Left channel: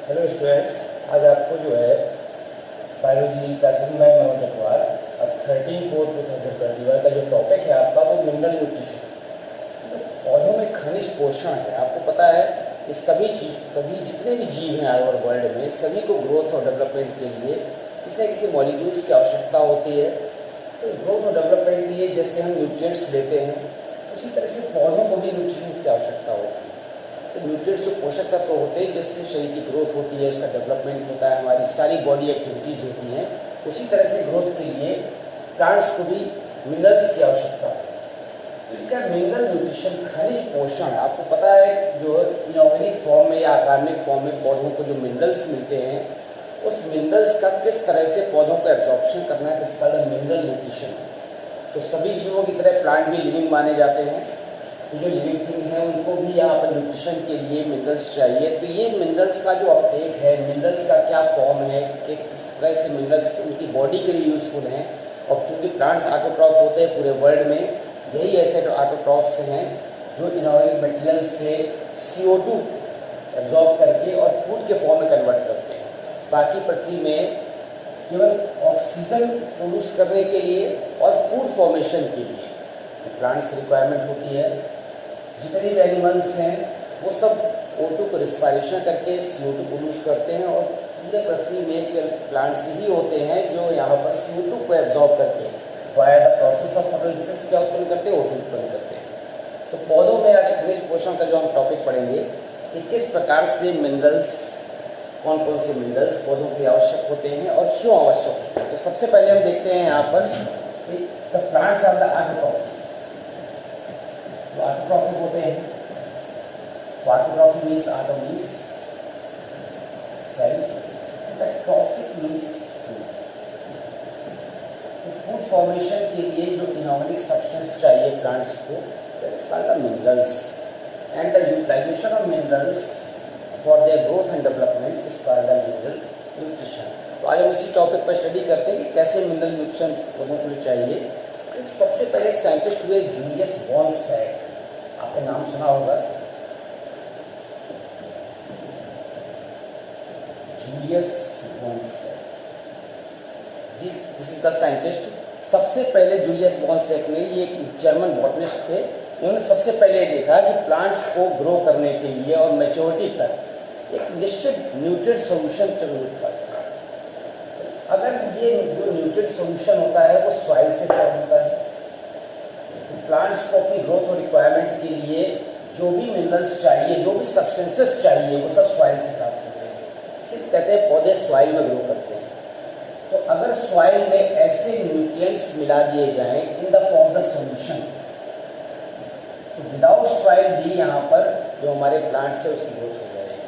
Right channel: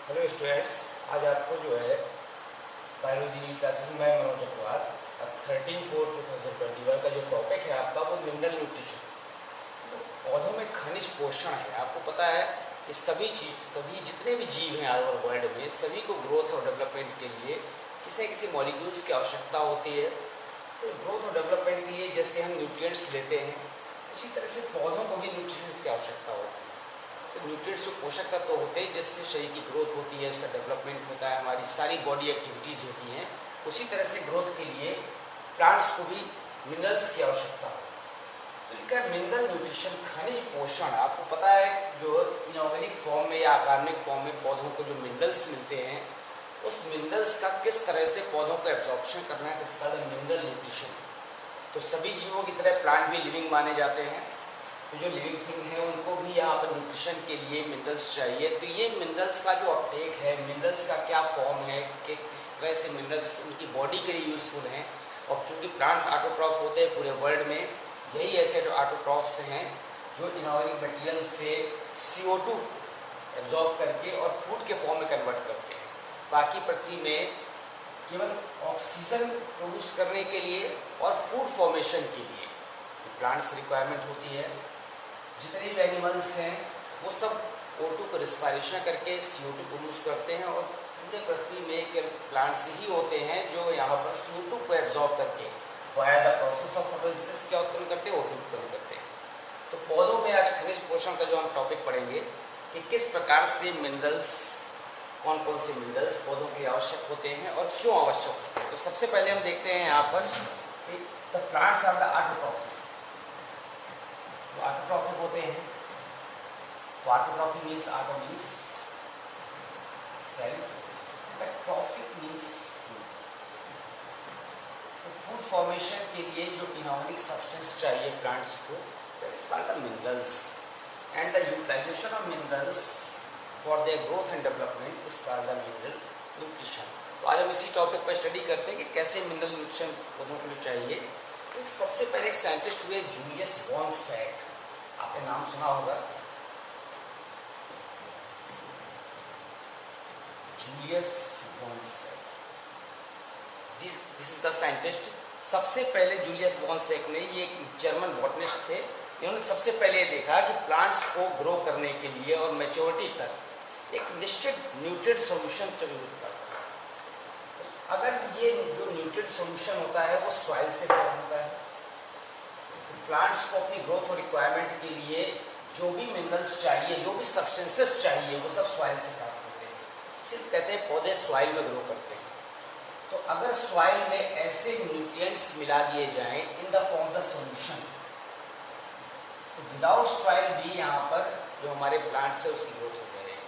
Hello students, आज आपको जो है बायोलॉजी क्लासेस में मनोज अग्रवाल 13/4/2021 का जो टॉपिक है आपका वो मिनरल न्यूट्रिशन। पौधों में खनिज पोषण है। आपको पता है कि सभी जितने भी जीव हैं ओवर वर्ल्ड में, सभी को ग्रोथ और डेवलपमेंट के लिए किसी न किसी मॉलिक्यूल्स की आवश्यकता होती है। तो ग्रोथ और डेवलपमेंट के लिए जैसे हम न्यूट्रिएंट्स लेते हैं, उसी तरह से पौधों को भी न्यूट्रिशंस की आवश्यकता होती है। तो न्यूट्रिएंट्स जो पोषक तत्व होते हैं जिससे शरीर की ग्रोथ होती है, उसका डेवलपमेंट होता है, हमारी सारी बॉडी एक्टिविटीज़ होती हैं, उसी तरह से ग्रोथ के लिए प्लांट्स को भी मिनरल्स की आवश्यकता है। तो इनका मिनरल न्यूट्रिशन खनिज पोषण, आपको पता है जो इनऑर्गेनिक फॉर्म में या अकार्बनिक फॉर्म में पौधों को जो मिनरल्स मिलते हैं, उस मिनरल्स का किस तरह से पौधों को एब्जॉर्प्शन करना है, इसका मिनरल न्यूट्रिशन। तो सभी जीवों की तरह प्लांट भी लिविंग माने जाते हैं, तो जो लिविंग थिंग है उनको भी यहाँ पर न्यूट्रिशन के लिए मिनरल्स चाहिए। तो ये मिनरल्स का जो अपटेक है, मिनरल्स का क्या फॉर्म है, कि किस तरह से मिनरल्स उनकी बॉडी के लिए यूजफुल हैं। और चूँकि प्लांट्स ऑटोट्रॉफ होते हैं पूरे वर्ल्ड में, यही ऐसे ऑटोट्रॉफ्स हैं जो इनऑर्गेनिक मटेरियल से CO2 एब्जॉर्ब करके और फूड के फॉर्म में कन्वर्ट करते हैं। बाकी पृथ्वी में केवल ऑक्सीजन प्रोड्यूस करने के लिए और फूड फॉर्मेशन के लिए प्लांट्स रिक्वायरमेंट होती है। जितने भी एनिमल्स हैं वो सब O2 को रिस्पायरेशन करके CO2 प्रोड्यूस करते हैं, और पूरे पृथ्वी में प्लांट्स ही होते हैं जो यहाँ पर CO2 को एब्जॉर्ब करके via the process of photosynthesis क्या उत्पन्न करते हैं, O2 उत्पन्न करते हैं। तो पौधों में आज खनिज पोषण का जो हम टॉपिक पढ़ेंगे कि किस प्रकार से मिनरल्स, कौन कौन से मिनरल्स पौधों के लिए आवश्यक होते हैं और क्यों आवश्यक होते हैं। तो सबसे पहले हम देखते हैं यहाँ पर कि the plants are the autotroph. जो ऑटोट्रॉफिक होते हैं, तो autotrophic means auto means self, trophic means food. तो फूड फॉर्मेशन के लिए जो इनऑर्गेनिक सब्सटेंस चाहिए प्लांट्स को, that's called the minerals, and the utilization of minerals for their growth and development is called the mineral nutrition. तो आज हम इसी टॉपिक पर स्टडी करते हैं कि कैसे मिनरल न्यूट्रिशन पौधों को लिए चाहिए। सबसे पहले एक साइंटिस्ट हुए जूलियस वॉन सैक, आपने नाम सुना होगा, Julius von Sachs. This is the scientist. सबसे पहले जूलियस वॉन सैक ने, ये एक जर्मन बॉटनिस्ट थे, इन्होंने सबसे पहले देखा कि प्लांट्स को ग्रो करने के लिए और मैच्योरिटी तक एक निश्चित न्यूट्रिएंट सॉल्यूशन जरूर था। अगर ये जो न्यूट्रिएंट सॉल्यूशन होता है वो सॉइल से फॉर्म होता है, तो प्लांट्स को अपनी ग्रोथ और रिक्वायरमेंट के लिए जो भी मिनरल्स चाहिए, जो भी सब्सटेंसेस चाहिए, वो सब सॉइल से प्राप्त होते हैं। इसे कहते हैं पौधे सॉइल में ग्रो करते हैं। तो अगर सॉइल में ऐसे न्यूट्रिएंट्स मिला दिए जाएं इन द फॉर्म द सॉल्यूशन, तो विदाउट सॉइल भी यहाँ पर जो हमारे प्लांट्स है उसकी ग्रोथ हो जाएगी।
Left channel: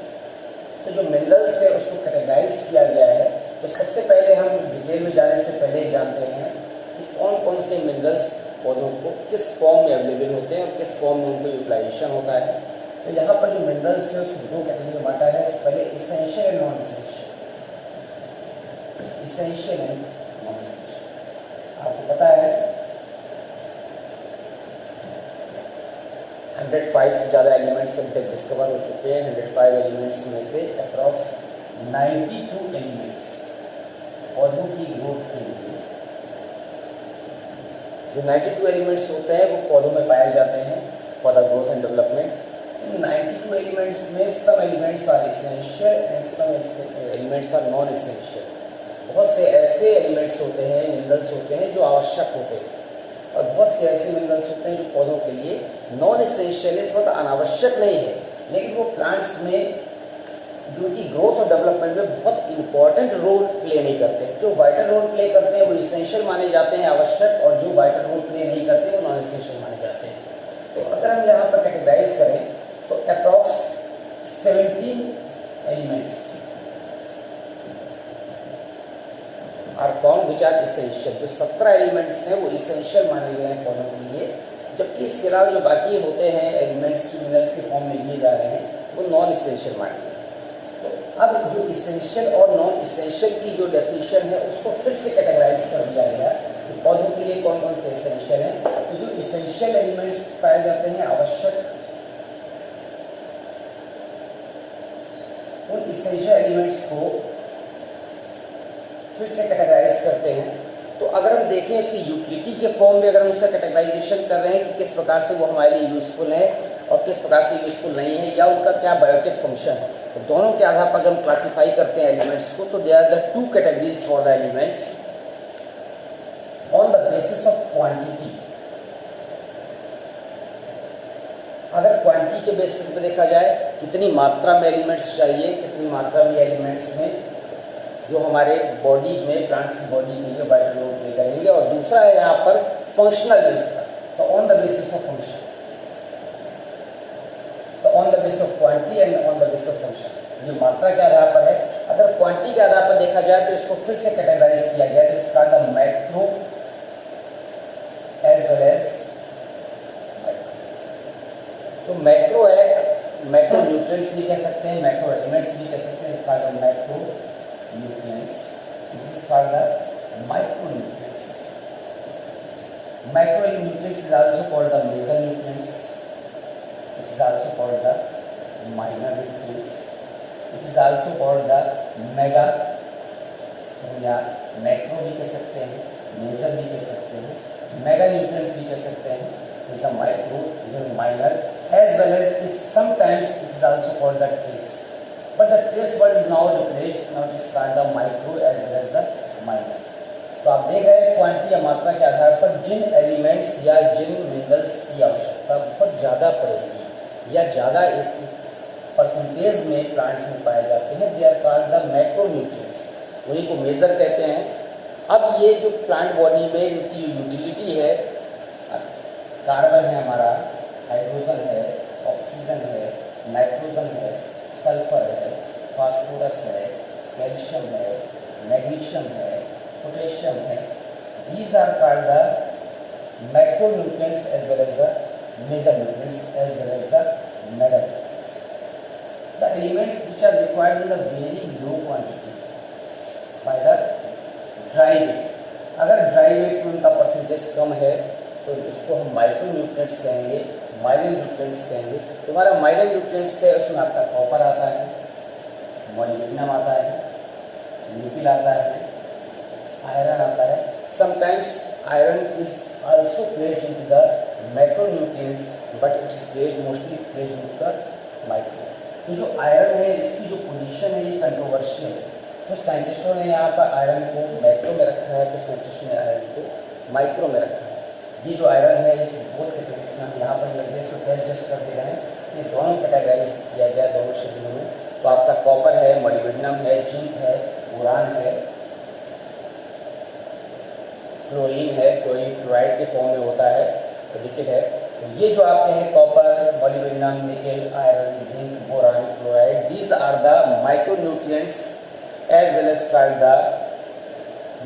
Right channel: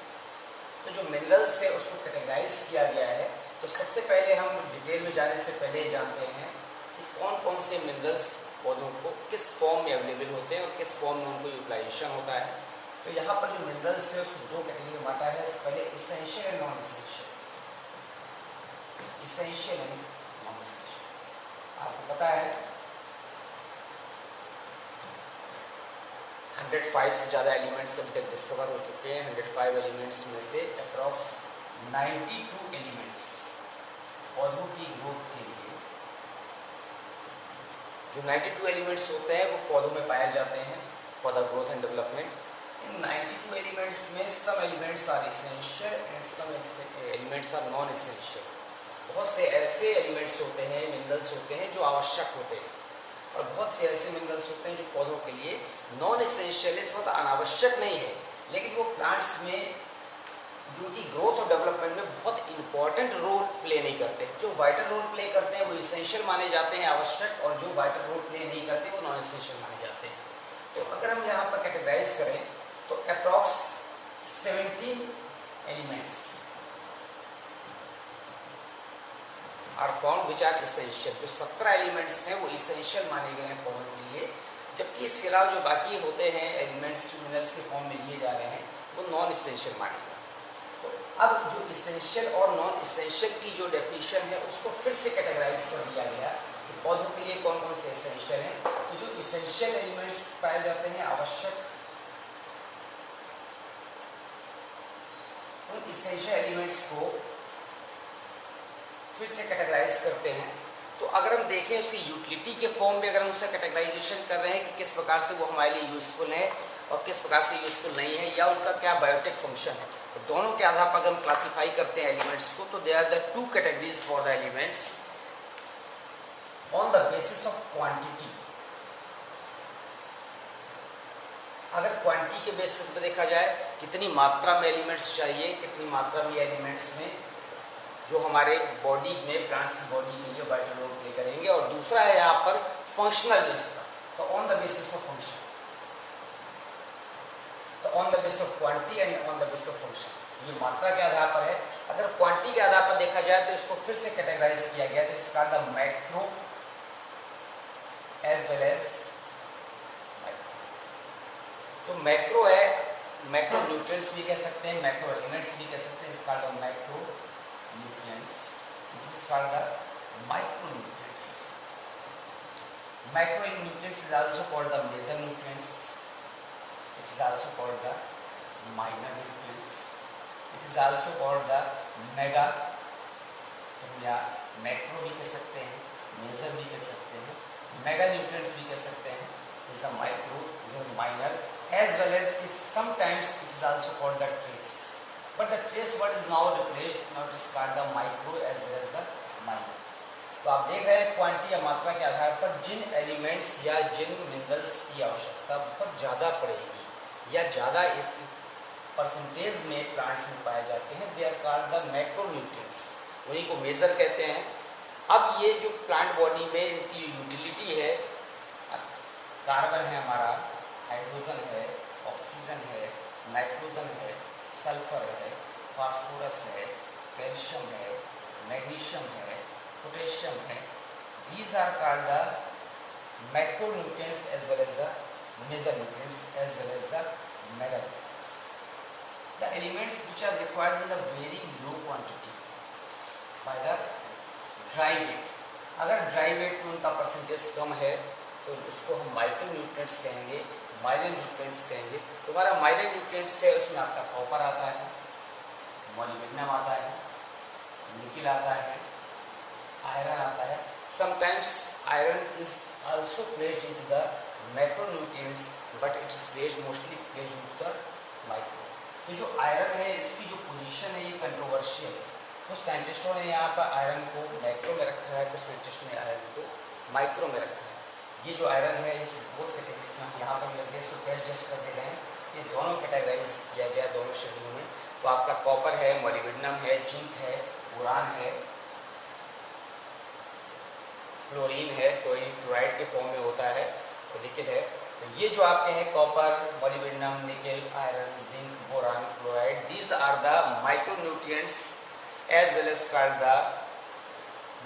तो जो मिनरल्स है उसको कैटेगराइज किया गया है। तो सबसे पहले हम डिटेल में जाने से पहले जानते हैं कि कौन कौन से मिनरल्स पौधों को किस फॉर्म में अवेलेबल होते हैं और किस फॉर्म में उनको यूटिलाइजेशन होता है। तो यहाँ पर जो मिनरल्स है उसको दो कैटेगरी में बांटा है। पहले essential and non essential. Essential and non essential आपको पता है 105 से ज़्यादा एलिमेंट्स अभी तक डिस्कवर हो चुके हैं। 105 एलिमेंट्स में से अप्रॉक्स 92 एलिमेंट्स पौधों की ग्रोथ के लिए, जो 92 एलिमेंट्स होते हैं वो पौधों में पाए जाते हैं for the growth and development. इन 92 एलिमेंट्स में some elements are essential and some elements are non essential. बहुत से ऐसे एलिमेंट्स होते हैं, मिनरल्स होते हैं जो आवश्यक होते हैं, और बहुत से ऐसे मिनरल्स होते हैं जो पौधों के लिए नॉन इसेंशियल, इस वक्त अनावश्यक नहीं है, लेकिन वो प्लांट्स में जो कि ग्रोथ और डेवलपमेंट में बहुत इंपॉर्टेंट रोल प्ले नहीं करते हैं। जो वाइटल रोल प्ले करते हैं वो इसेंशियल माने जाते हैं, आवश्यक, और जो वाइटल रोल प्ले नहीं करते वो नॉन इसेंशियल माने जाते हैं। तो अगर हम यहाँ पर कैटेगराइज करें तो approx 17 elements are found which are essential. जो 17 एलिमेंट्स हैं वो इसेंशियल माने गए हैं पौधों के लिए, जबकि इसके अलावा जो बाकी होते हैं एलिमेंट्स मिनरल्स के फॉर्म में लिए जा रहे हैं वो नॉन इसेंशियल माने गए। अब जो इसेंशियल और नॉन इसेंशियल की जो डेफिनेशन है उसको फिर से कैटेगराइज कर दिया गया कि पौधों के लिए कौन कौन से इसेंशियल हैं। तो जो इसेंशियल एलिमेंट्स पाए जाते हैं आवश्यक, उन इसेंशियल एलिमेंट्स को फिर से कैटेगराइज करते हैं। तो अगर हम देखें उसकी यूटिलिटी के फॉर्म में, अगर हम उसका कैटेगराइजेशन कर रहे हैं कि किस प्रकार से वो हमारे लिए यूजफुल है और किस प्रकार से यूजफुल नहीं है, या उनका क्या बायोटिक फंक्शन है, तो दोनों के आधार पर अगर हम क्लासीफाई करते हैं एलिमेंट्स को, तो they are the two categories for the elements on the basis of quantity. अगर क्वांटिटी के बेसिस पे देखा जाए, कितनी मात्रा में एलिमेंट्स चाहिए, कितनी मात्रा में एलिमेंट्स में जो हमारे बॉडी में, प्लांट्स की बॉडी के लिए वाइटल रोल प्ले करेंगे, और दूसरा है यहाँ पर फंक्शनल बेस पर, तो on the basis of function, तो on the basis of quantity and on the basis of function, ये मात्रा के आधार पर है। अगर क्वांटिटी के आधार पर देखा जाए तो इसको फिर से कैटेगराइज किया गया, तो इसका the macro as well as, तो मैक्रो है, मैक्रो न्यूट्रिएंट्स भी कह सकते हैं, मैक्रो एलिमेंट्स भी कह सकते हैं, इसका the macro nutrients. This is called the micronutrients. Micronutrients is also called the major nutrients. It is also called the minor nutrients. It is also called the mega, या मैक्रो भी कह सकते हैं, मेजर भी कह सकते हैं, मेगा न्यूट्रिएंट्स भी कह सकते हैं. Is the micro, is the minor, as well as it sometimes it is also called the trace. But the trace word is now replaced, now it is called the micro as well as the minor. तो आप देख रहे हैं quantity या मात्रा के आधार पर जिन elements या जिन मिनरल्स की आवश्यकता बहुत ज़्यादा पड़ेगी या ज़्यादा इस परसेंटेज में प्लांट्स में पाए जाते हैं, they are called the macronutrients, उन्हीं को मेजर कहते हैं। अब ये जो प्लांट बॉडी में इनकी यूटिलिटी है, कार्बन है हमारा, हाइड्रोजन है, ऑक्सीजन है, नाइट्रोजन है, सल्फर है, फास्फोरस है, कैल्शियम है, मैग्नीशियम है, पोटेशियम है, these are called the macronutrients as well as the mesonutrients as well as the meganutrients. The elements which are required in the very low quantity by the dry weight. अगर dry weight में उनका percentage कम है तो उसको हम micronutrients कहेंगे, minor nutrients कहेंगे। तुम्हारा माइनर न्यूट्रिएंट्स है, उसमें आपका कॉपर आता है, मोलिब्डेनम आता है, निकेल आता है, आयरन आता है। Sometimes iron is also placed into the macronutrients, but it is placed mostly placed into the micro. तो जो आयरन है, इसकी जो पोजीशन है ये कंट्रोवर्शियल है। तो साइंटिस्टों ने यहाँ पर आयरन को मैक्रो में रखा है, तो साइंटिस्ट ने आयरन को माइक्रो में रखा है। ये जो आयरन है इस बोथ कैटेगरीज में यहाँ पर लगे, इसको कैश जस्ट कर दे रहे हैं, ये दोनों कैटेगराइज किया गया दोनों शेड्यूल में। तो आपका कॉपर है, मोलिब्डेनम है, जिंक है, बोरान है, क्लोरीन है, क्लोरीन क्लोराइड के फॉर्म में होता है, तो निकेल है। तो ये जो आपके हैं copper, molybdenum, nickel, iron, zinc, boron, chloride, these are the micronutrients as well as called the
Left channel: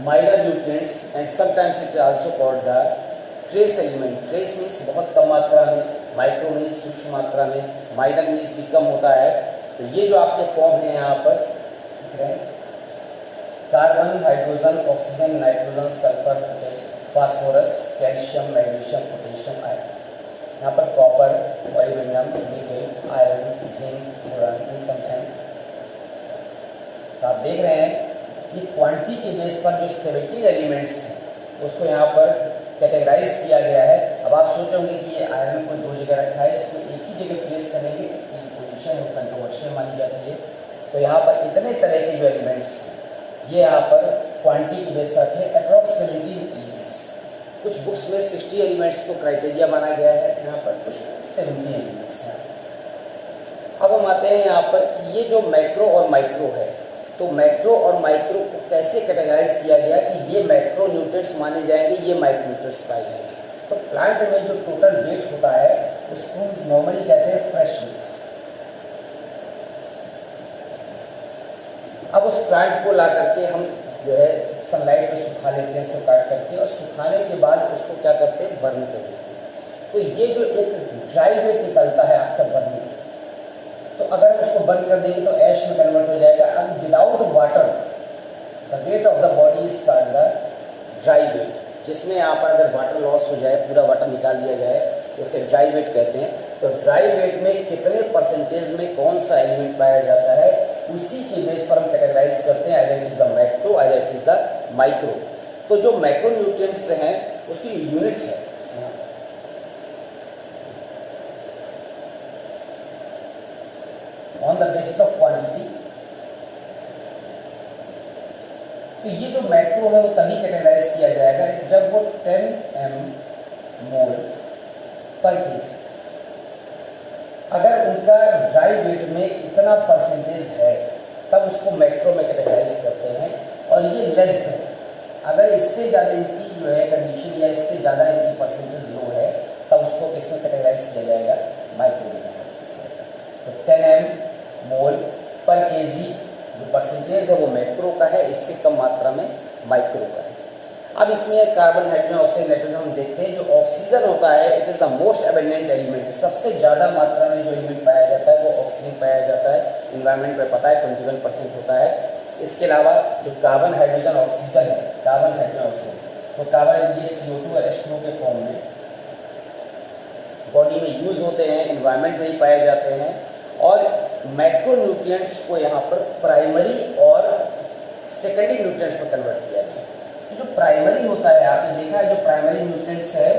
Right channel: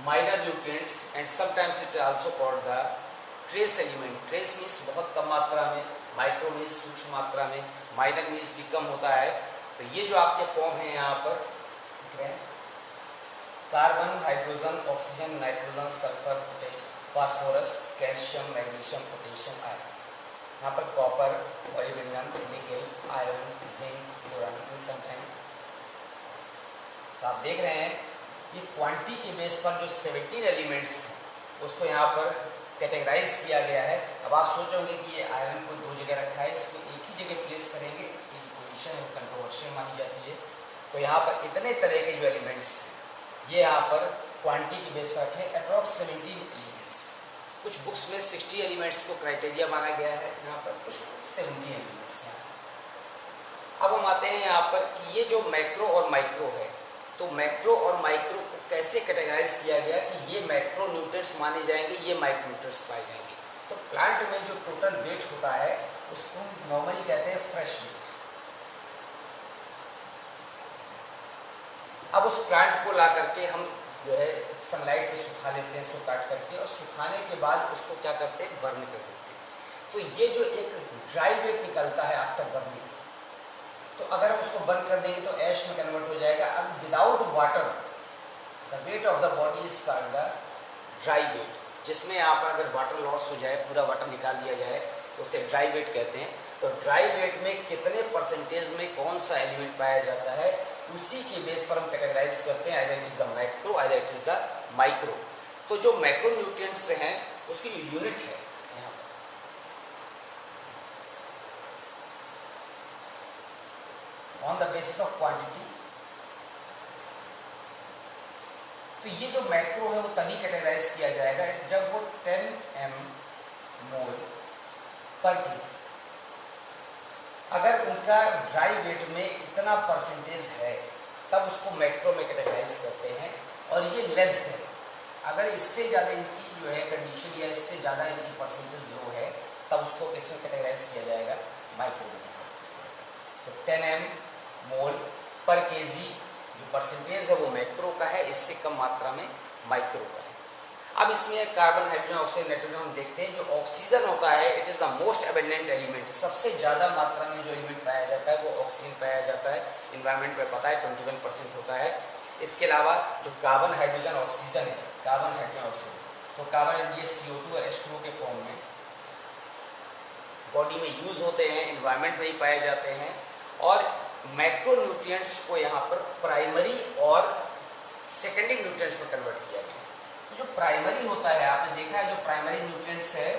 minor nutrients, and sometimes it is also called the trace element. trace means बहुत कम मात्रा में, माइक्रो मीन्स सूक्ष्म मात्रा में, minor means भी कम होता है। तो ये जो आपके फॉर्म है यहाँ पर दिख रहे हैं, carbon, hydrogen, oxygen, nitrogen, sulphur, phosphorus, calcium, magnesium, potassium, iron. यहाँ पर copper, molybdenum, nickel, iron, zinc, boron, sometime. तो आप देख रहे हैं कि क्वांटिटी के बेस पर जो 17 एलिमेंट्स हैं उसको यहाँ पर कैटेगराइज किया गया है। अब आप सोचोगे कि ये आयरन को दो जगह रखा है, इसको एक ही जगह प्लेस करेंगे, इसकी जो पोजीशन है कंट्रोवर्शियल मानी जाती है। तो यहाँ पर इतने तरह के जो एलिमेंट्स हैं ये यहाँ पर क्वांटिटी के बेस पर रखे, अप्रॉक्स 17 एलिमेंट्स। कुछ बुक्स में 60 एलिमेंट्स को क्राइटेरिया माना गया है, यहाँ पर कुछ 17 एलिमेंट्स हैं। अब हम आते हैं यहाँ पर कि ये जो मैक्रो और माइक्रो है, तो मैक्रो और माइक्रो को कैसे कैटेगराइज किया गया कि ये मैक्रो न्यूट्रिएंट्स माने जाएंगे, ये माइक्रो न्यूट्रिएंट्स पाए जाएंगे। तो प्लांट में जो टोटल वेट होता है उसको नॉर्मली कहते हैं फ्रेश वेट। अब उस प्लांट को ला करके हम जो है सनलाइट में सुखा लेते हैं, इसको काट करके, और सुखाने के बाद उसको क्या करते हैं, बर्न कर देते हैं। तो ये जो एक ड्राई वेट निकलता है आफ्टर बर्निंग, तो अगर हम उसको बर्न कर देंगे तो ऐश में कन्वर्ट हो जाएगा। अब without water the weight of the body is called the dry weight, जिसमें यहाँ पर अगर वाटर लॉस हो जाए, पूरा वाटर निकाल दिया जाए, तो उसे ड्राई वेट कहते हैं। तो ड्राई वेट में कितने परसेंटेज में कौन सा एलिमेंट पाया जाता है, उसी के बेस पर हम कैटेगराइज करते हैं, either it is the macro, either it is the micro. तो जो मैक्रो न्यूट्रिएंट्स हैं उसकी यूनिट है यहाँ on the basis of quantity. तो ये जो मैक्रो है वो तभी कैटेगराइज किया जाएगा जब वो 10 मोल पर केजी, अगर उनका ड्राई वेट में इतना परसेंटेज है तब उसको मैक्रो में कैटेगराइज करते हैं। और ये लेस है, अगर इससे ज़्यादा इनकी जो है कंडीशन या इससे ज़्यादा इनकी परसेंटेज लो है तब उसको किसमें कैटेगराइज किया जाएगा, माइक्रो में। तो 10 मोल पर केजी जो परसेंटेज है वो मैक्रो का है, इससे कम मात्रा में माइक्रो का है। अब इसमें कार्बन, हाइड्रोजन, ऑक्सीजन, नाइट्रोजन हम देखते हैं। जो ऑक्सीजन होता है it is the most abundant element, सबसे ज्यादा मात्रा में जो एलिमेंट पाया जाता है वो ऑक्सीजन पाया जाता है। इन्वायरमेंट में पता है 21% होता है। इसके अलावा जो कार्बन, हाइड्रोजन, ऑक्सीजन है, कार्बन, हाइड्रोजन, ऑक्सीजन, तो कार्बन ये CO2 और H2O के फॉर्म में बॉडी में यूज होते हैं, इन्वायरमेंट में ही पाए जाते हैं। और मैक्रो न्यूट्रिएंट्स को यहाँ पर प्राइमरी और सेकेंडरी न्यूट्रिएंट्स में कन्वर्ट किया गया। जो प्राइमरी होता है, आपने देखा है जो प्राइमरी न्यूट्रिएंट्स है,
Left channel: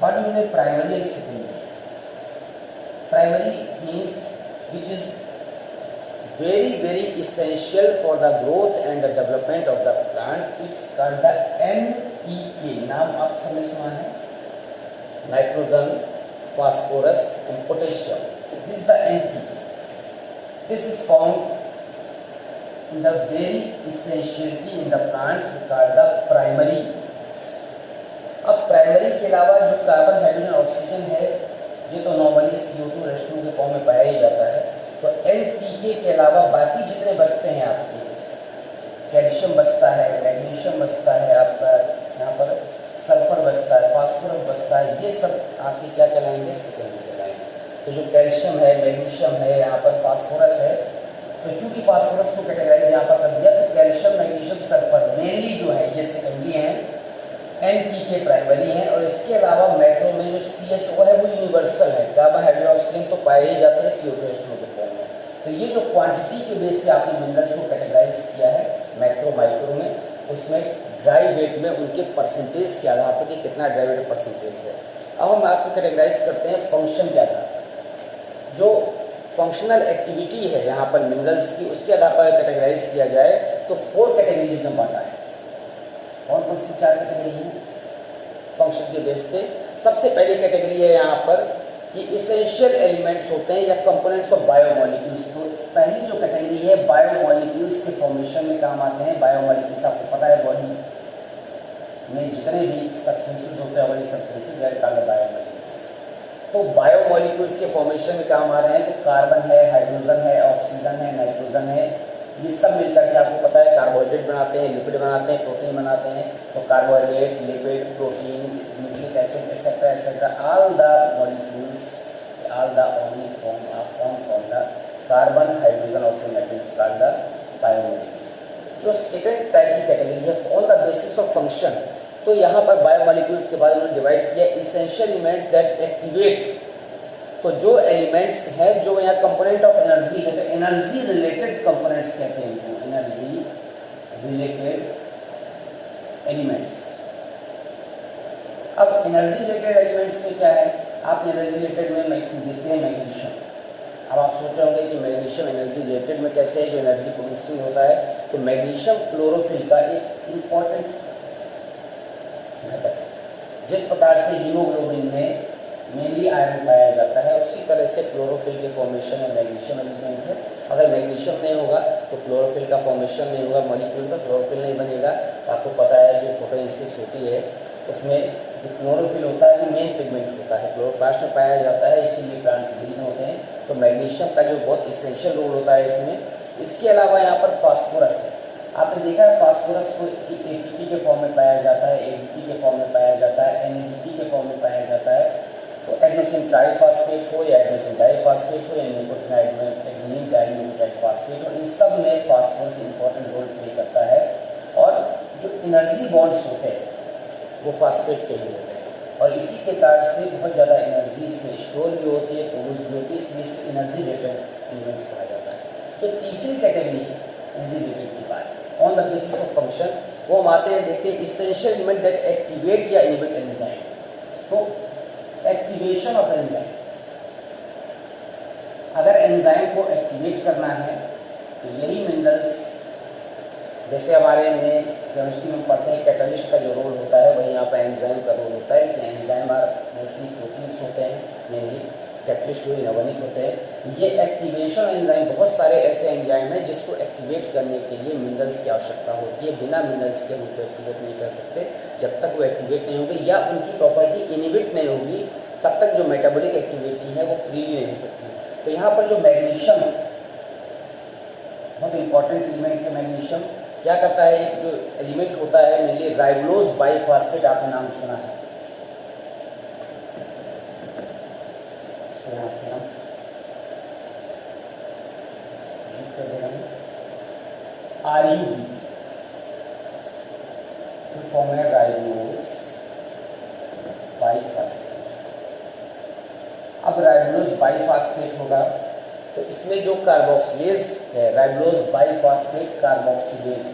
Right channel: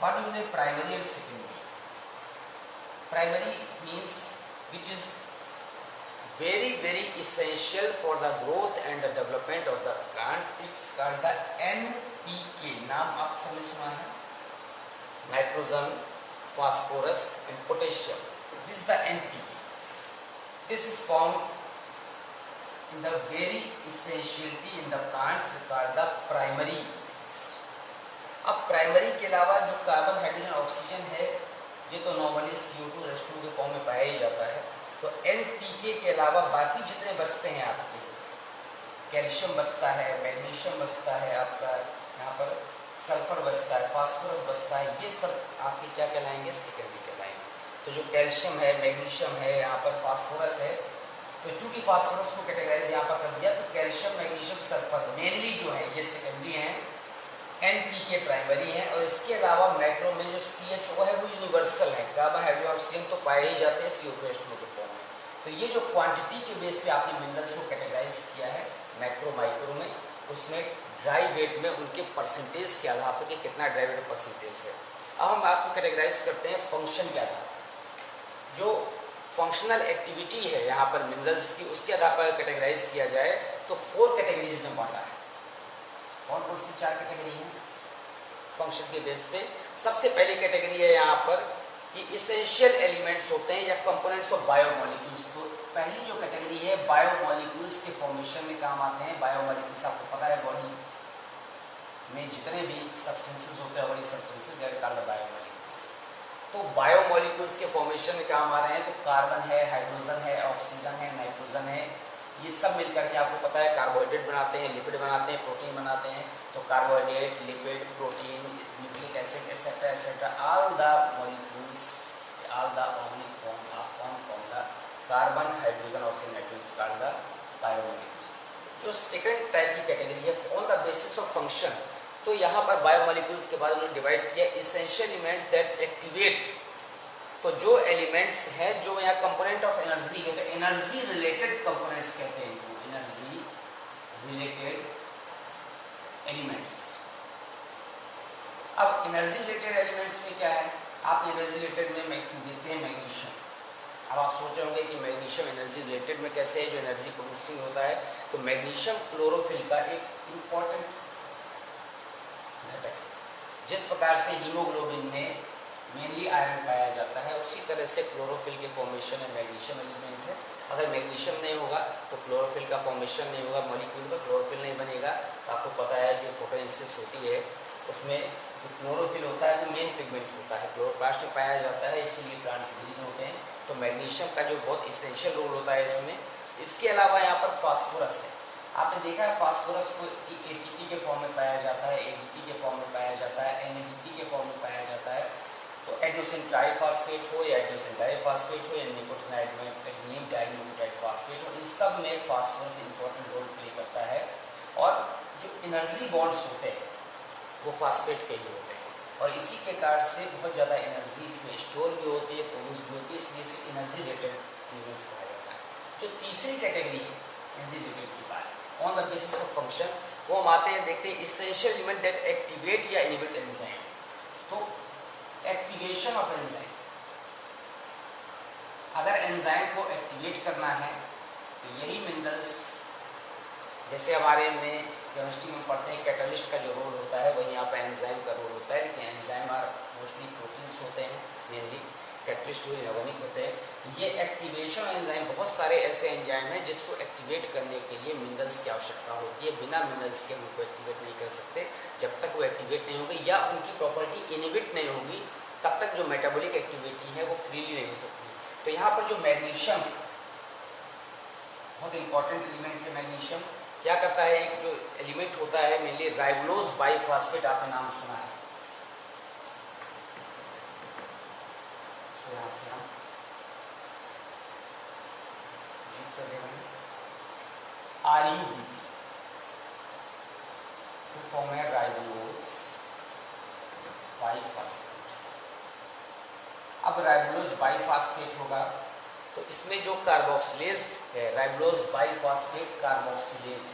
बॉडी में primary and secondary. Primary means which is very very essential for the growth and the development of the plant, it's called the NPK। नाम आप सबने सुना है, nitrogen, phosphorus and potassium. This is the NPK. This is found in the very essentiality in the plants called the primary. अब primary के अलावा जो carbon, hydrogen, oxygen है ये तो नॉर्मली CO2 और H2O के फॉर्म में पाया ही जाता है। तो NPK के अलावा बाकी जितने बचते हैं आपके, कैल्शियम बचता है, मैग्नीशियम बचता है, आपका यहाँ पर सल्फर बचता है, फास्फोरस बचता है, ये सब आपके क्या कहलाएंगे, सेकेंडरी कहलाएंगे। तो जो कैल्शियम है, मैग्नीशियम है, यहाँ पर फास्फोरस है, तो चूंकि फास्फोरस को कैटेगराइज यहाँ पर कर दिया तो कैल्शियम, मैग्नीशियम, सल्फर मेनली जो है ये सेकेंडरी हैं, NPK प्राइमरी है। और इसके अलावा मैक्रो में जो CHO है वो यूनिवर्सल है, कार्बन, हाइड्रोजन, ऑक्सीजन तो पाए ही जाते हैं CO2 H2O के फॉर्म में। तो ये जो क्वांटिटी के बेस पे आपने मिनरल्स को कैटेगराइज किया है मैक्रो, माइक्रो में, उसमें ड्राई वेट में उनके परसेंटेज के आधार पर कि कितना ड्राई वेट परसेंटेज है। अब हम आपको कैटेगराइज करते हैं फंक्शन के आधार पर। जो फंक्शनल एक्टिविटी है यहाँ पर मिनरल्स की, उसके आधार पर कैटेगराइज किया जाए तो 4 कैटेगरीज में बांटा है। कौन कौन सी 4 कैटेगरी है फंक्शन के बेस पे? सबसे पहली कैटेगरी है यहाँ पर कि इसेंशियल एलिमेंट्स होते हैं या कंपोनेंट्स ऑफ बायोमोलिक्यूल्स। तो पहली जो कैटेगरी है बायोमोलिक्यूल्स के फॉर्मेशन में काम आते हैं। बायोमोलिक्यूल्स आपको पता है बॉडी में जितने भी सब्सटेंसेस होते हैं वही सब्सटेंसेस दैट आर बायोमोलिक्यूल्स। तो बायोमोलिक्यूल्स के फॉर्मेशन में काम आ रहे हैं तो कार्बन है, हाइड्रोजन है, ऑक्सीजन है, नाइट्रोजन है, ये सब मिलकर के आपको पता है कार्बोहाइड्रेट बनाते हैं, लिपिड बनाते हैं, प्रोटीन बनाते हैं। तो carbohydrate, lipid, protein, nucleic acid etcetera etcetera, all the molecules, all the organic form are form from the carbon, hydrogen, oxygen, nitrogen called the biomolecules. जो सेकंड टाइप की कैटेगरी है on the basis of function, तो यहाँ पर biomolecules के बाद उन्होंने divide किया इसेंशियल एलिमेंट्स दैट एक्टिवेट। तो जो एलिमेंट्स हैं जो यहाँ कंपोनेंट ऑफ एनर्जी है, तो एनर्जी रिलेटेड कंपोनेंट्स कहते हैं इनको, एनर्जी रिलेटेड एलिमेंट्स। अब एनर्जी रिलेटेड एलिमेंट्स में क्या है, आप एनर्जी रिलेटेड में देते हैं मैग्नीशियम। अब आप सोच रहे होंगे कि मैग्नीशियम एनर्जी रिलेटेड में कैसे है, जो एनर्जी प्रोड्यूसिंग होता है। तो मैग्नीशियम क्लोरोफिल का एक इंपॉर्टेंट घटक है। जिस प्रकार से हीमोग्लोबिन में मेनली आयरन पाया जाता है, उसी तरह से क्लोरोफिल के फॉर्मेशन में मैग्नीशियम एलिमेंट है। अगर मैग्नीशियम नहीं होगा तो क्लोरोफिल का फॉर्मेशन नहीं होगा, मॉलिक्यूल का क्लोरोफिल नहीं बनेगा। आपको पता है जो फोटोसिंथेसिस होती है उसमें जो क्लोरोफिल होता है वो मेन पिगमेंट होता है, क्लोरोप्लास्ट में पाया जाता है, इसीलिए प्लांट्स ग्रीन होते हैं। तो मैग्नीशियम का जो बहुत इसेंशियल रोल होता है इसमें। इसके अलावा यहाँ पर फास्फोरस है। आपने देखा है फास्फोरस को ATP के फॉर्म में पाया जाता है, ADP के फॉर्म में पाया जाता है, NADP के फॉर्म में पाया जाता है। तो एडेनोसिन ट्राइफॉस्फेट हो या एडेनोसिन डाइफॉस्फेट हो या निकोटिनाइड में एडेनिन डाइन्यूक्लियोटाइड फॉस्फेट हो, इन सब में फास्फोरस इंपॉर्टेंट रोल प्ले करता है। और जो एनर्जी बॉन्ड्स होते हैं वो फास्फेट के ही होते हैं और इसी के कारण से बहुत ज़्यादा एनर्जी इसमें स्टोर भी होती है, प्रोड्यूस भी होती है, इसलिए एनर्जी जो तीसरी कैटेगरी है enzyme on the basis of function, वो हम आते हैं देखते हैं इसेंशियल एलिमेंट दैट एक्टिवेट या इनहिबिट एंजाइम। तो एक्टिवेशन ऑफ एंजाइम, अगर एंजाइम को एक्टिवेट करना है तो यही मिनरल्स, जैसे हमारे में केमिस्ट्री में पढ़ते हैं कैटलिस्ट का जो रोल होता है वही यहाँ पर एंजाइम का रोल होता है, लेकिन एंजाइम आर मोस्टली प्रोटीन्स होते हैं, मेनली कैटलिस्ट हुए इनऑर्गेनिक होते हैं। ये एक्टिवेशन एंजाइम, बहुत सारे ऐसे एंजाइम हैं जिसको एक्टिवेट करने के लिए मिनरल्स की आवश्यकता होती है। बिना मिनरल्स के उनको एक्टिवेट नहीं कर सकते। जब तक वो एक्टिवेट नहीं होगी या उनकी प्रॉपर्टी इनहिबिट नहीं होगी तब तक जो मेटाबॉलिक एक्टिविटी है वो फ्रीली नहीं हो सकती। तो यहाँ पर जो मैग्नीशियम है, बहुत इंपॉर्टेंट एलिमेंट है मैग्नीशियम। क्या करता है, एक जो एलिमेंट होता है मेनली राइबोलोज बाइफॉस्फेट, आपने नाम सुना है, RUBP फॉर्म है राइबोलोज बाइफॉस्फेट। अब राइबोलोज बाइफॉस्फेट होगा तो इसमें जो कार्बोक्सिलेज है, राइबोलोज बाइफॉस्फेट कार्बोक्सिलेज,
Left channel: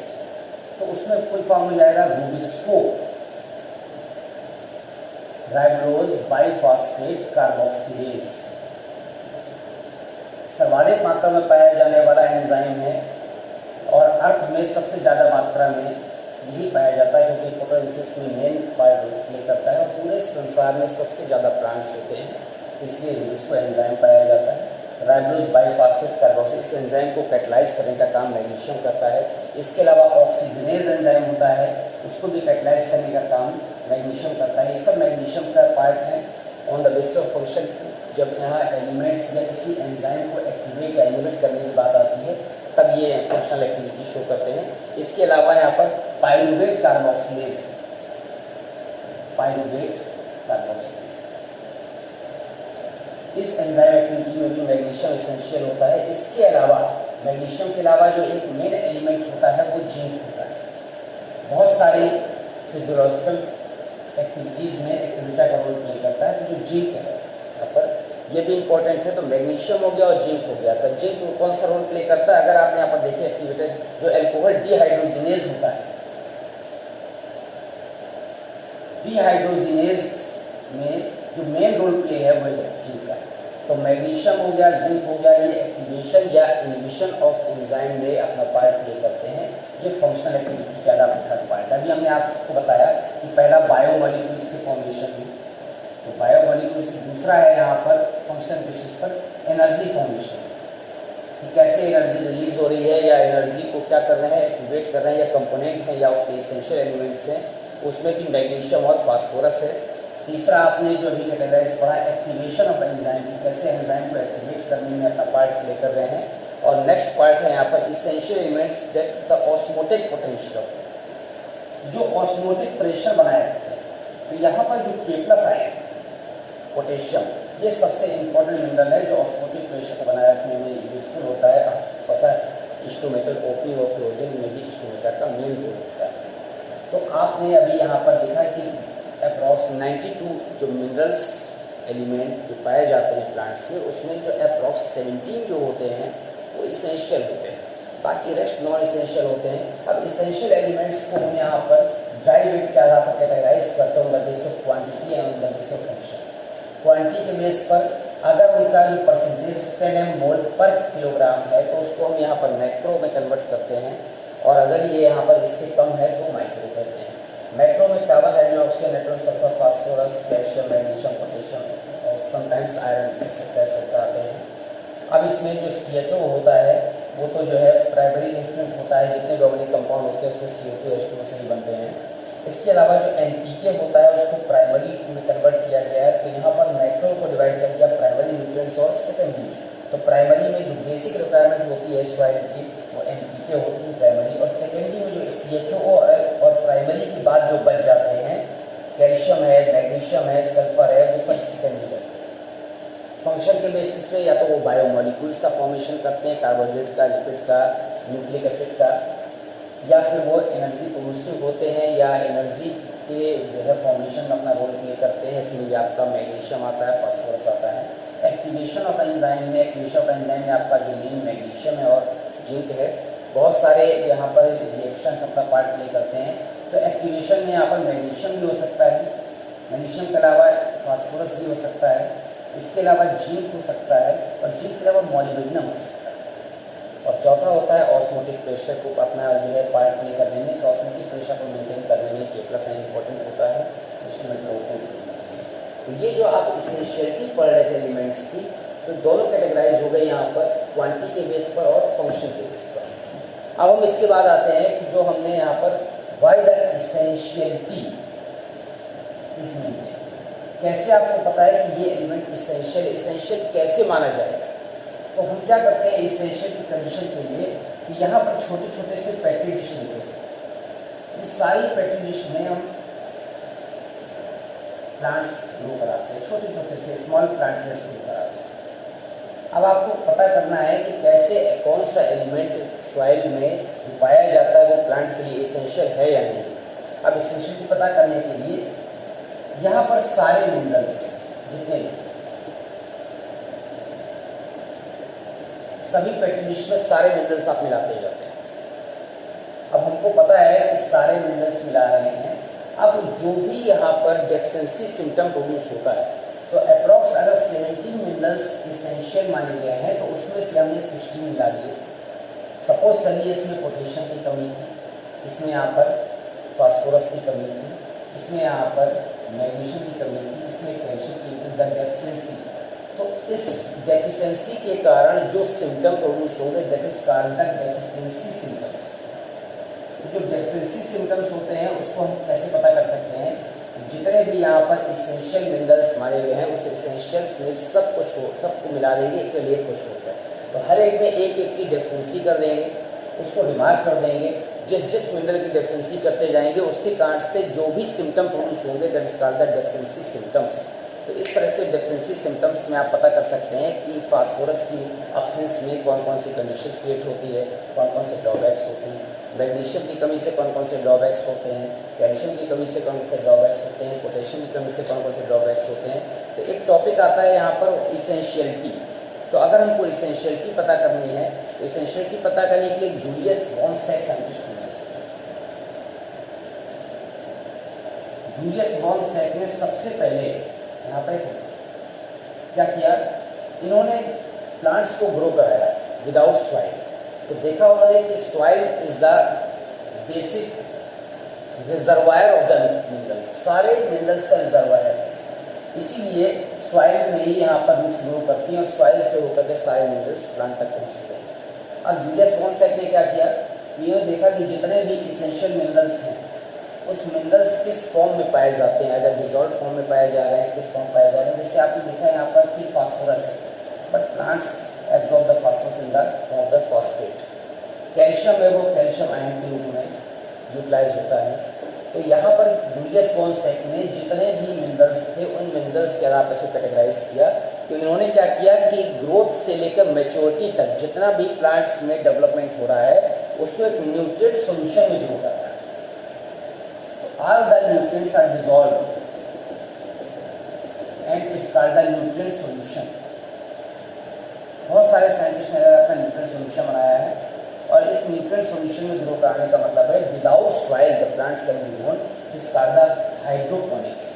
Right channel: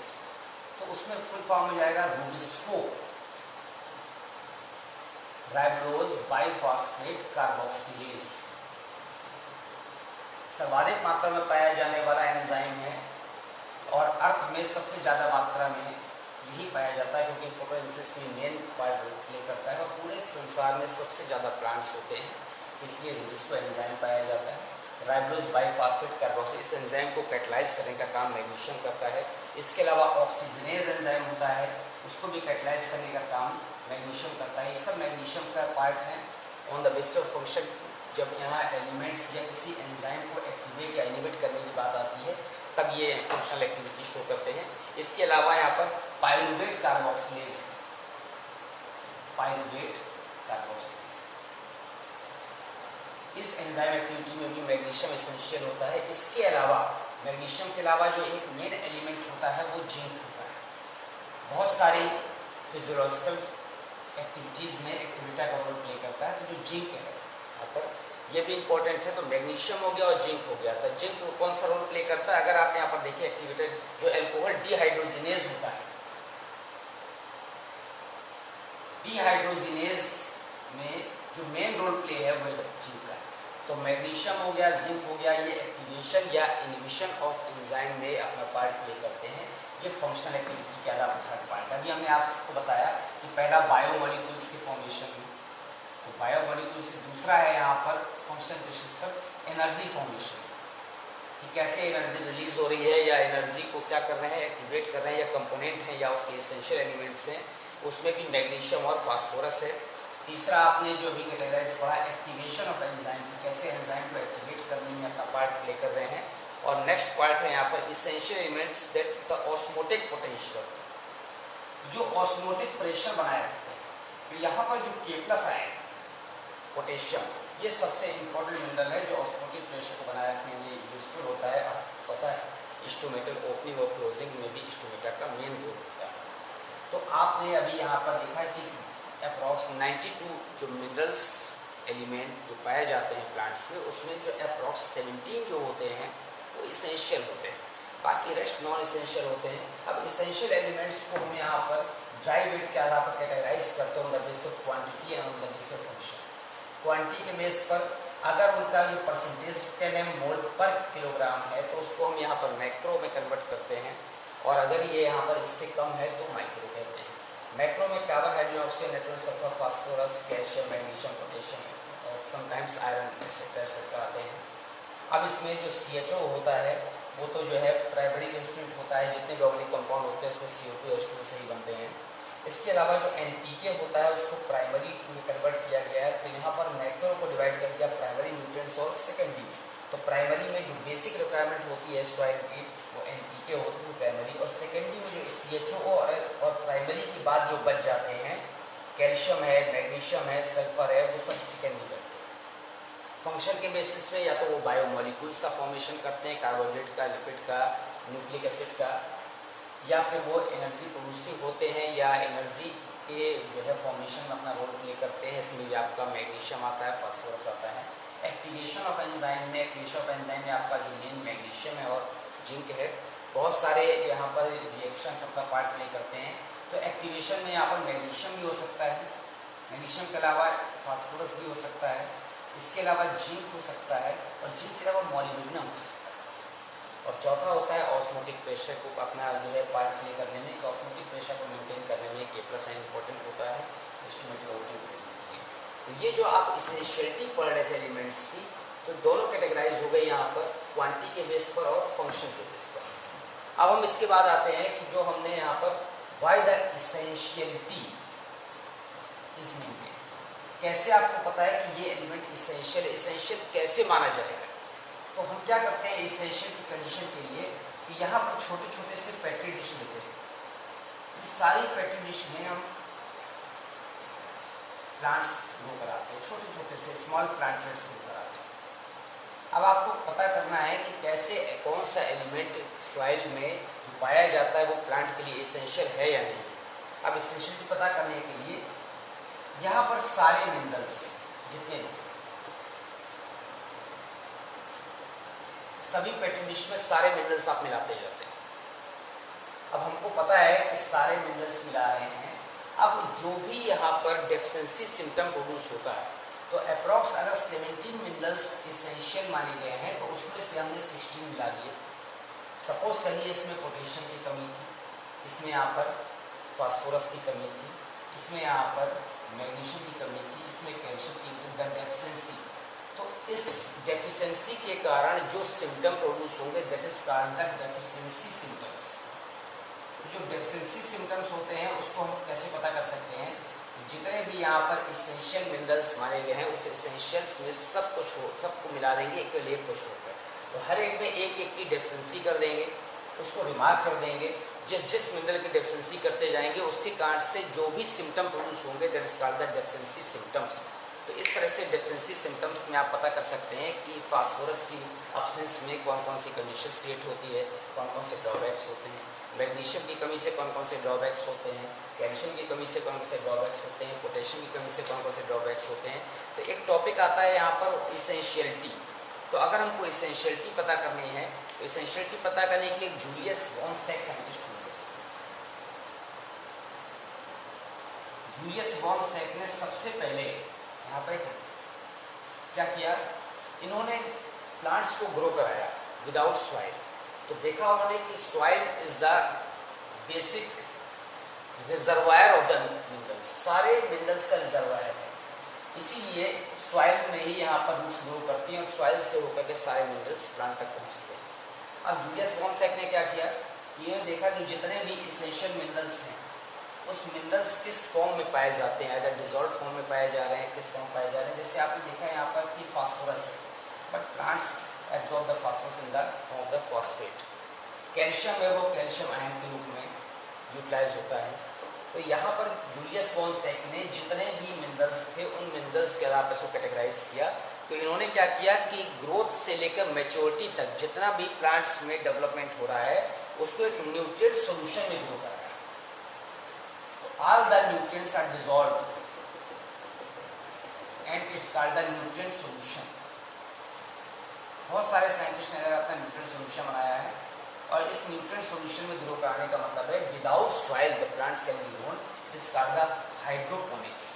तो उसमें फुल फॉर्म हो जाएगा रूबिस्को, राइबोलोज बाइफॉस्फेट कार्बोक्सिलेज। सर्वाधिक मात्रा में पाया जाने वाला एंजाइम है और अर्थ में सबसे ज्यादा मात्रा में यही पाया जाता है क्योंकि फोटोसिंथेसिस में मेन पार्ट प्ले करता है और पूरे संसार में सबसे ज्यादा प्लांट्स होते हैं, इसलिए इसको एंजाइम पाया जाता है। राइबोलोज बाइफॉस्फेट कार्बोक्सिलेज, इस एंजाइम को कैटलाइज करने का काम मैग्नीशियम करता है। इसके अलावा ऑक्सीजनेज एंजाइम होता है, उसको भी कैटलाइज करने का काम मैग्नीशियम करता है। ये सब मैग्नीशियम का पार्ट है। On the basis of function, जब यहाँ एलिमेंट्स या किसी एंजाइम को एक्टिवेट या इनहिबिट करने की बात आती है तब ये फंक्शनल एक्टिविटी शो करते हैं। इसके अलावा यहाँ पर पाइरुवेट कार्बोक्सिलेज, पाइरुवेट कार्बोक्सिलेज, इस एंजाइम एक्टिविटी में भी मैग्नीशियम एसेंशियल होता है। इसके अलावा मैग्नीशियम के अलावा जो एक मेन एलिमेंट होता है वो जिंक होता है। बहुत सारी फिजियोलॉजिकल एक्टिविटीज में एक्टिविटा का रोल प्ले करता है। तो जो जिंक है यहाँ पर ये भी इंपॉर्टेंट है। तो मैग्नीशियम हो गया और जिंक हो गया। तो जिंक कौन सा रोल प्ले करता है, अगर आपने यहाँ पर देखिए एक्टिवेटेड जो एल्कोहल डिहाइड्रोजिनेज होता है, डिहाइड्रोजिनेज में जो मेन रोल प्ले है वो जिंक का। तो मैग्नीशियम हो गया, जिंक हो गया, ये एक्टिवेशन या इनहिबिशन ऑफ एंजाइम में अपना पार्ट प्ले करते हैं। ये फंक्शनल एक्टिविटी के अलावा थर्ड पार्ट। अभी हमने आपको बताया कि पहला बायोमॉलिक्यूल्स के फॉर्मेशन में, तो बायोमॉलिक्यूल्स दूसरा है यहाँ पर फंक्शन बेसिस पर एनर्जी फॉर्मेशन, कि कैसे एनर्जी रिलीज हो रही है या एनर्जी को क्या कर रहे हैं, एक्टिवेट कर रहे हैं, या कंपोनेंट है या उसके एसेंशियल एलिमेंट्स हैं, उसमें भी मैग्नीशियम और फास्फोरस है। तीसरा आपने जो अभी कैटेगराइज पढ़ा एक्टिवेशन ऑफ एंजाइम, की कैसे एंजाइम को एक्टिवेट करने में अपना पार्ट प्ले कर रहे हैं। और नेक्स्ट पार्ट है यहाँ पर essential elements that the osmotic potential, जो ऑस्मोटिक प्रेशर बनाए रखते हैं। तो यहाँ पर जो K+ आए पोटेशियम, ये सबसे इंपॉर्टेंट मिनरल है जो ऑस्मोटिक प्रेशर को बनाए रखने में यूजफुल होता है। आपको पता है इंस्ट्रूमेंटल ओपनिंग और क्लोजिंग में भी इंस्ट्रूमेंटर का मेन रोल होता है। तो आपने अभी यहाँ पर देखा कि अप्रॉक्स 92 जो मिनरल्स एलिमेंट जो पाए जाते हैं प्लांट्स में, उसमें जो अप्रॉक्स 17 जो होते हैं वो इसेंशियल होते हैं, बाकी रेस्ट नॉन इसेंशियल होते हैं। अब इसेंशियल एलिमेंट्स को हम यहाँ पर ड्राई वेट के आधार पर कैटेगराइज करते हैं on the basis of quantity and on the basis of function. Quantity के बेस पर अगर उनका जो परसेंटेज 10 मोल पर किलोग्राम है तो उसको हम यहाँ पर मैक्रो में कन्वर्ट करते हैं, और अगर ये यहाँ पर इससे कम है तो माइक्रो कहते हैं। मैक्रो में carbon, hydrogen, oxygen, nitrogen, sulphur, phosphorus, calcium, magnesium, potassium और समटाइम्स आयरन एक्सेट्रा आते हैं। अब इसमें जो CHO होता है वो तो जो है प्राइमरी कंस्टिट्यूएंट होता है, जितने भी ऑर्गेनिक कंपाउंड होते हैं उसमें CO2 H2O से ही बनते हैं। इसके अलावा जो NPK होता है उसको प्राइमरी में कन्वर्ट किया गया है। तो यहाँ पर मैक्रो को डिवाइड कर दिया प्राइमरी न्यूट्रिएंट्स और सेकेंडरी में। तो प्राइमरी में जो बेसिक रिक्वायरमेंट होती है सॉइल की वो NPK होती है प्राइमरी, और सेकेंडरी में जो CHO और प्राइमरी की बात जो बच जाते हैं, कैल्शियम है, मैग्नीशियम है, सल्फर है, वो सब सेकेंडरी करते हैं। फंक्शन के बेसिस पे या तो वो बायोमॉलिक्यूल्स का फॉर्मेशन करते हैं, कार्बोहाइड्रेट का, लिपिड का, न्यूक्लिक एसिड का, या फिर वो एनर्जी प्रोड्यूसिंग होते हैं या एनर्जी के जो है फॉर्मेशन में अपना रोल प्ले करते हैं। इसमें भी आपका मैग्नीशियम आता है, फास्फोरस आता है। एक्टिवेशन ऑफ एंजाइम में, एक्टिवेशन ऑफ एंजाइम में आपका जो मेन मैग्नीशियम है और जिंक है, बहुत सारे यहाँ पर रिएक्शन अपना पार्ट प्ले करते हैं। तो एक्टिवेशन में यहाँ पर मैग्नीशियम भी हो सकता है, मैग्नीशियम के अलावा फास्फोरस भी हो सकता है, इसके अलावा जिंक हो सकता है और जिंक के अलावा मॉलिब्डेनम हो सकता है। और चौथा होता है ऑस्मोटिक प्रेशर को अपना जो है पार्ट प्ले करने में, ऑस्मोटिक प्रेशर को मेंटेन करने में K+ आयन इंपॉर्टेंट होता है इंस्ट्रूमेंट को। तो ये जो आप इसेंशियलिटी पढ़ रहे थे एलिमेंट्स की, तो दोनों कैटेगराइज हो गए यहाँ पर, क्वांटिटी के बेस पर और फंक्शन के बेस पर। अब हम इसके बाद आते हैं कि जो हमने यहाँ पर why the essentiality is maintain, कैसे आपको पता है कि ये एलिमेंट इसेंशियल, इसेंशियल कैसे माना जाएगा। तो हम क्या करते हैं इसेंशियल की कंडीशन के लिए कि यहाँ पर छोटे छोटे से पेट्री डिश होते हैं, इस सारी पेट्री डिश में हम प्लांट्स ग्रो कराते हैं, छोटे छोटे से स्मॉल प्लांटलेट्स ग्रो कराते हैं। अब आपको पता करना है कि कैसे कौन सा एलिमेंट सॉइल में जो पाया जाता है वो प्लांट के लिए इसेंशियल है या नहीं। अब इसेंशियल पता करने के लिए यहाँ पर सारे मिनरल्स जितने सभी पेट्री डिश में सारे मिनरल्स आप मिलाते जाते हैं। अब हमको पता है कि सारे मिनरल्स मिला रहे हैं। अब जो भी यहाँ पर डेफिशिएंसी सिम्टम प्रोड्यूस होता है, तो अप्रॉक्स अगर 17 मिनरल्स इसेंशियल माने गए हैं तो उसमें से हमने 16 मिला दिए। सपोज करिए इसमें पोटेशियम की कमी थी, इसमें यहाँ पर फास्फोरस की कमी थी, इसमें यहाँ पर मैग्नीशियम की कमी थी, इसमें कैल्शियम की डेफिशिएंसी। तो इस डेफिशिएंसी के कारण जो सिम्टम प्रोड्यूस होंगे that is called the deficiency symptoms. जो डेफिशिएंसी सिम्टम्स होते हैं उसको हम कैसे पता कर सकते हैं, जितने भी यहाँ पर इसेंशियल मिनरल्स मारे गए हैं उस इसेंशियल्स में सबको मिला देंगे, एक एक को छोड़कर। तो हर एक में एक एक की डेफिशिएंसी कर देंगे, उसको रिमार्क कर देंगे। जिस मिनरल की डेफिशिएंसी करते जाएंगे उसके कारण से जो भी सिम्टम प्रोड्यूस होंगे that is called the deficiency symptoms. तो इस तरह से डेफिशिएंसी सिम्टम्स में आप पता कर सकते हैं कि फास्फोरस की एब्सेंस में कौन कौन सी कंडीशंस क्रिएट होती है, कौन कौन से ड्रॉबैक्स होते हैं, मैग्नीशियम की कमी से कौन कौन से ड्रॉबैक्स होते हैं, कैल्शियम की कमी से कौन कौन से ड्रॉबैक्स होते हैं, पोटेशियम की कमी से कौन कौन से ड्रॉबैक्स होते हैं। तो एक टॉपिक आता है यहाँ पर इसेंशियलिटी। तो अगर हमको इसेंशियलिटी पता करनी है तो इसेंशियलिटी पता करने के लिए जूलियस वॉन सैक साइंटिस्ट होना है। जूलियस वॉन सैक ने सबसे पहले यहाँ पर क्या किया, इन्होंने प्लांट्स को ग्रो कराया विदाउट सॉइल। तो देखा होगा कि soil is the basic reservoir of the minerals, सारे मिनरल्स का रिजर्वायर है, इसीलिए सॉइल में ही यहाँ पर रूट्स ग्रो करती हैं और सॉइल से होकर के सारे मिनरल्स प्लांट तक पहुँचते हैं। अब जूलियस वॉन सैक ने क्या किया, ये देखा कि जितने भी इसेंशियल मिनरल्स हैं उस मिनरल्स किस फॉर्म में पाए जाते हैं, अगर डिजॉल्व फॉर्म में पाए जा रहे हैं, किस फॉर्म पाए जा रहे हैं। जैसे आपने देखा यहाँ पर कि फास्फोरस है, but plants absorb the phosphorus in the form of the phosphate. Calcium है वो कैल्शियम आयन के रूप में यूटिलाइज होता है। तो यहाँ पर जूलियस वॉन सैक ने जितने भी मिनरल्स थे उन मिनरल्स के आधार पर इसको कैटेगराइज किया। तो इन्होंने क्या किया कि ग्रोथ से लेकर मैच्योरिटी तक जितना भी प्लांट्स में डेवलपमेंट हो रहा है उसको एक न्यूट्रिएंट सॉल्यूशन में ग्रो करना है। All the nutrients are dissolved and it's called the nutrient solution। बहुत सारे साइंटिस्ट ने अपना न्यूट्रिएंट सॉल्यूशन बनाया है और इस न्यूट्रिएंट सॉल्यूशन में ग्रो कराने का मतलब है without soil the plants can be grown, it is called the hydroponics.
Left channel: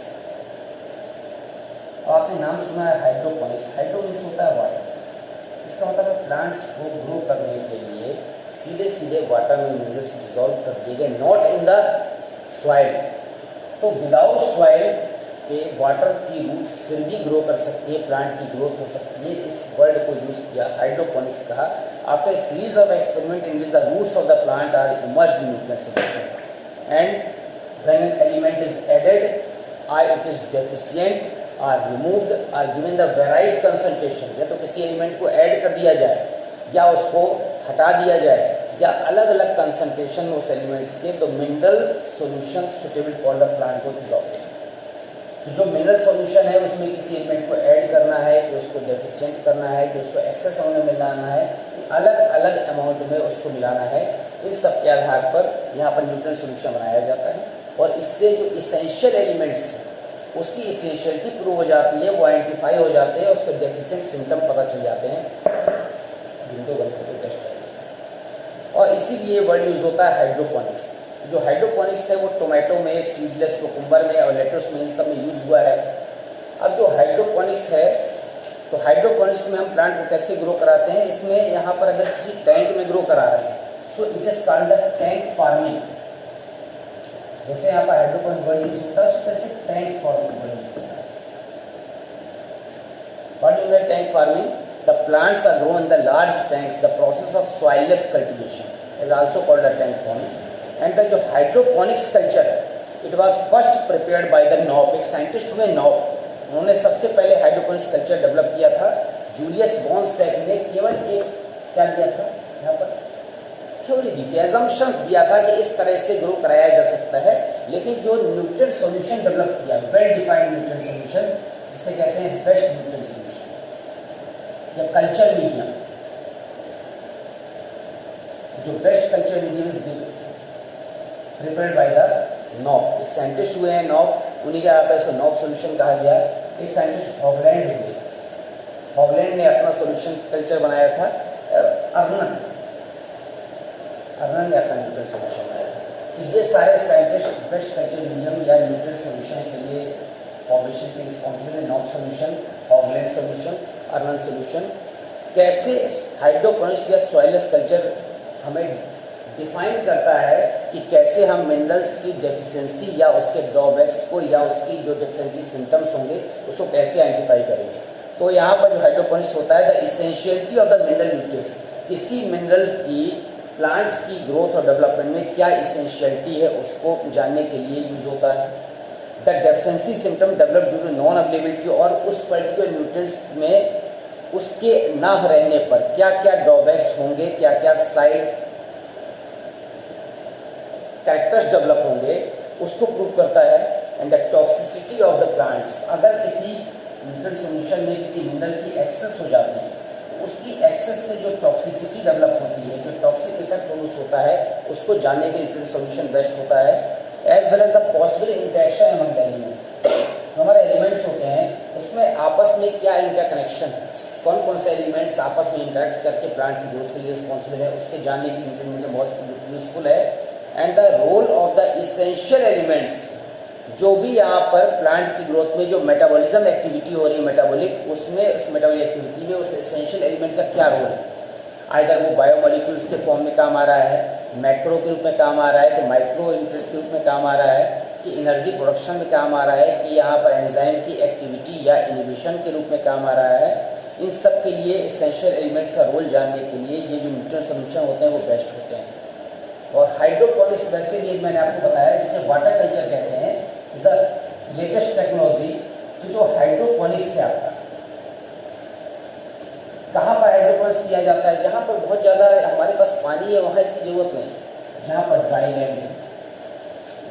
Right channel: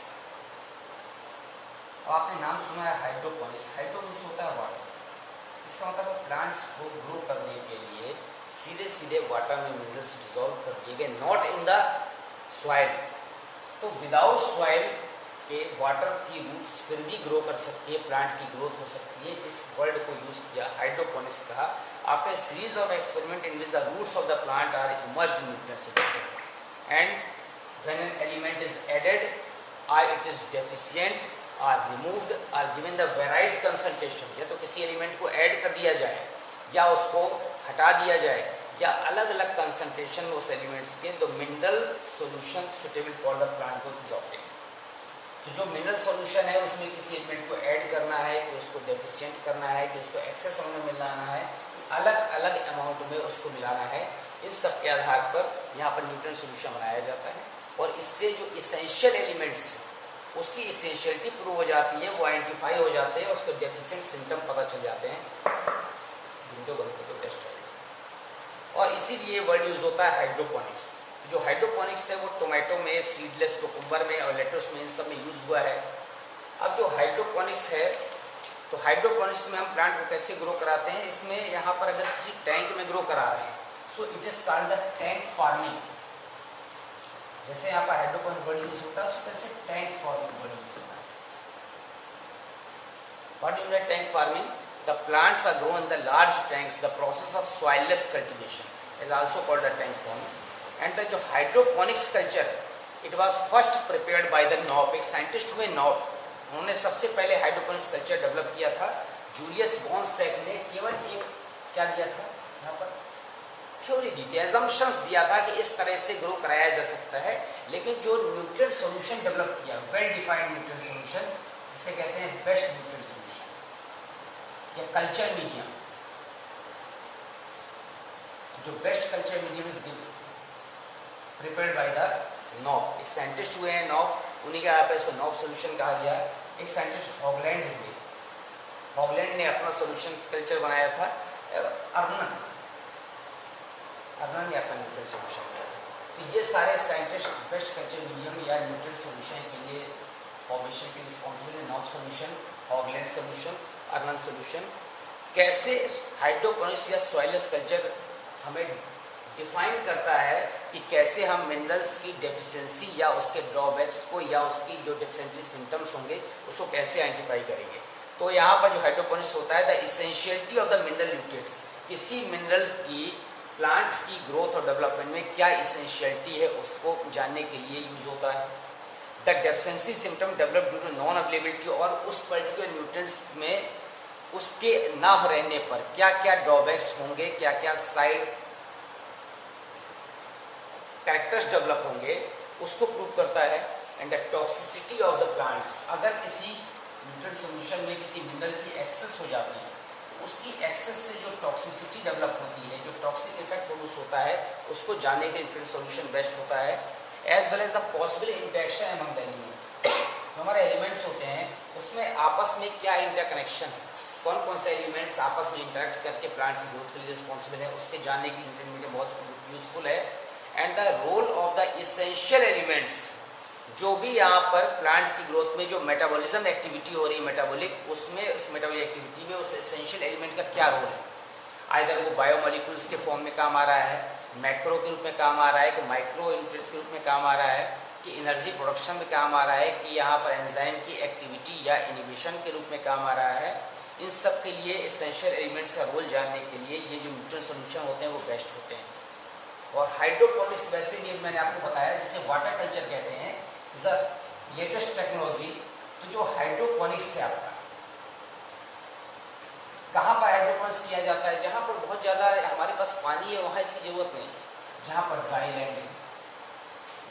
आपने नाम सुना है हाइड्रोपोनिक्स, हाइड्रोपोनिक्स होता है वाटर। इसका मतलब प्लांट्स को ग्रो करने के लिए सीधे सीधे वाटर में मिनरल्स डिसॉल्व कर दिए गए, नॉट इन द सॉइल। तो विदाउट सॉइल के वाटर की रूट्स फिर भी ग्रो कर सकती है, प्लांट की ग्रोथ हो सकती है। इस वर्ड को यूज किया हाइड्रोपोनिक्स कहा। After series of experiment in which the roots of the plant are emerged in nutrient solution and when an element is added और it is deficient or removed or given the varied concentration. या तो किसी element को add कर दिया जाए या उसको हटा दिया जाए या अलग अलग कंसंट्रेशन उस एलिमेंट्स के, तो mineral solution suitable for the plant growth is obtained. तो जो मिनरल सॉल्यूशन है उसमें किसी एलिमेंट को ऐड करना है कि उसको डेफिशिएंट करना है कि उसको एक्सेस अमाउंट में मिलाना है, अलग अलग अमाउंट में उसको मिलाना है। इस सब के आधार पर यहाँ पर न्यूट्रिएंट सॉल्यूशन बनाया जाता है और इससे जो इसेंशियल एलिमेंट्स उसकी इसेंशियलिटी प्रूव हो जाती है, वो आइडेंटिफाई हो जाते हैं, उसके डेफिशिएंट सिम्टम पता चल जाते हैं, विंडो वन को टेस्ट करेंगे। और इसीलिए वर्ड यूज होता है हाइड्रोपोनिक्स। जो हाइड्रोपोनिक्स है वो टोमेटो में, सीडलेस कुकुम्बर में और लेटुस में, इन सब में यूज हुआ है। अब जो हाइड्रोपोनिक्स है, तो हाइड्रोपोनिक्स में हम प्लांट को कैसे ग्रो कराते हैं, इसमें यहाँ पर अगर किसी टैंक में ग्रो करा रहे हैं, so it is called the tank farming. जैसे यहाँ पर हाइड्रोपोनिक्स वर्ड यूज होता है, उस तरह से टैंक फार्मिंग वर्ड यूज होता है। What is tank farming? The plants are grown in the large tanks. The process of soilless cultivation is also called a tank farming. And the जो hydroponics culture है, it was first prepared by the Knopp, एक scientist हुए knob, उन्होंने सबसे पहले hydroponics culture develop किया था। Julius बॉन्सेक ने केवल एक क्या दिया था, यहाँ पर थ्योरी दी थी, एजम्पशंस दिया था कि इस तरह से ग्रो कराया जा सकता है। लेकिन जो न्यूट्रिएंट सॉल्यूशन डेवलप किया, वेल डिफाइंड न्यूट्रिएंट सॉल्यूशन, जिसे कहते हैं बेस्ट न्यूट्रिएंट सॉल्यूशन या कल्चर मीडियम, जो best culture medium is prepared by the knob. एक साइंटिस्ट हुए हैं नॉप, उन्हीं के यहाँ पर इसको नॉप सॉल्यूशन कहा गया। एक साइंटिस्ट हॉगलैंड हुए, हॉगलैंड ने अपना सॉल्यूशन कल्चर बनाया था। अर्नन ने अपना न्यूट्रिएंट सॉल्यूशन बनाया। तो ये सारे साइंटिस्ट बेस्ट कल्चर मीडियम या न्यूट्रिएंट सॉल्यूशन के लिए फॉर्मेशन के रिस्पॉन्सिबल है। Knop solution, Hoagland solution, Arnon solution. कैसे हाइड्रोपोनिक्स या सॉइललेस कल्चर हमें डिफाइन करता है कि कैसे हम मिनरल्स की डेफिशिएंसी या उसके ड्रॉबैक्स को या उसकी जो डेफिशिएंसी सिम्टम्स होंगे उसको कैसे आइडेंटिफाई करेंगे। तो यहाँ पर जो हाइड्रोपोनिक्स होता है, the essentiality of the mineral nutrients, किसी मिनरल की प्लांट्स की ग्रोथ और डेवलपमेंट में क्या इसेंशियलिटी है उसको जानने के लिए यूज होता है। The deficiency symptom develop due to non availability, और उस पर्टिकुलर न्यूट्रिएंट्स में उसके ना रहने पर क्या क्या ड्रॉबैक्स होंगे, क्या क्या साइड कैरेक्टर्स डेवलप होंगे, उसको प्रूव करता है। And the toxicity of the plants, अगर किसी न्यूट्रिएंट सॉल्यूशन में किसी मिनरल की एक्सेस हो जाती है तो उसकी एक्सेस से जो टॉक्सिसिटी डेवलप होती है, जो टॉक्सिक इफेक्ट प्रोड्यूस होता है, उसको जानने के न्यूट्रिएंट सॉल्यूशन बेस्ट होता है। As well as the possible interaction among the elements, हमारे एलिमेंट्स होते हैं उसमें आपस में क्या इंटरकनेक्शन है, कौन कौन से एलिमेंट्स आपस में इंटरेक्ट करके प्लांट्स की ग्रोथ के लिए रिस्पॉन्सिबल है, उसके जानने की न्यूट्रिएंट बहुत यूजफुल है। And the role of the essential elements, जो भी यहाँ पर प्लांट की ग्रोथ में जो मेटाबॉलिज्म एक्टिविटी हो रही है मेटाबॉलिक, उसमें उस मेटाबॉलिक एक्टिविटी में उस एसेंशियल एलिमेंट का क्या रोल है। आइदर वो बायोमोलिक्यूल्स के फॉर्म में काम आ रहा है, मैक्रो के रूप में काम आ रहा है, कि माइक्रो न्यूट्रिएंट्स के रूप में काम आ रहा है, कि एनर्जी प्रोडक्शन में काम आ रहा है, कि यहाँ पर एंजाइम की एक्टिविटी या इनिबिशन के रूप में काम आ रहा है। इन सब के लिए एसेंशियल एलिमेंट्स का रोल जानने के लिए ये जो न्यूट्रिएंट सॉल्यूशन होते हैं वो बेस्ट होते हैं। और हाइड्रोपोनिक्स वैसे भी मैंने आपको बताया जिसे वाटर कल्चर कहते हैं, इज द लेटेस्ट टेक्नोलॉजी। तो जो हाइड्रोपोनिक्स से आता है, कहाँ पर हाइड्रोपोनिक्स किया जाता है, जहाँ पर बहुत ज्यादा हमारे पास पानी है वहाँ इसकी जरूरत नहीं, जहाँ पर ड्राई लैंड है,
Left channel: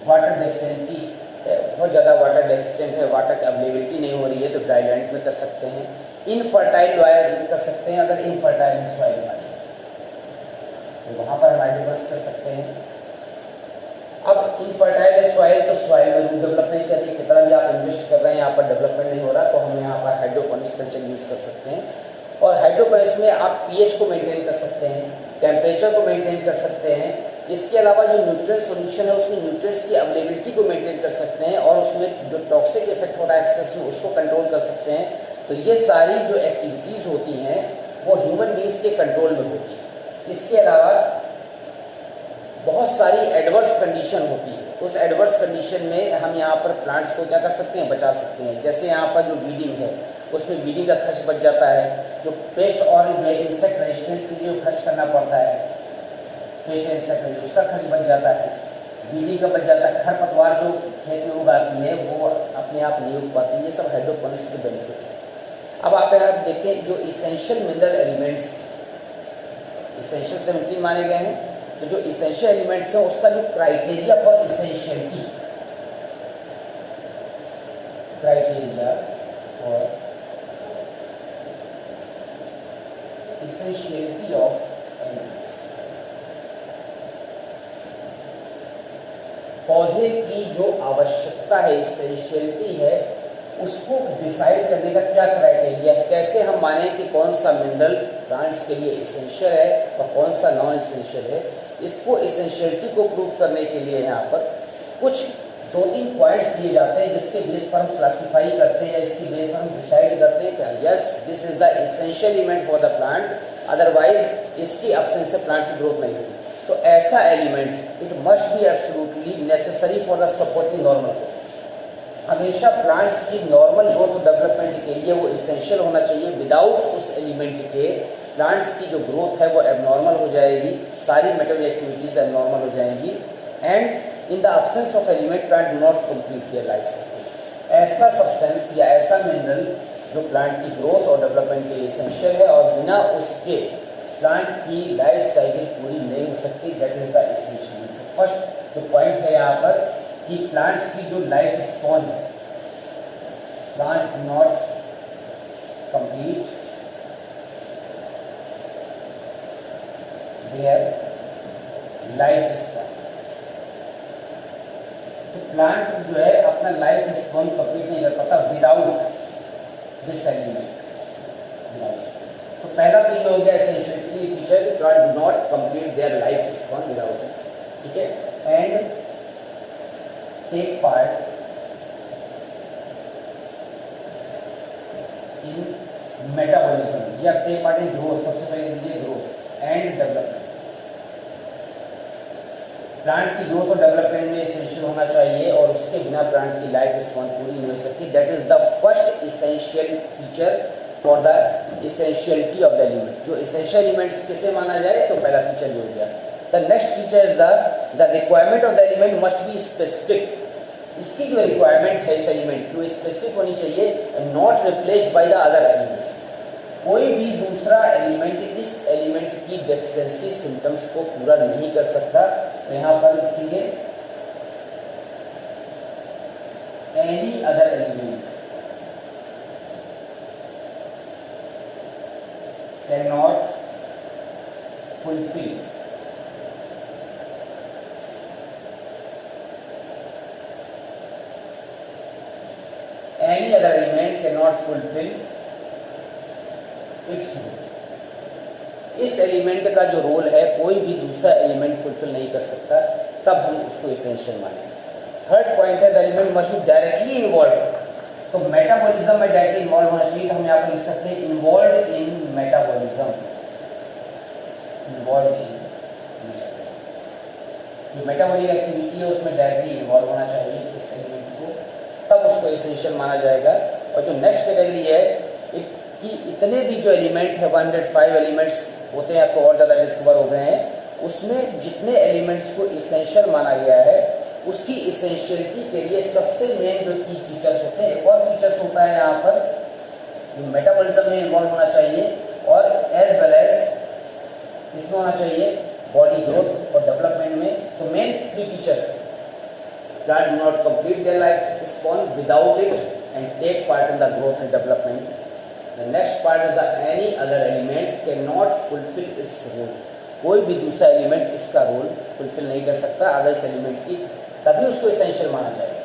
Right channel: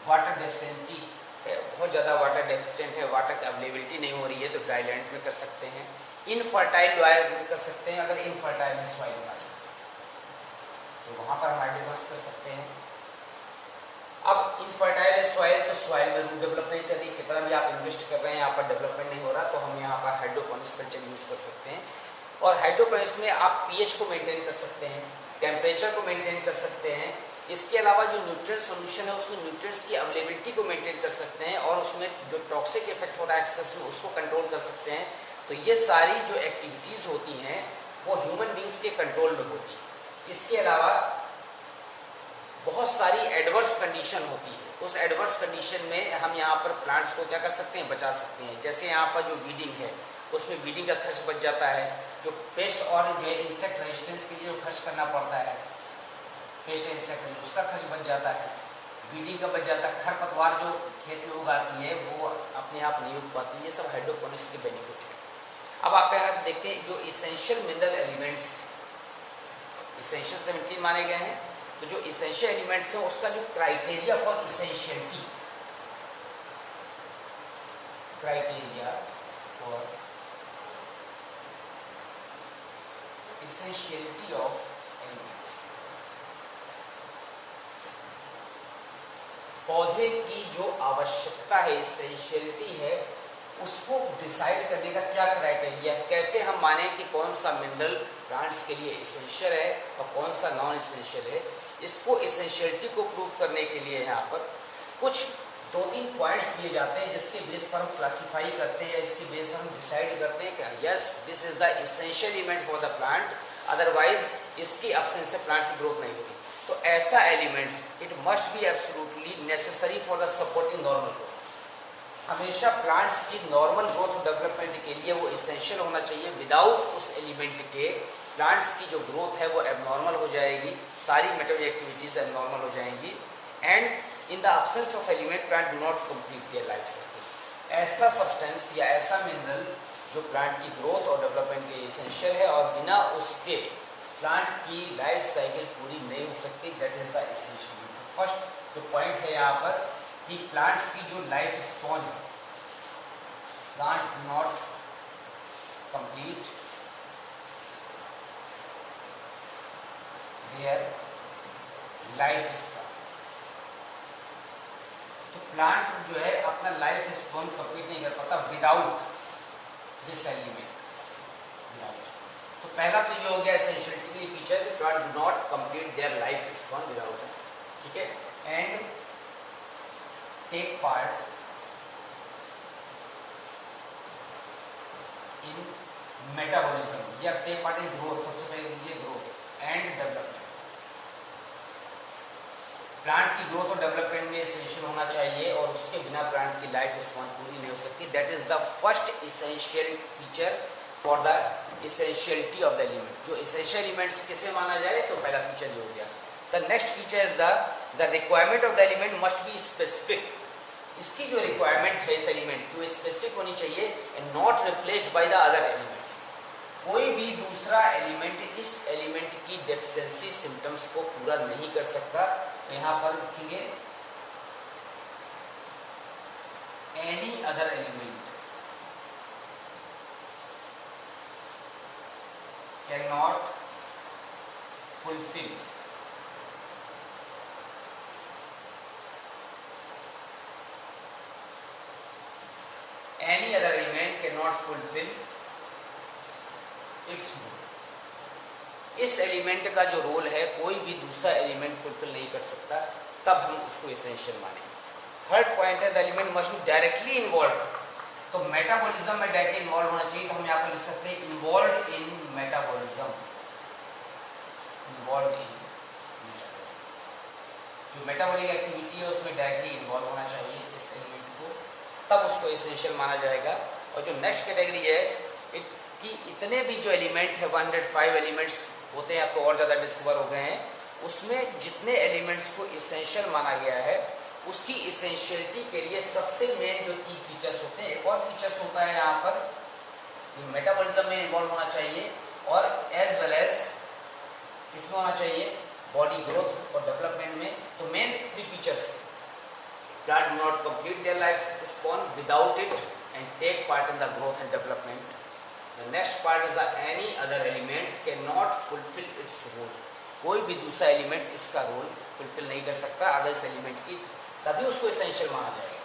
वाटर डेफिशिएंटी है, बहुत ज्यादा वाटर डेफिशिएंट है, वाटर की अवेलेबिलिटी नहीं हो रही है, तो ड्राई लैंड में कर सकते हैं। इनफर्टाइल सॉइल में कर सकते हैं, अगर इनफर्टाइल सॉइल है तो वहां पर हाइड्रोपोनिक्स कर सकते हैं। अब इनफर्टाइल सॉइल तो सॉइल में रूट डेवलप नहीं कर रही, कितना भी आप इन्वेस्ट कर रहे हैं यहाँ पर डेवलपमेंट नहीं हो रहा, तो हम यहाँ पर हाइड्रोपोनिक्स कल्चर यूज कर सकते हैं। और हाइड्रोपोनिक्स में आप पीएच को मेंटेन कर सकते हैं, टेम्परेचर को मेंटेन कर सकते हैं। इसके अलावा जो न्यूट्रिएंट सॉल्यूशन है उसमें न्यूट्रिएंट्स की अवेलेबिलिटी को मेंटेन कर सकते हैं, और उसमें जो टॉक्सिक इफेक्ट हो रहा है एक्सेस में उसको कंट्रोल कर सकते हैं। तो ये सारी जो एक्टिविटीज होती हैं वो ह्यूमन बींग्स के कंट्रोल में होती है। इसके अलावा बहुत सारी एडवर्स कंडीशन होती है, उस एडवर्स कंडीशन में हम यहाँ पर प्लांट्स को क्या कर सकते हैं, बचा सकते हैं। जैसे यहाँ पर जो ब्रीडिंग है उसमें ब्रीडिंग का खर्च बच जाता है, जो पेस्ट और जो इंसेक्ट रेजिस्टेंस के लिए जो खर्च करना पड़ता है, पेस्ट इंसेक्ट उसका खर्च बच जाता है, ब्रीडिंग का बच जाता है, खरपतवार जो खेत में उगाती है वो अपने आप नहीं उग पाती। ये सब हाइड्रोपोनिक्स के बेनिफिट है। अब आप यहाँ देखते हैं जो इसेंशियल मिनरल एलिमेंट्स, इसेंशियल 17 माने गए हैं, तो जो इसेंशियल एलिमेंट्स है उसका जो criteria for essentiality, criteria for essentiality of elements, पौधे की जो आवश्यकता है, इसेंशियलिटी है, उसको डिसाइड करने का क्या क्राइटेरिया है, कैसे हम माने कि कौन सा मिनरल प्लांट्स के लिए इसेंशियल है और कौन सा नॉन इसेंशियल है। इसको इसेंशियलिटी को प्रूव करने के लिए यहाँ पर कुछ 2-3 पॉइंट्स दिए जाते हैं जिसके बेस पर हम क्लासिफाई करते हैं या इसके बेस पर हम डिसाइड करते हैं कि yes this is the essential element for the plant, otherwise इसकी एब्सेंस से प्लांट की ग्रोथ नहीं होगी। तो ऐसा elements it must be absolutely necessary for the supporting normal. हमेशा प्लांट्स की नॉर्मल ग्रोथ डेवलपमेंट के लिए वो इसेंशियल होना चाहिए। विदाउट उस एलिमेंट के प्लांट्स की जो ग्रोथ है वो एबनॉर्मल हो जाएगी, सारी मेटाबॉलिक एक्टिविटीज एबनॉर्मल हो जाएंगी। And in the absence of element plant do not complete their life cycle. ऐसा सब्सटेंस या ऐसा मिनरल जो प्लांट की ग्रोथ और डेवलपमेंट के लिए इसेंशियल है और बिना उसके प्लांट की लाइफ साइकिल पूरी नहीं हो सकती, that is the essential. First जो पॉइंट है यहाँ पर कि प्लांट्स की जो लाइफ स्पॉन है, plants do not complete their life spawn. तो प्लांट जो है अपना लाइफ स्पॉन कंप्लीट नहीं कर पाता विदाउट दिस एलिमेंट। तो पहला तो ये हो गया एसेंशियलिटी फीचर कि plant do not complete their life spawn without, ठीक है, and take part in metabolism या take part in growth। सबसे पहले लीजिए ग्रोथ एंड डेवलपमेंट। प्लांट की ग्रोथ और डेवलपमेंट में इसेंशियल होना चाहिए और उसके बिना प्लांट की लाइफ स्पैन पूरी नहीं हो सकती। That is the first essential feature for the essentiality of the element. जो इसेंशियल एलिमेंट्स किसे माना जाए तो पहला फीचर हो गया। The next feature is the requirement of the element must be specific। इसकी जो रिक्वायरमेंट है इस एलिमेंट की वो स्पेसिफिक होनी चाहिए and not replaced by the other elements। कोई भी दूसरा एलिमेंट इस एलिमेंट की डेफिशिएंसी सिम्टम्स को पूरा नहीं कर सकता। यहाँ पर लिखिए any other element can not fulfil any other element cannot fulfill its role। इस एलिमेंट का जो रोल है कोई भी दूसरा एलिमेंट फुलफिल नहीं कर सकता, तब हम उसको इसेंशियल मानेंगे। थर्ड पॉइंट है the element must be directly involve. तो मेटाबॉलिज्म में डायरेक्टली इन्वॉल्व होना चाहिए। तो हम यहाँ पर लिख सकते हैं involve in metabolism. Involve in जो मेटाबॉलिक एक्टिविटी है उसमें डायरेक्टली इन्वॉल्व होना चाहिए इस एलिमेंट को, तब उसको इसेंशियल माना जाएगा। और जो नेक्स्ट कैटेगरी है कि इतने भी जो एलिमेंट है 105 एलिमेंट्स होते हैं, अब तो और ज़्यादा डिस्कवर हो गए हैं, उसमें जितने एलिमेंट्स को इसेंशियल माना गया है उसकी इसेंशियलिटी के लिए सबसे मेन जो की फीचर्स होते हैं, एक और फीचर्स होता है यहाँ पर मेटाबॉलिज्म में इन्वॉल्व होना चाहिए और एज वेल एज इसमें होना चाहिए बॉडी ग्रोथ और डेवलपमेंट में। तो main 3 features plant do not complete their life span without it and take part in the growth and development। The next part is that any other element cannot fulfill its role। कोई भी दूसरा element इसका role fulfil नहीं कर सकता other element की, तभी उसको इसेंशियल माना जाएगा।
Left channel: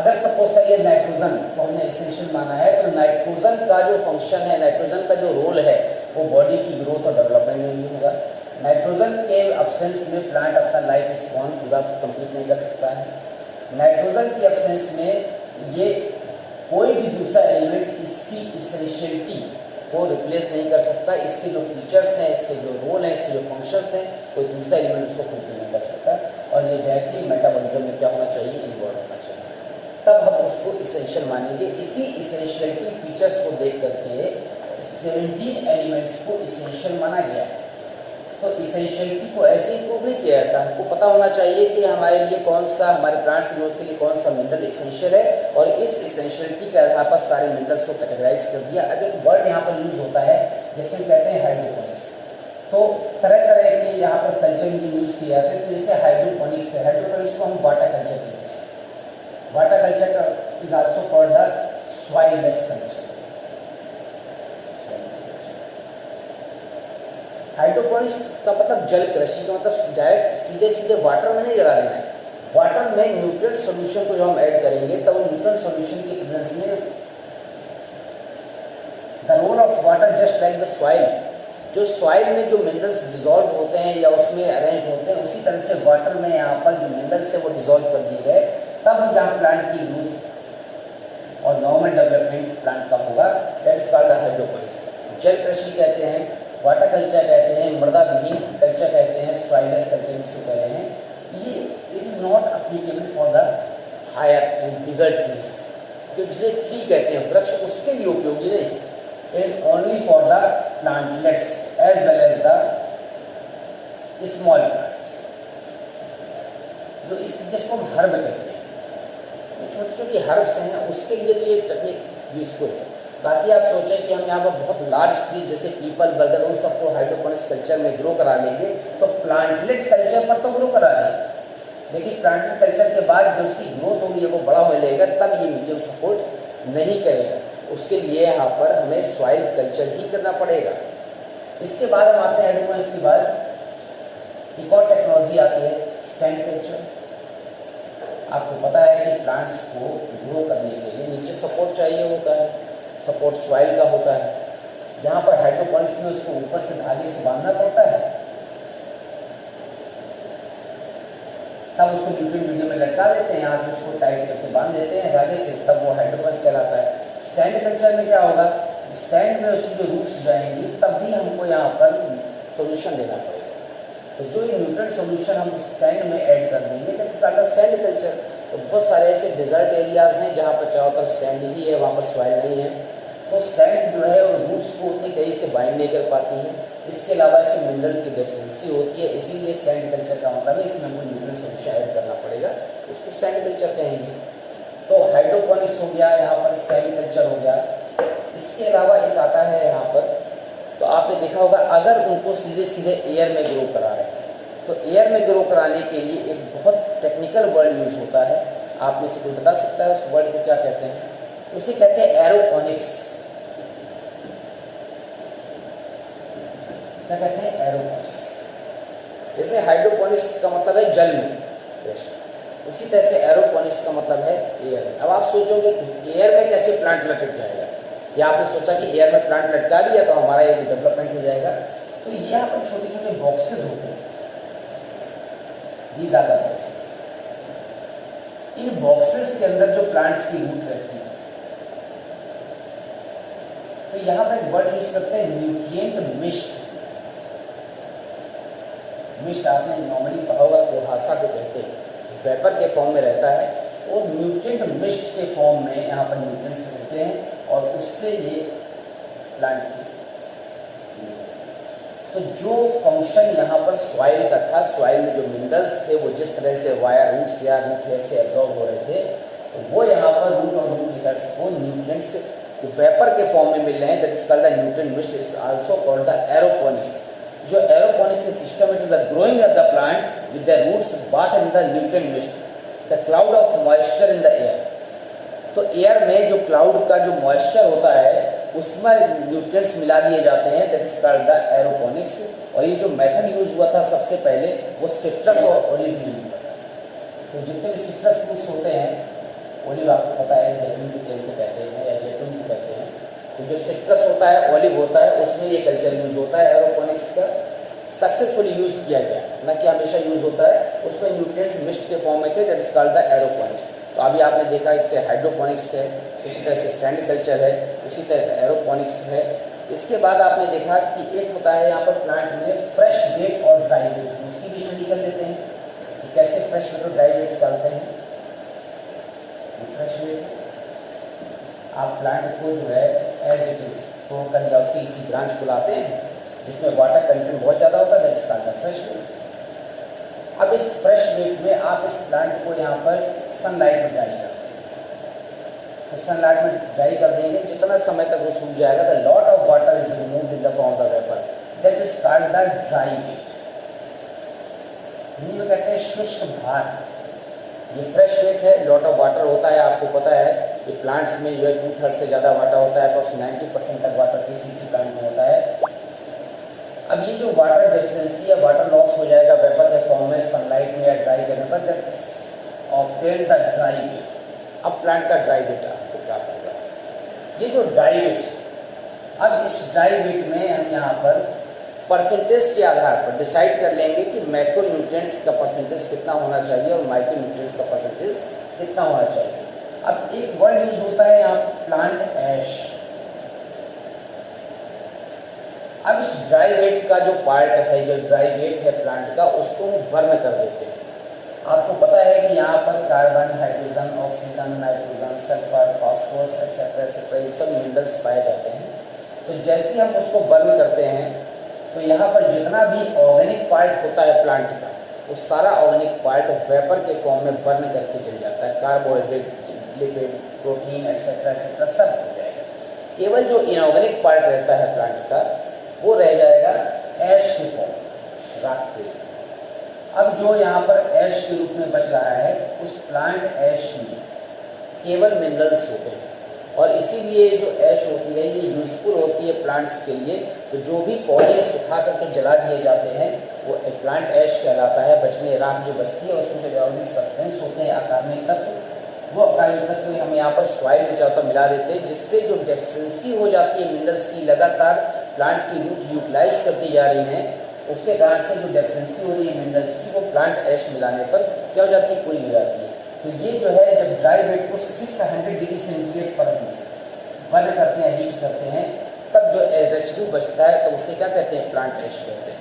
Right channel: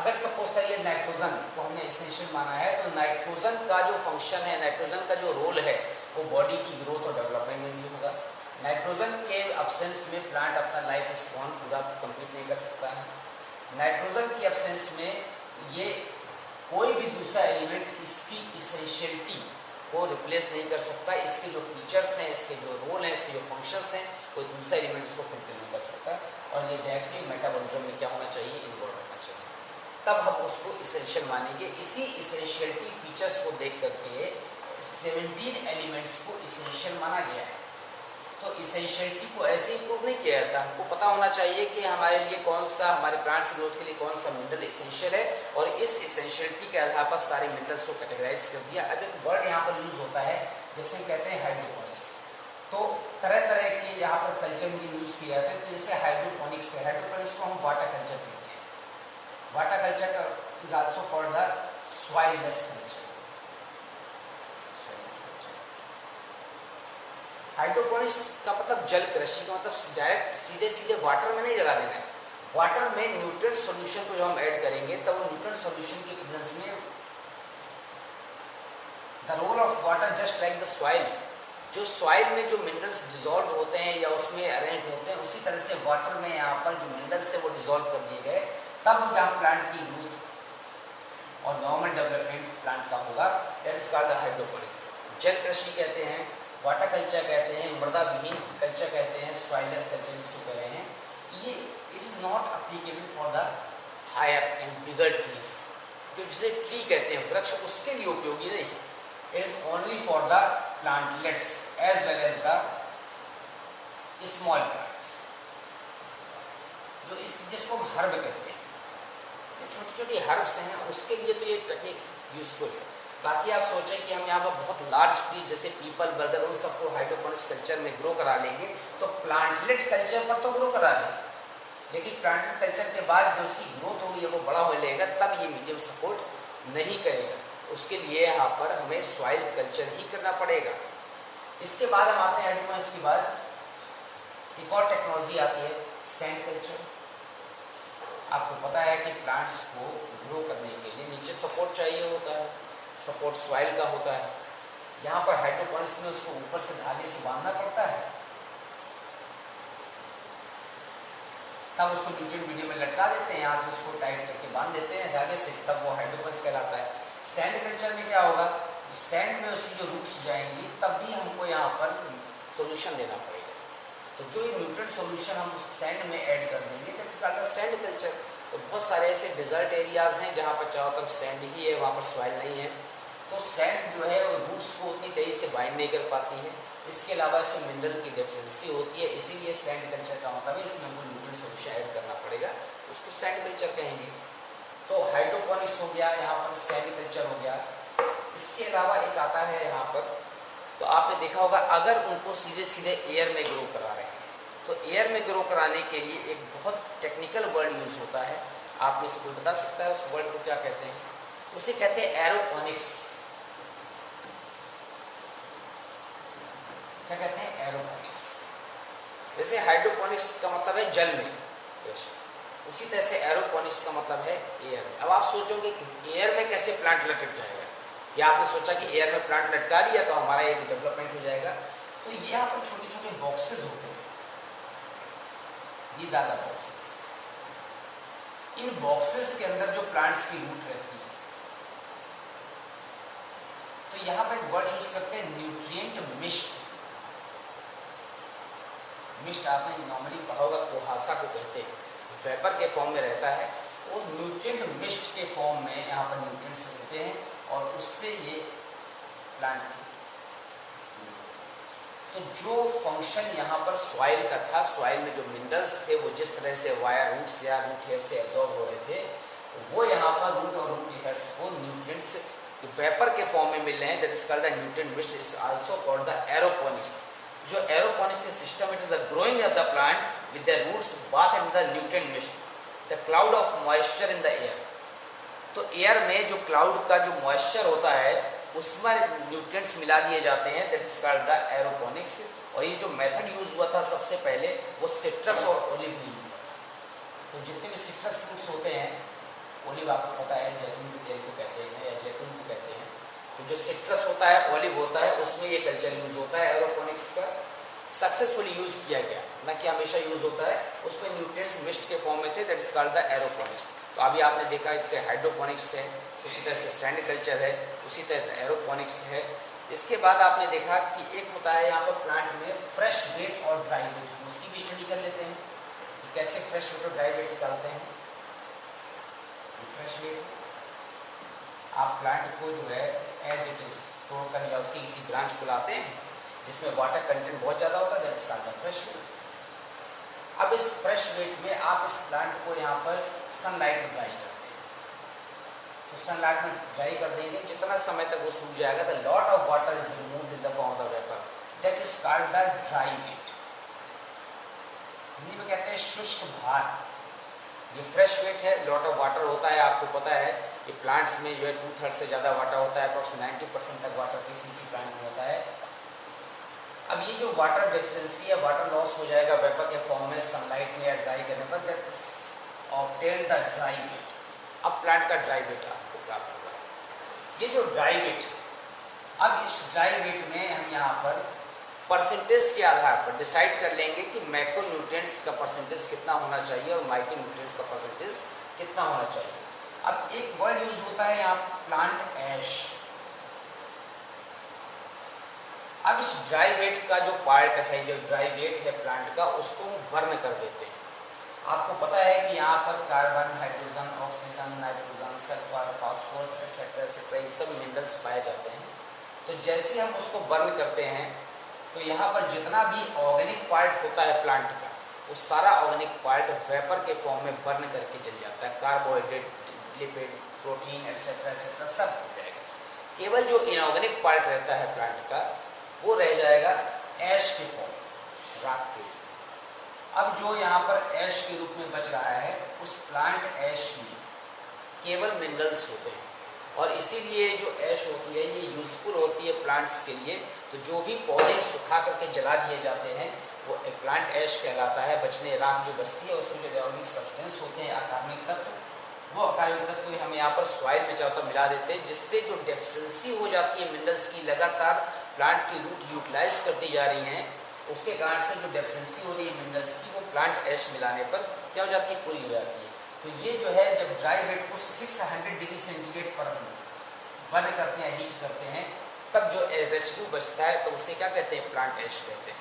अगर सपोज करिए नाइट्रोजन को हमने इसेंशियल माना है, तो नाइट्रोजन का जो फंक्शन है, नाइट्रोजन का जो रोल है वो बॉडी की ग्रोथ और डेवलपमेंट में नहीं होगा। नाइट्रोजन के एब्सेंस में प्लांट अपना लाइफ स्पैन पूरा कंप्लीट नहीं कर सकता है। नाइट्रोजन के एब्सेंस में ये कोई भी दूसरा एलिमेंट इसकी इसेंशियलिटी को रिप्लेस नहीं कर सकता। इसके जो फीचर्स हैं, इसके जो रोल हैं, इसके जो फंक्शंस हैं, कोई दूसरा एलिमेंट उसको फुलफिल नहीं कर सकता। और ये डायरेक्टली मेटाबॉलिज्म में क्या होना चाहिए, इन्वॉल्व होना चाहिए, तब हम उसको इसेंशियल मानेंगे। इसी इसेंशियलिटी फीचर्स को देख करके 17 एलिमेंट्स को इसेंशियल माना गया है। तो इसेंशियलिटी को ऐसे ही प्रूव नहीं किया जाता। हमको पता होना चाहिए कि हमारे लिए कौन सा, हमारे प्लांट्स ग्रोथ के लिए कौन सा मिनरल इसेंशियल है, और इस इसेंशियलिटी के आधार पर सारे मिनरल्स को कैटेगराइज कर दिया। अब एक वर्ड यहाँ पर यूज होता है जैसे कहते हैं हाइड्रोपोनिक्स। तो तरह तरह के यहाँ पर कल्चर में यूज किए जाते हैं। तो जैसे हाइड्रोपोनिक्स है, हाइड्रोपोनिक्स को हम वाटर कल्चर कहते हैं। Water culture is also called the soilless culture. Hydroponics का मतलब जल कृषि का मतलब डायरेक्ट सीधे सीधे वाटर में नहीं लगा देना है, वाटर में न्यूट्रिएंट सॉल्यूशन को जो हम ऐड करेंगे तब न्यूट्रिएंट सॉल्यूशन की प्रेजेंस में the role of water just like the soil, जो सॉइल में जो मिनरल्स डिसॉल्व होते हैं या उसमें अरेंज होते हैं उसी तरह से वाटर में यहाँ पर जो मिनरल्स है वो डिसॉल्व कर दिए गए, तब यहाँ प्लांट की ग्रोथ और नॉर्मल डेवलपमेंट प्लांट का होगा। That is called hydroponics. जल कृषि कहते हैं, वाटर कल्चर कहते हैं, मृदा विहीन कल्चर कहते हैं, सॉइललेस कल्चर जिसको कह रहे हैं। ये it is not applicable for the higher and bigger trees, जो जिसे ट्री कहते हैं वृक्ष, उसके लिए उपयोगी नहीं। It is only for the plantlets as well as the small plants, जो इस जिसको हम हर्ब कहते हैं, छोटी छोटी हर्ब्स हैं, उसके लिए तो ये टेक्निक यूजफुल है। बाकी आप सोचें कि हम यहाँ पर बहुत लार्ज ट्रीज जैसे पीपल, बरगद, उन सबको हाइड्रोपोनिक्स कल्चर में ग्रो करा लेंगे तो प्लांटलेट कल्चर पर तो ग्रो करा दें, लेकिन प्लांटलेट कल्चर के बाद जो उसकी ग्रोथ होगी वो बड़ा होने लगेगा तब ये मीडियम सपोर्ट नहीं करेगा। उसके लिए यहाँ पर हमें सॉइल कल्चर ही करना पड़ेगा। इसके बाद हम आते हैं हाइड्रोपोनिक्स के बाद एक और टेक्नोलॉजी आती है सैंड कल्चर। आपको पता है कि प्लांट्स को ग्रो करने के लिए नीचे सपोर्ट चाहिए होता है, सपोर्ट सॉइल का होता है। यहाँ पर हाइड्रोपोनिक्स में उसको ऊपर से धागे से बांधना पड़ता है, तब उसको न्यूट्रिएंट मीडियम में लटका देते हैं, यहाँ से उसको टाइट करके बांध देते हैं धागे से, तब वो हाइड्रोपोनिक्स कहलाता है। सैंड कल्चर में क्या होगा, सैंड में उसकी जो रूट्स जाएंगी तब भी हमको यहाँ पर सोल्यूशन देना पड़ेगा। तो जो ये न्यूट्रिएंट सोल्यूशन हम सैंड में ऐड कर देंगे that is called sand culture. तो बहुत सारे ऐसे डिजर्ट एरियाज हैं जहाँ पर चारों तरफ सैंड ही है, वहाँ पर सॉइल नहीं है, तो सैंड जो है वो रूट्स को उतनी तेजी से बाइंड नहीं कर पाती है। इसके अलावा इसमें मिनरल की डेफिशिएंसी होती है, इसीलिए सैंड कल्चर का मतलब है इसमें हमको न्यूट्रिएंट सोल्यूशन ऐड करना पड़ेगा, उसको सैंड कल्चर कहेंगे। तो हाइड्रोपोनिक्स हो गया, यहाँ पर सैंड कल्चर हो गया। इसके अलावा एक आता है यहाँ पर, तो आपने देखा होगा अगर उनको सीधे सीधे एयर में ग्रो करा रहे हैं तो एयर में ग्रो कराने के लिए एक बहुत टेक्निकल वर्ड यूज होता है। आप में से कोई बता सकता है उस वर्ड को क्या कहते हैं? उसे कहते हैं एरोपोनिक्स। क्या कहते हैं? एरोपोनिक्स। जैसे हाइड्रोपोनिक्स का मतलब है जल में, उसी तरह से एरोपोनिक्स का मतलब है एयर में। अब आप सोचोगे एयर में कैसे प्लांट लटक जाएगा, या आपने सोचा कि एयर में प्लांट लटका दिया तो हमारा एक डेवलपमेंट हो जाएगा। तो ये यहाँ पर छोटे छोटे बॉक्सेस होते हैं, These are the boxes। In boxes के अंदर जो प्लांट्स की रूट रहती है, तो यहां पर एक वर्ड यूज करते हैं न्यूट्रिएंट मिस्ट। मिस्ट आपने नॉर्मली कहा होगा कुहासा को कहते हैं, वेपर के फॉर्म में रहता है, वो न्यूट्रिएंट मिस्ट के फॉर्म में यहाँ पर न्यूट्रिएंट्स होते हैं और उससे ये प्लांट की, तो जो फंक्शन यहाँ पर सॉइल का था, सॉइल में जो मिनरल्स थे वो जिस तरह से वायर रूट्स या रूट हेयर से एब्जॉर्ब हो रहे थे, तो वो यहाँ पर रूट और रूट हेयर्स को न्यूट्रिएंट्स वेपर के फॉर्म में मिल रहे हैं। That is called the nutrient mist, is also called the aeroponics. जो aeroponics system, it is the growing of the plant with the roots bath in the nutrient mist, the cloud of moisture in the air. तो air में जो cloud का जो moisture होता है उसमें nutrients मिला दिए जाते हैं, that is called the aeroponics. और ये जो मेथड यूज हुआ था सबसे पहले वो सिट्रस और ओलिव में यूज हुआ था। तो जितने भी सिट्रस फ्रूट्स होते हैं, ओलिव आपको पता है जैतून के तेल को कहते हैं या जैतून को कहते हैं, तो जो सिट्रस होता है, ओलिव होता है, उसमें ये कल्चर यूज होता है। एरोपोनिक्स का सक्सेसफुली यूज किया गया, न कि हमेशा यूज होता है, उसमें न्यूट्रिएंट्स मिस्ट के फॉर्म में थे, that is called the aeroponics. तो अभी आपने देखा इससे हाइड्रोपोनिक्स है, इसी तरह से सैंड कल्चर है, उसी तरह से एरोपोनिक्स है। इसके बाद आपने देखा कि एक होता है यहाँ पर प्लांट में फ्रेश वेट और ड्राई वेट, उसकी भी स्टडी कर लेते हैं कि कैसे फ्रेश वेट और ड्राई वेट निकालते हैं। फ्रेश वेट आप प्लांट को जो है एज इट इज तोड़ कर या उसकी किसी ब्रांच को लाते हैं जिसमें वाटर कंटेंट बहुत ज़्यादा होता है, that is called the fresh weight. अब इस फ्रेश वेट में आप इस प्लांट को यहाँ पर सनलाइट में ड्राई करते हैं, तो सनलाइट में ड्राई कर देंगे, जितना समय तक वो सूख जाएगा, the lot of water is removed in the form of vapour, that is called the dry weight. Hindi में कहते हैं शुष्क भार। ये फ्रेश वेट है, लॉट ऑफ वाटर होता है, आपको पता है ये प्लांट्स में जो है 2/3 से ज़्यादा वाटर होता है, अप्रॉक्स 90% तक वाटर किसी प्लांट में होता है। अब ये जो वाटर डेफिशिएंसी या वाटर लॉस हो जाएगा वेपर के फॉर्म में सनलाइट में या ड्राई करने पर, that obtain the dry weight. अब प्लांट का ड्राई वेट आपको क्या होगा, ये जो ड्राई वेट, अब इस ड्राई वेट में हम यहाँ पर परसेंटेज के आधार पर डिसाइड कर लेंगे कि मैक्रो न्यूट्रिएंट्स का परसेंटेज कितना होना चाहिए और माइक्रो न्यूट्रिएंट्स का परसेंटेज कितना होना चाहिए। अब एक वर्ड यूज होता है यहाँ प्लांट ऐश। अब इस ड्राई वेट का जो पार्ट है, जो ड्राई वेट है प्लांट का, उसको हम बर्न कर देते हैं। आपको पता है कि यहाँ पर carbon, hydrogen, oxygen, nitrogen, sulphur, phosphorus etcetera etcetera ये सब मिनरल्स पाए जाते हैं। तो जैसे हम उसको बर्न करते हैं तो यहाँ पर जितना भी ऑर्गेनिक पार्ट होता है प्लांट का, वो सारा ऑर्गेनिक पार्ट वेपर के फॉर्म में बर्न करके चल जाता है। Carbohydrate, lipid, protein etcetera etcetera सब हो जाएगा। केवल जो इनऑर्गेनिक पार्ट रहता है प्लांट का, वो रह जाएगा ऐश के फॉर्म, राख के रूप। अब जो यहाँ पर ऐश के रूप में बच रहा है, उस प्लांट ऐश में केवल मिनरल्स होते हैं और इसीलिए जो ऐश होती है ये यूजफुल होती है प्लांट्स के लिए। तो जो भी पौधे सुखा करके जला दिए जाते हैं वो प्लांट ऐश कहलाता है। बचने राख जो बचती है उसमें जो ऑर्गेनिक सब्सटेंस होते हैं, अकार्बनिक तत्व, वो अकार्बनिक तत्व हम यहाँ पर सॉइल में चाहता मिला देते हैं, जिससे जो डेफिशिएंसी हो जाती है मिनरल्स की, लगातार प्लांट की रूट यूटिलाइज करती जा रही हैं, उसके कारण से जो डेफिशिएंसी हो रही है मिनरल्स की, वो प्लांट ऐश मिलाने पर क्या हो जाती है, पूरी हो जाती है। तो ये जो है जब ड्राई वेट को 600 डिग्री सेंटीग्रेड पर बर्न करते हैं, हीट करते हैं, तब जो रेसिड्यू बचता है तो उसे क्या कहते हैं, प्लांट ऐश कहते हैं।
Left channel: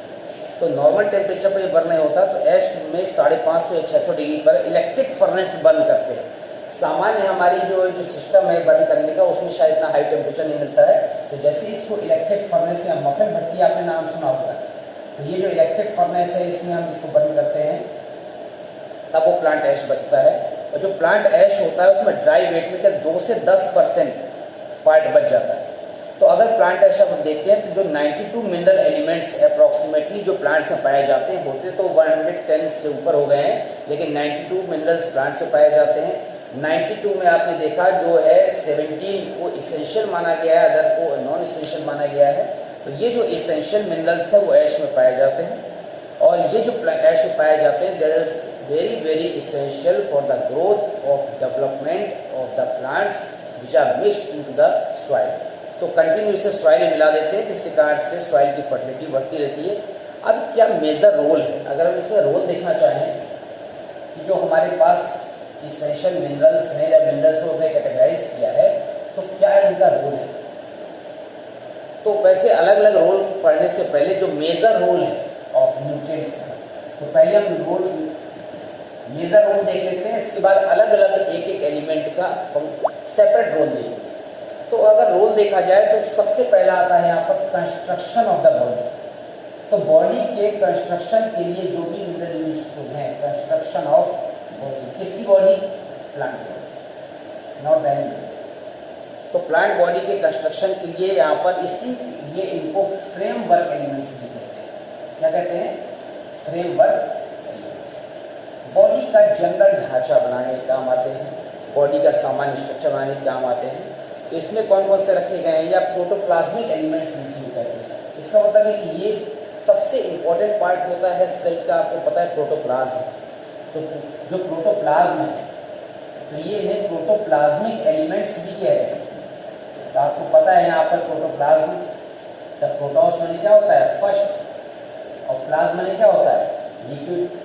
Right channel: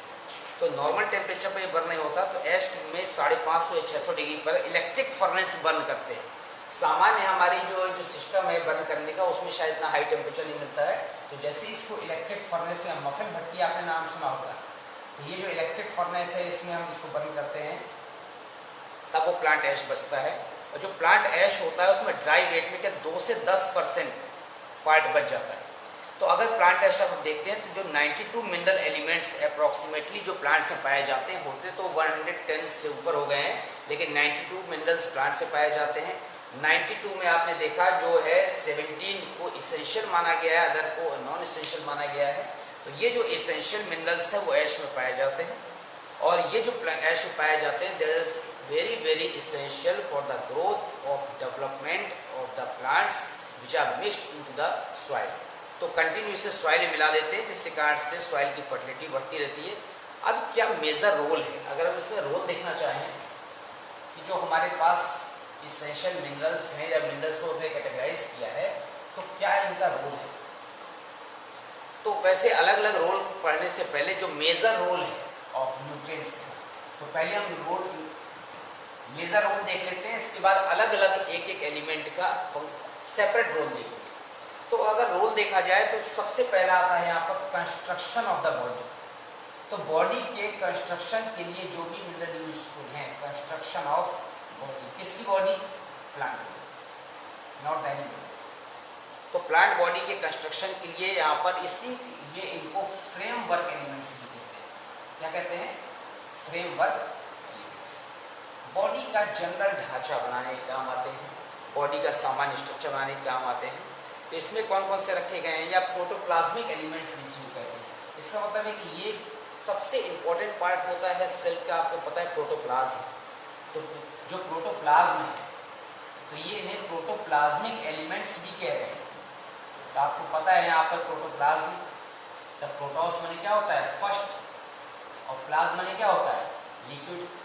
तो नॉर्मल टेम्परेचर पर बर्न नहीं होता, तो ऐश में 550 या 600 डिग्री पर इलेक्ट्रिक फर्नेस बर्न करते हैं। सामान्य हमारी जो सिस्टम है बर्न करने का, उसमें शायद इतना हाई टेम्परेचर नहीं मिलता है। तो जैसे इसको इलेक्ट्रिक फर्नेस या मफिन भट्टी आपने नाम सुना होगा, तो ये जो इलेक्ट्रिक फर्नेस है इसमें हम इसको बर्न करते हैं, तब वो प्लांट ऐश बचता है। और जो प्लांट ऐश होता है उसमें ड्राई वेट में क्या 2 से 10% पार्ट बच जाता है। तो अगर प्लांट ऐश आप देखते हैं तो जो 92 मिनरल एलिमेंट्स अप्रॉक्सीमेटली जो प्लांट्स में पाए जाते हैं, होते तो 110 से ऊपर हो गए हैं, लेकिन 92 मिनरल्स प्लांट से पाए जाते हैं। 92 में आपने देखा जो है 17 को इसेंशियल माना गया है, अदर को नॉन इसेंशियल माना गया है। तो ये जो इसेंशियल मिनरल्स है वो ऐश में पाए जाते हैं, और ये जो ऐश में पाए जाते हैं there is very very essential for the growth of development of the plants which are mixed into the soil. तो कंटिन्यू इसे सॉइल में मिला देते हैं, जिसके कारण से सॉइल की फर्टिलिटी बढ़ती रहती है। अब क्या मेजर रोल है, अगर हम इसमें रोल देखना चाहें कि जो हमारे पास इसेंशियल मिनरल्स हैं या मिनरल्स को कैटेगराइज किया है, तो क्या इनका रोल है। तो वैसे अलग अलग रोल पढ़ने से पहले जो मेजर रोल है ऑफ न्यूट्रिएंट्स है, तो पहले हम रोल मेजर रोल देख लेते हैं, इसके बाद अलग अलग एक एक एलिमेंट का सेपरेट रोल देखेंगे। तो अगर रोल देखा जाए तो सबसे पहला आता है यहाँ पर कंस्ट्रक्शन ऑफ द बॉडी। तो बॉडी के कंस्ट्रक्शन के लिए जो भी मिनरल यूजफुल है, कंस्ट्रक्शन ऑफ बॉडी, किसकी body, plant body, not animal. तो प्लांट बॉडी के कंस्ट्रक्शन के लिए यहाँ पर इसी ये इनको फ्रेमवर्क एलिमेंट्स भी कहते हैं। क्या कहते हैं, फ्रेमवर्क एलिमेंट्स। बॉडी का जनरल ढांचा बनाने के काम आते हैं, बॉडी का सामान्य स्ट्रक्चर बनाने के काम आते हैं। तो इसमें कौन कौन से रखे गए हैं, या प्रोटोप्लाज्मिक एलिमेंट्स जिसको कहते हैं। इसका मतलब है कि ये सबसे इंपॉर्टेंट पार्ट होता है सेल का, आपको पता है प्रोटोप्लाज्म। तो जो प्रोटोप्लाज्म है, तो ये इन्हें प्रोटोप्लाज्मिक एलिमेंट्स भी कह रहे हैं। तो आपको पता है यहाँ पर प्रोटोप्लाज्म, द प्रोटोस माने क्या होता है, फर्स्ट, और प्लाज्म माने क्या होता है, liquid.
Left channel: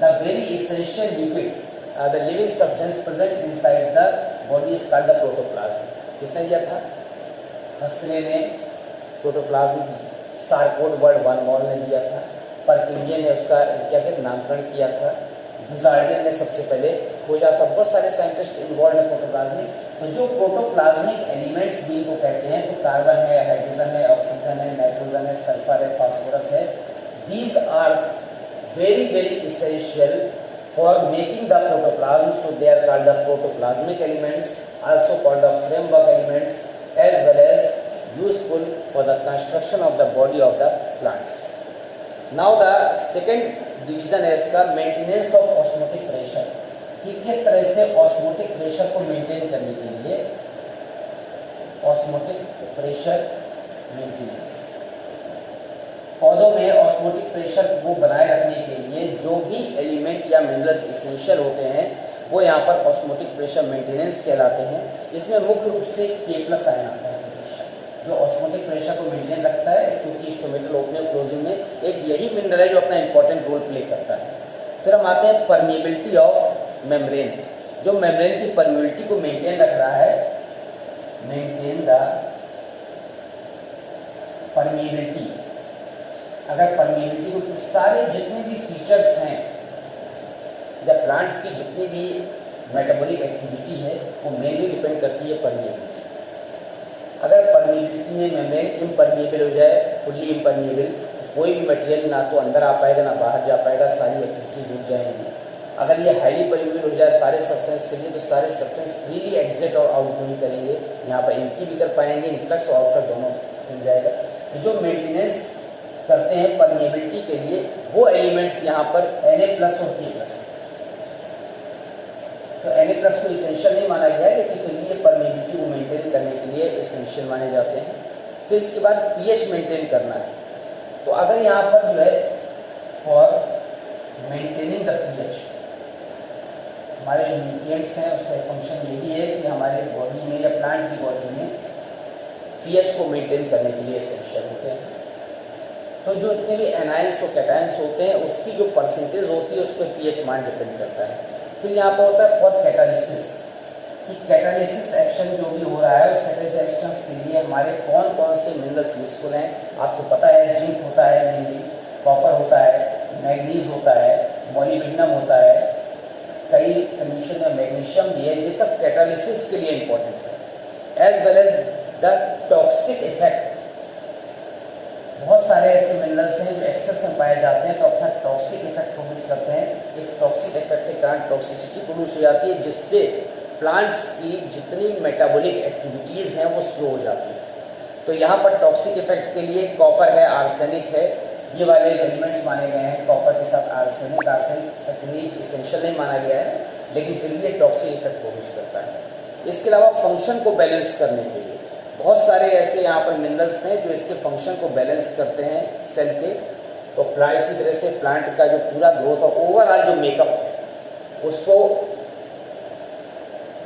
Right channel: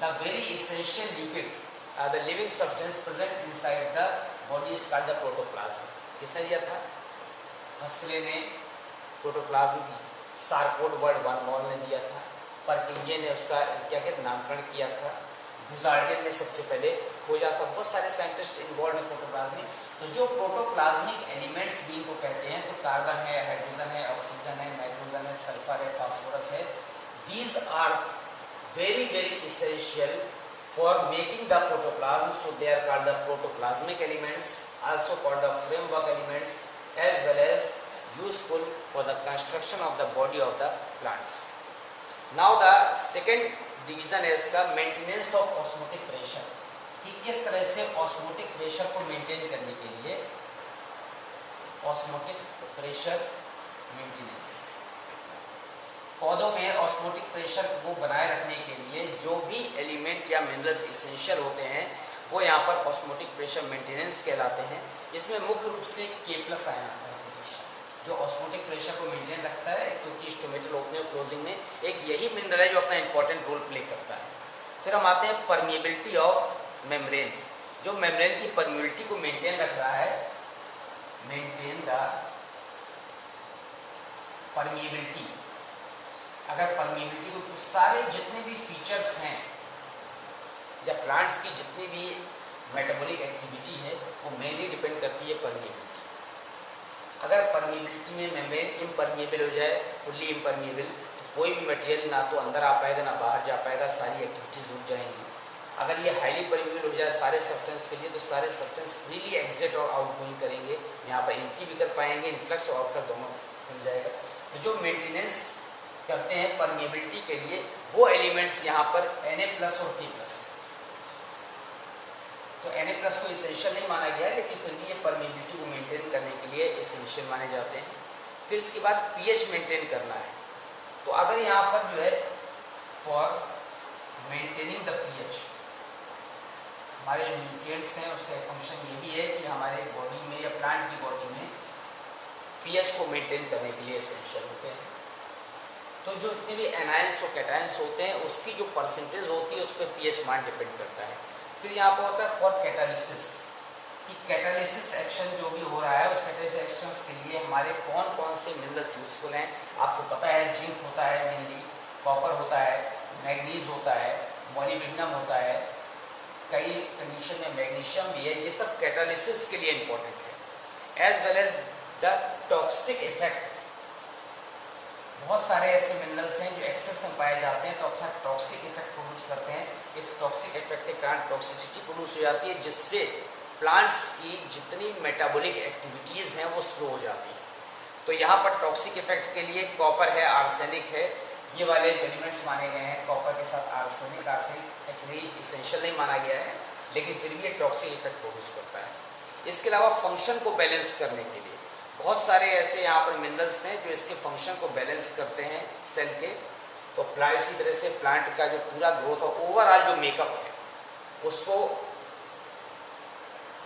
The very essential liquid the living substance present inside the body is called the protoplasm. किसने दिया था, हक्सले ने प्रोटोप्लाज्म की सारकोड वर्ड वन मॉल ने दिया था, परकिंजे ने उसका क्या कहते नामकरण किया था, बुजार्डिन ने सबसे पहले खोजा था। बहुत सारे साइंटिस्ट इन्वॉल्व है प्रोटोप्लाज्म में। तो जो प्रोटोप्लाज्मिक एलिमेंट्स भी इनको कहते हैं, तो कार्बन है, हाइड्रोजन है, ऑक्सीजन है, नाइट्रोजन है, सल्फर है, फास्फोरस है। These are very very essential for making the protoplasm, so they are called the protoplasmic elements, also called the framework elements, as well as useful for the construction of the body of the plants. Now the second division है इसका maintenance of osmotic pressure, कि किस तरह से osmotic pressure को maintain करने के लिए, ऑस्मोटिक प्रेशर मेंटेनेंस। पौधों में ऑस्मोटिक प्रेशर को बनाए रखने के लिए जो भी एलिमेंट या मिनरल्स इसेंशियल होते हैं, वो यहाँ पर ऑस्मोटिक प्रेशर मेंटेनेंस कहलाते हैं। इसमें मुख्य रूप से K+ आयन आता है जो ऑस्मोटिक प्रेशर को मेंटेन रखता है, क्योंकि स्टोमेटल ओपनिंग और क्लोजिंग में एक यही मिनरल है जो अपना इंपॉर्टेंट रोल प्ले करता है। फिर हम आते हैं परमिएबिलिटी ऑफ मेम्ब्रेन। जो मेम्ब्रेन की परमिएबिलिटी को मेंटेन रख रहा है, मेंटेन द परमिएबिलिटी। अगर परमिएबिलिटी को सारे जितने भी फीचर्स हैं या प्लांट्स की जितनी भी मेटाबॉलिक एक्टिविटी है वो मेनली डिपेंड करती है परमिएबिलिटी। अगर परमिएबिलिटी में मेम्ब्रेन इम्परमिएबल हो जाए, फुल्ली इम्परमिएबल, तो कोई भी मटेरियल ना तो अंदर आ पाएगा ना बाहर जा पाएगा, सारी एक्टिविटीज रुक जाएंगी। अगर ये हाईली परमिएबल हो जाए सारे सब्सटेंस के लिए, तो सारे सब्सटेंस फ्रीली एग्जिट और आउटगोइंग करेंगे, यहाँ पर इनकी भी कर पाएंगे, इनफ्लक्स और आउटफ्लक्स दोनों खुल जाएगा। तो जो मेंटेनेंस करते हैं परमिएबिलिटी के लिए वो एलिमेंट्स यहाँ पर Na+ और K+। तो Na+ को इसेंशियल नहीं माना गया है, लेकिन फिर भी ये परमिएबिलिटी को मेंटेन करने के लिए इसेंशियल माने जाते हैं। फिर इसके बाद pH मेंटेन करना है। तो अगर यहाँ पर जो है फॉर मेंटेनिंग द pH, हमारे जो न्यूट्रिएंट्स हैं उसका फंक्शन ये भी है कि हमारे बॉडी में या प्लांट की बॉडी में pH को मेंटेन करने के लिए इसेंशियल होते हैं। तो जो इतने भी एनायंस और कैटायंस होते हैं उसकी जो परसेंटेज होती है उस पर pH मान डिपेंड करता है। फिर यहाँ पर होता है फॉर कैटालिसिस, कि कैटालिसिस एक्शन जो भी हो रहा है उस कैटालिसिस एक्शन के लिए हमारे कौन कौन से मिनरल्स यूजफुल हैं। आपको पता है जिंक होता है मेनली, कॉपर होता है, मैग्नीज होता है, मोलिब्डेनम होता है, कई कंडीशन में मैग्नीशियम भी है। ये सब कैटालिसिस के लिए इंपॉर्टेंट है। As well as the toxic effect, बहुत सारे ऐसे मिनरल्स हैं जो एक्सेस में पाए जाते हैं तो अपना टॉक्सिक इफेक्ट प्रोड्यूस करते हैं। इस टॉक्सिक इफेक्ट के कारण टॉक्सिसिटी प्रोड्यूस हो जाती है, जिससे प्लांट्स की जितनी मेटाबॉलिक एक्टिविटीज हैं वो स्लो हो जाती है। तो यहाँ पर टॉक्सिक इफेक्ट के लिए कॉपर है, आर्सेनिक है, ये वाले एलिमेंट्स माने गए हैं। कॉपर के साथ आर्सेनिक, आर्सेनिक एक्चुअली इसेंशियल नहीं माना गया है, लेकिन फिर भी ये टॉक्सिक इफेक्ट प्रोड्यूस करता है। इसके अलावा फंक्शन को बैलेंस करने के लिए बहुत सारे ऐसे यहाँ पर मिनरल्स हैं जो इसके फंक्शन को बैलेंस करते हैं सेल के। तो प्लांट इसी तरह से प्लांट का जो पूरा ग्रोथ और ओवरऑल जो मेकअप है उसको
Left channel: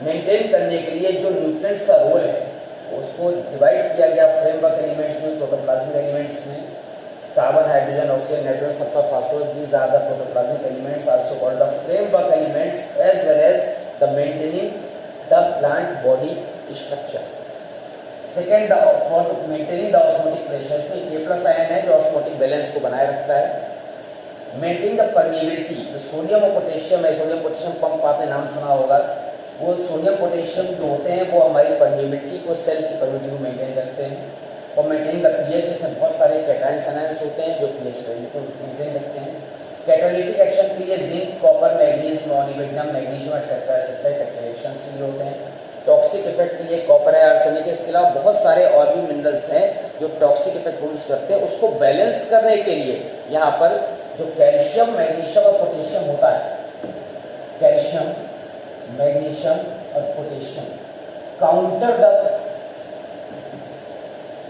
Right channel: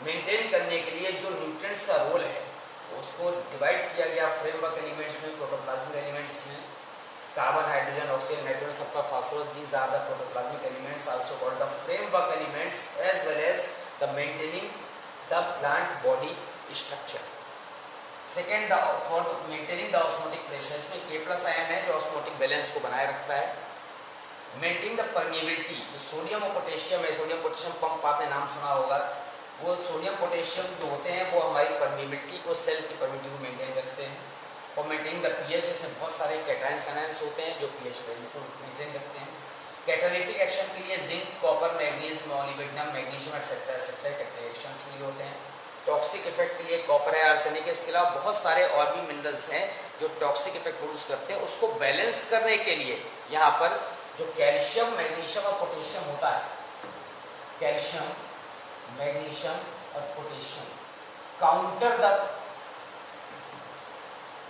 मेंटेन करने के लिए जो न्यूट्रिएंट्स का रोल है उसको डिवाइड किया गया फ्रेमवर्क एलिमेंट्स में, प्रोटोप्लाज्मिक एलिमेंट्स में। Carbon, hydrogen, oxygen, nitrogen, sulphur, phosphorus, these are the protoplasmic elements also called the framework elements as well as the maintaining the plant body structure. Second, for maintaining the osmotic pressure, इसमें K+ ion है जो osmotic balance को बनाए रखता है। Maintaining the permeability, तो sodium और potassium है, सोडियम पोटेशियम पंप आपने नाम सुना होगा। वो सोडियम पोटेशियम जो होते हैं वो हमारी परमिएबिलिटी को, सेल की परमिएबिलिटी मेंटेन करते हैं। और मेंटेनिंग द pH, इसमें बहुत सारे कैटायंस एनायंस होते हैं जो pH को मेंटेन करते हैं। कैटालिटिक एक्शन के लिए zinc, copper, manganese, molybdenum, magnesium etcetera etcetera catalytic के लिए होते हैं। टॉक्सिक इफेक्ट के लिए कॉपर है, आर्सेनिक है। इसके अलावा बहुत सारे और भी मिनरल्स हैं जो टॉक्सिक इफेक्ट प्रोड्यूस करते हैं। उसको बैलेंस करने के लिए यहाँ पर जो कैल्शियम, मैग्नीशियम और पोटेशियम होता है, कैल्शियम, मैग्नीशियम और potassium counter the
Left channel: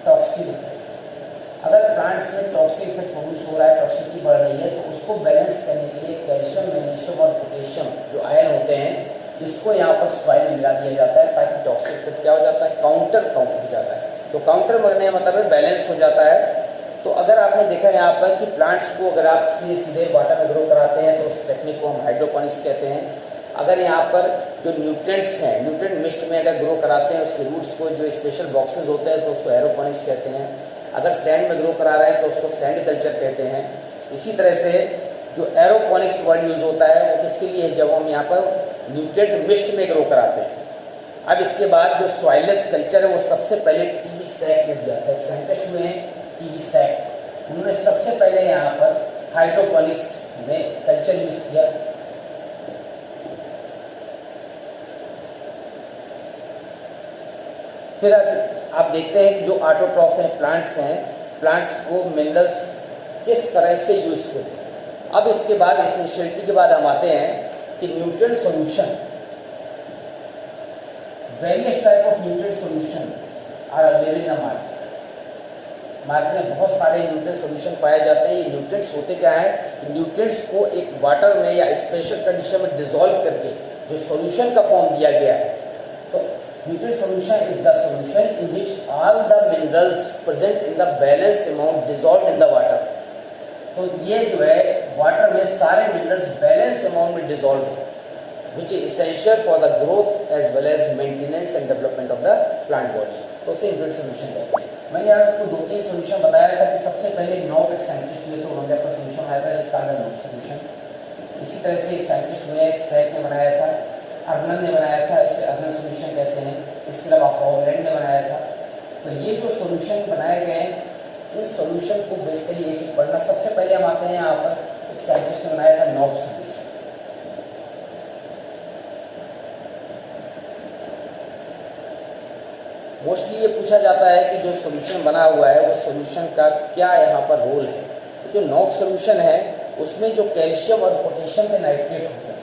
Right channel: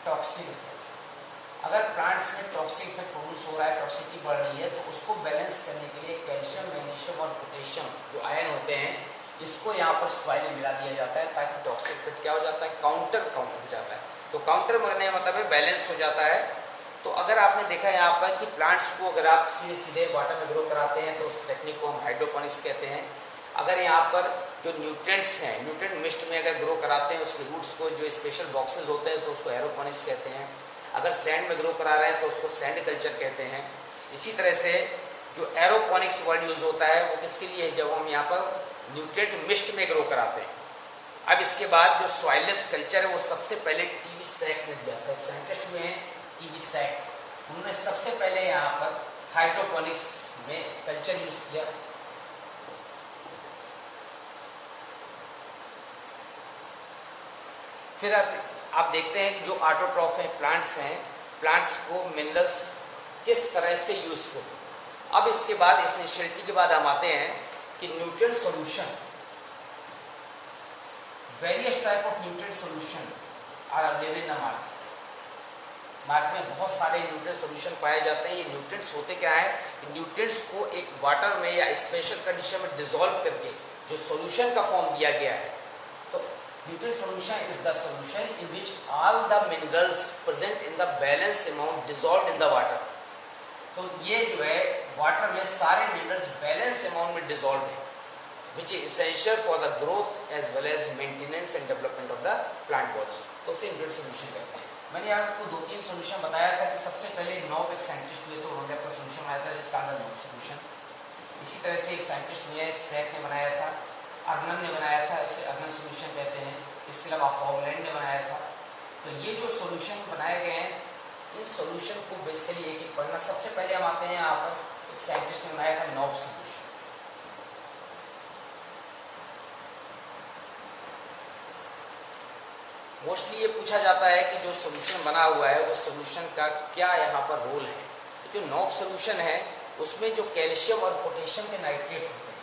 toxic effect. अगर प्लांट्स में टॉक्सिक इफेक्ट प्रोड्यूस हो रहा है, टॉक्सिसिटी बढ़ रही है, तो उसको बैलेंस करने के लिए कैल्शियम, मैग्नीशियम और पोटेशियम जो आयन होते हैं इसको यहाँ पर सॉइल में मिला दिया जाता है ताकि टॉक्सिक इफेक्ट क्या हो जाता है, काउंटर हो जाता है। तो काउंटर करने का मतलब बैलेंस हो जाता है। तो अगर आपने देखा यहाँ पर कि प्लांट्स को अगर आप सीधे वाटर में ग्रो कराते हैं तो उस टेक्निक को हम हाइड्रोपोनिक्स कहते हैं। अगर यहाँ पर जो न्यूट्रिएंट्स हैं, न्यूट्रिएंट मिस्ट में अगर ग्रो कराते हैं उसके रूट्स को, जो स्पेशल बॉक्सेस होते हैं तो उसको एरोपोनिक्स कहते हैं। अगर सैंड में ग्रो करा रहे हैं तो उसको सैंड कल्चर कहते हैं। इसी तरह से जो एरोपोनिक्स वर्ड यूज होता है वो किसके लिए, जब हम यहाँ पर न्यूट्रिएंट मिस्ट में ग्रो कराते हैं। अब इसके बाद जो सॉइललेस कल्चर है वो सबसे पहले टीवी सैक में दिया था। एक साइंटिस्ट हुए हैं टीवी सैक, उन्होंने सबसे पहले यहाँ पर हाइड्रोपोनिक्स में कल्चर यूज किया। फिर आप देखते हैं कि जो ऑटोट्रॉफ हैं, प्लांट्स को मिनरल्स किस तरह से यूजफुल। अब इसके बाद एसेंशियलिटी के बाद हम आते हैं कि nutrient solution, various type of nutrient solution are available in the market में बहुत सारे न्यूट्रिएंट सॉल्यूशन पाए जाते हैं। ये न्यूट्रिएंट्स होते क्या है, न्यूट्रिएंट्स को एक वाटर में या स्पेशल कंडीशन में डिसॉल्व करके जो सॉल्यूशन का फॉर्म दिया गया है, तो nutrient solution is the solution in which all the minerals present in the balance amount dissolved in the water. तो ये जो है वाटर में सारे मिनरल्स बैलेंस अमाउंट में डिसॉल्व है, which is essential for the growth as well as maintenance and development of the plant body. तो उसे न्यूट्रिएंट सॉल्यूशन कहते हैं। मैंने आपको 2-3 सॉल्यूशन बताया था कि सबसे पहले नॉब एक साइंटिस्ट हुए, तो उन्होंने अपना सॉल्यूशन बनाया था जिसका नाम नॉब सॉल्यूशन। इसी तरह से एक साइंटिस्ट हुए, सेट ने बनाया था, अर्नन ने बनाया था, इसे अर्नन सॉल्यूशन कहते हैं। इसके अलावा हॉगलैंड ने बनाया था। तो ये जो सॉल्यूशन बनाए गए हैं, इन सॉल्यूशन को बेसिकली एक एक पढ़ना। सबसे पहले हम आते हैं यहाँ पर, एक साइंटिस्ट ने बनाया था नॉब सॉल्यूशन। मोस्टली ये पूछा जाता है कि जो सॉल्यूशन बना हुआ है वो सॉल्यूशन का क्या यहाँ पर रोल है। जो नॉब सॉल्यूशन है उसमें जो कैल्शियम और पोटेशियम के नाइट्रेट होते हैं,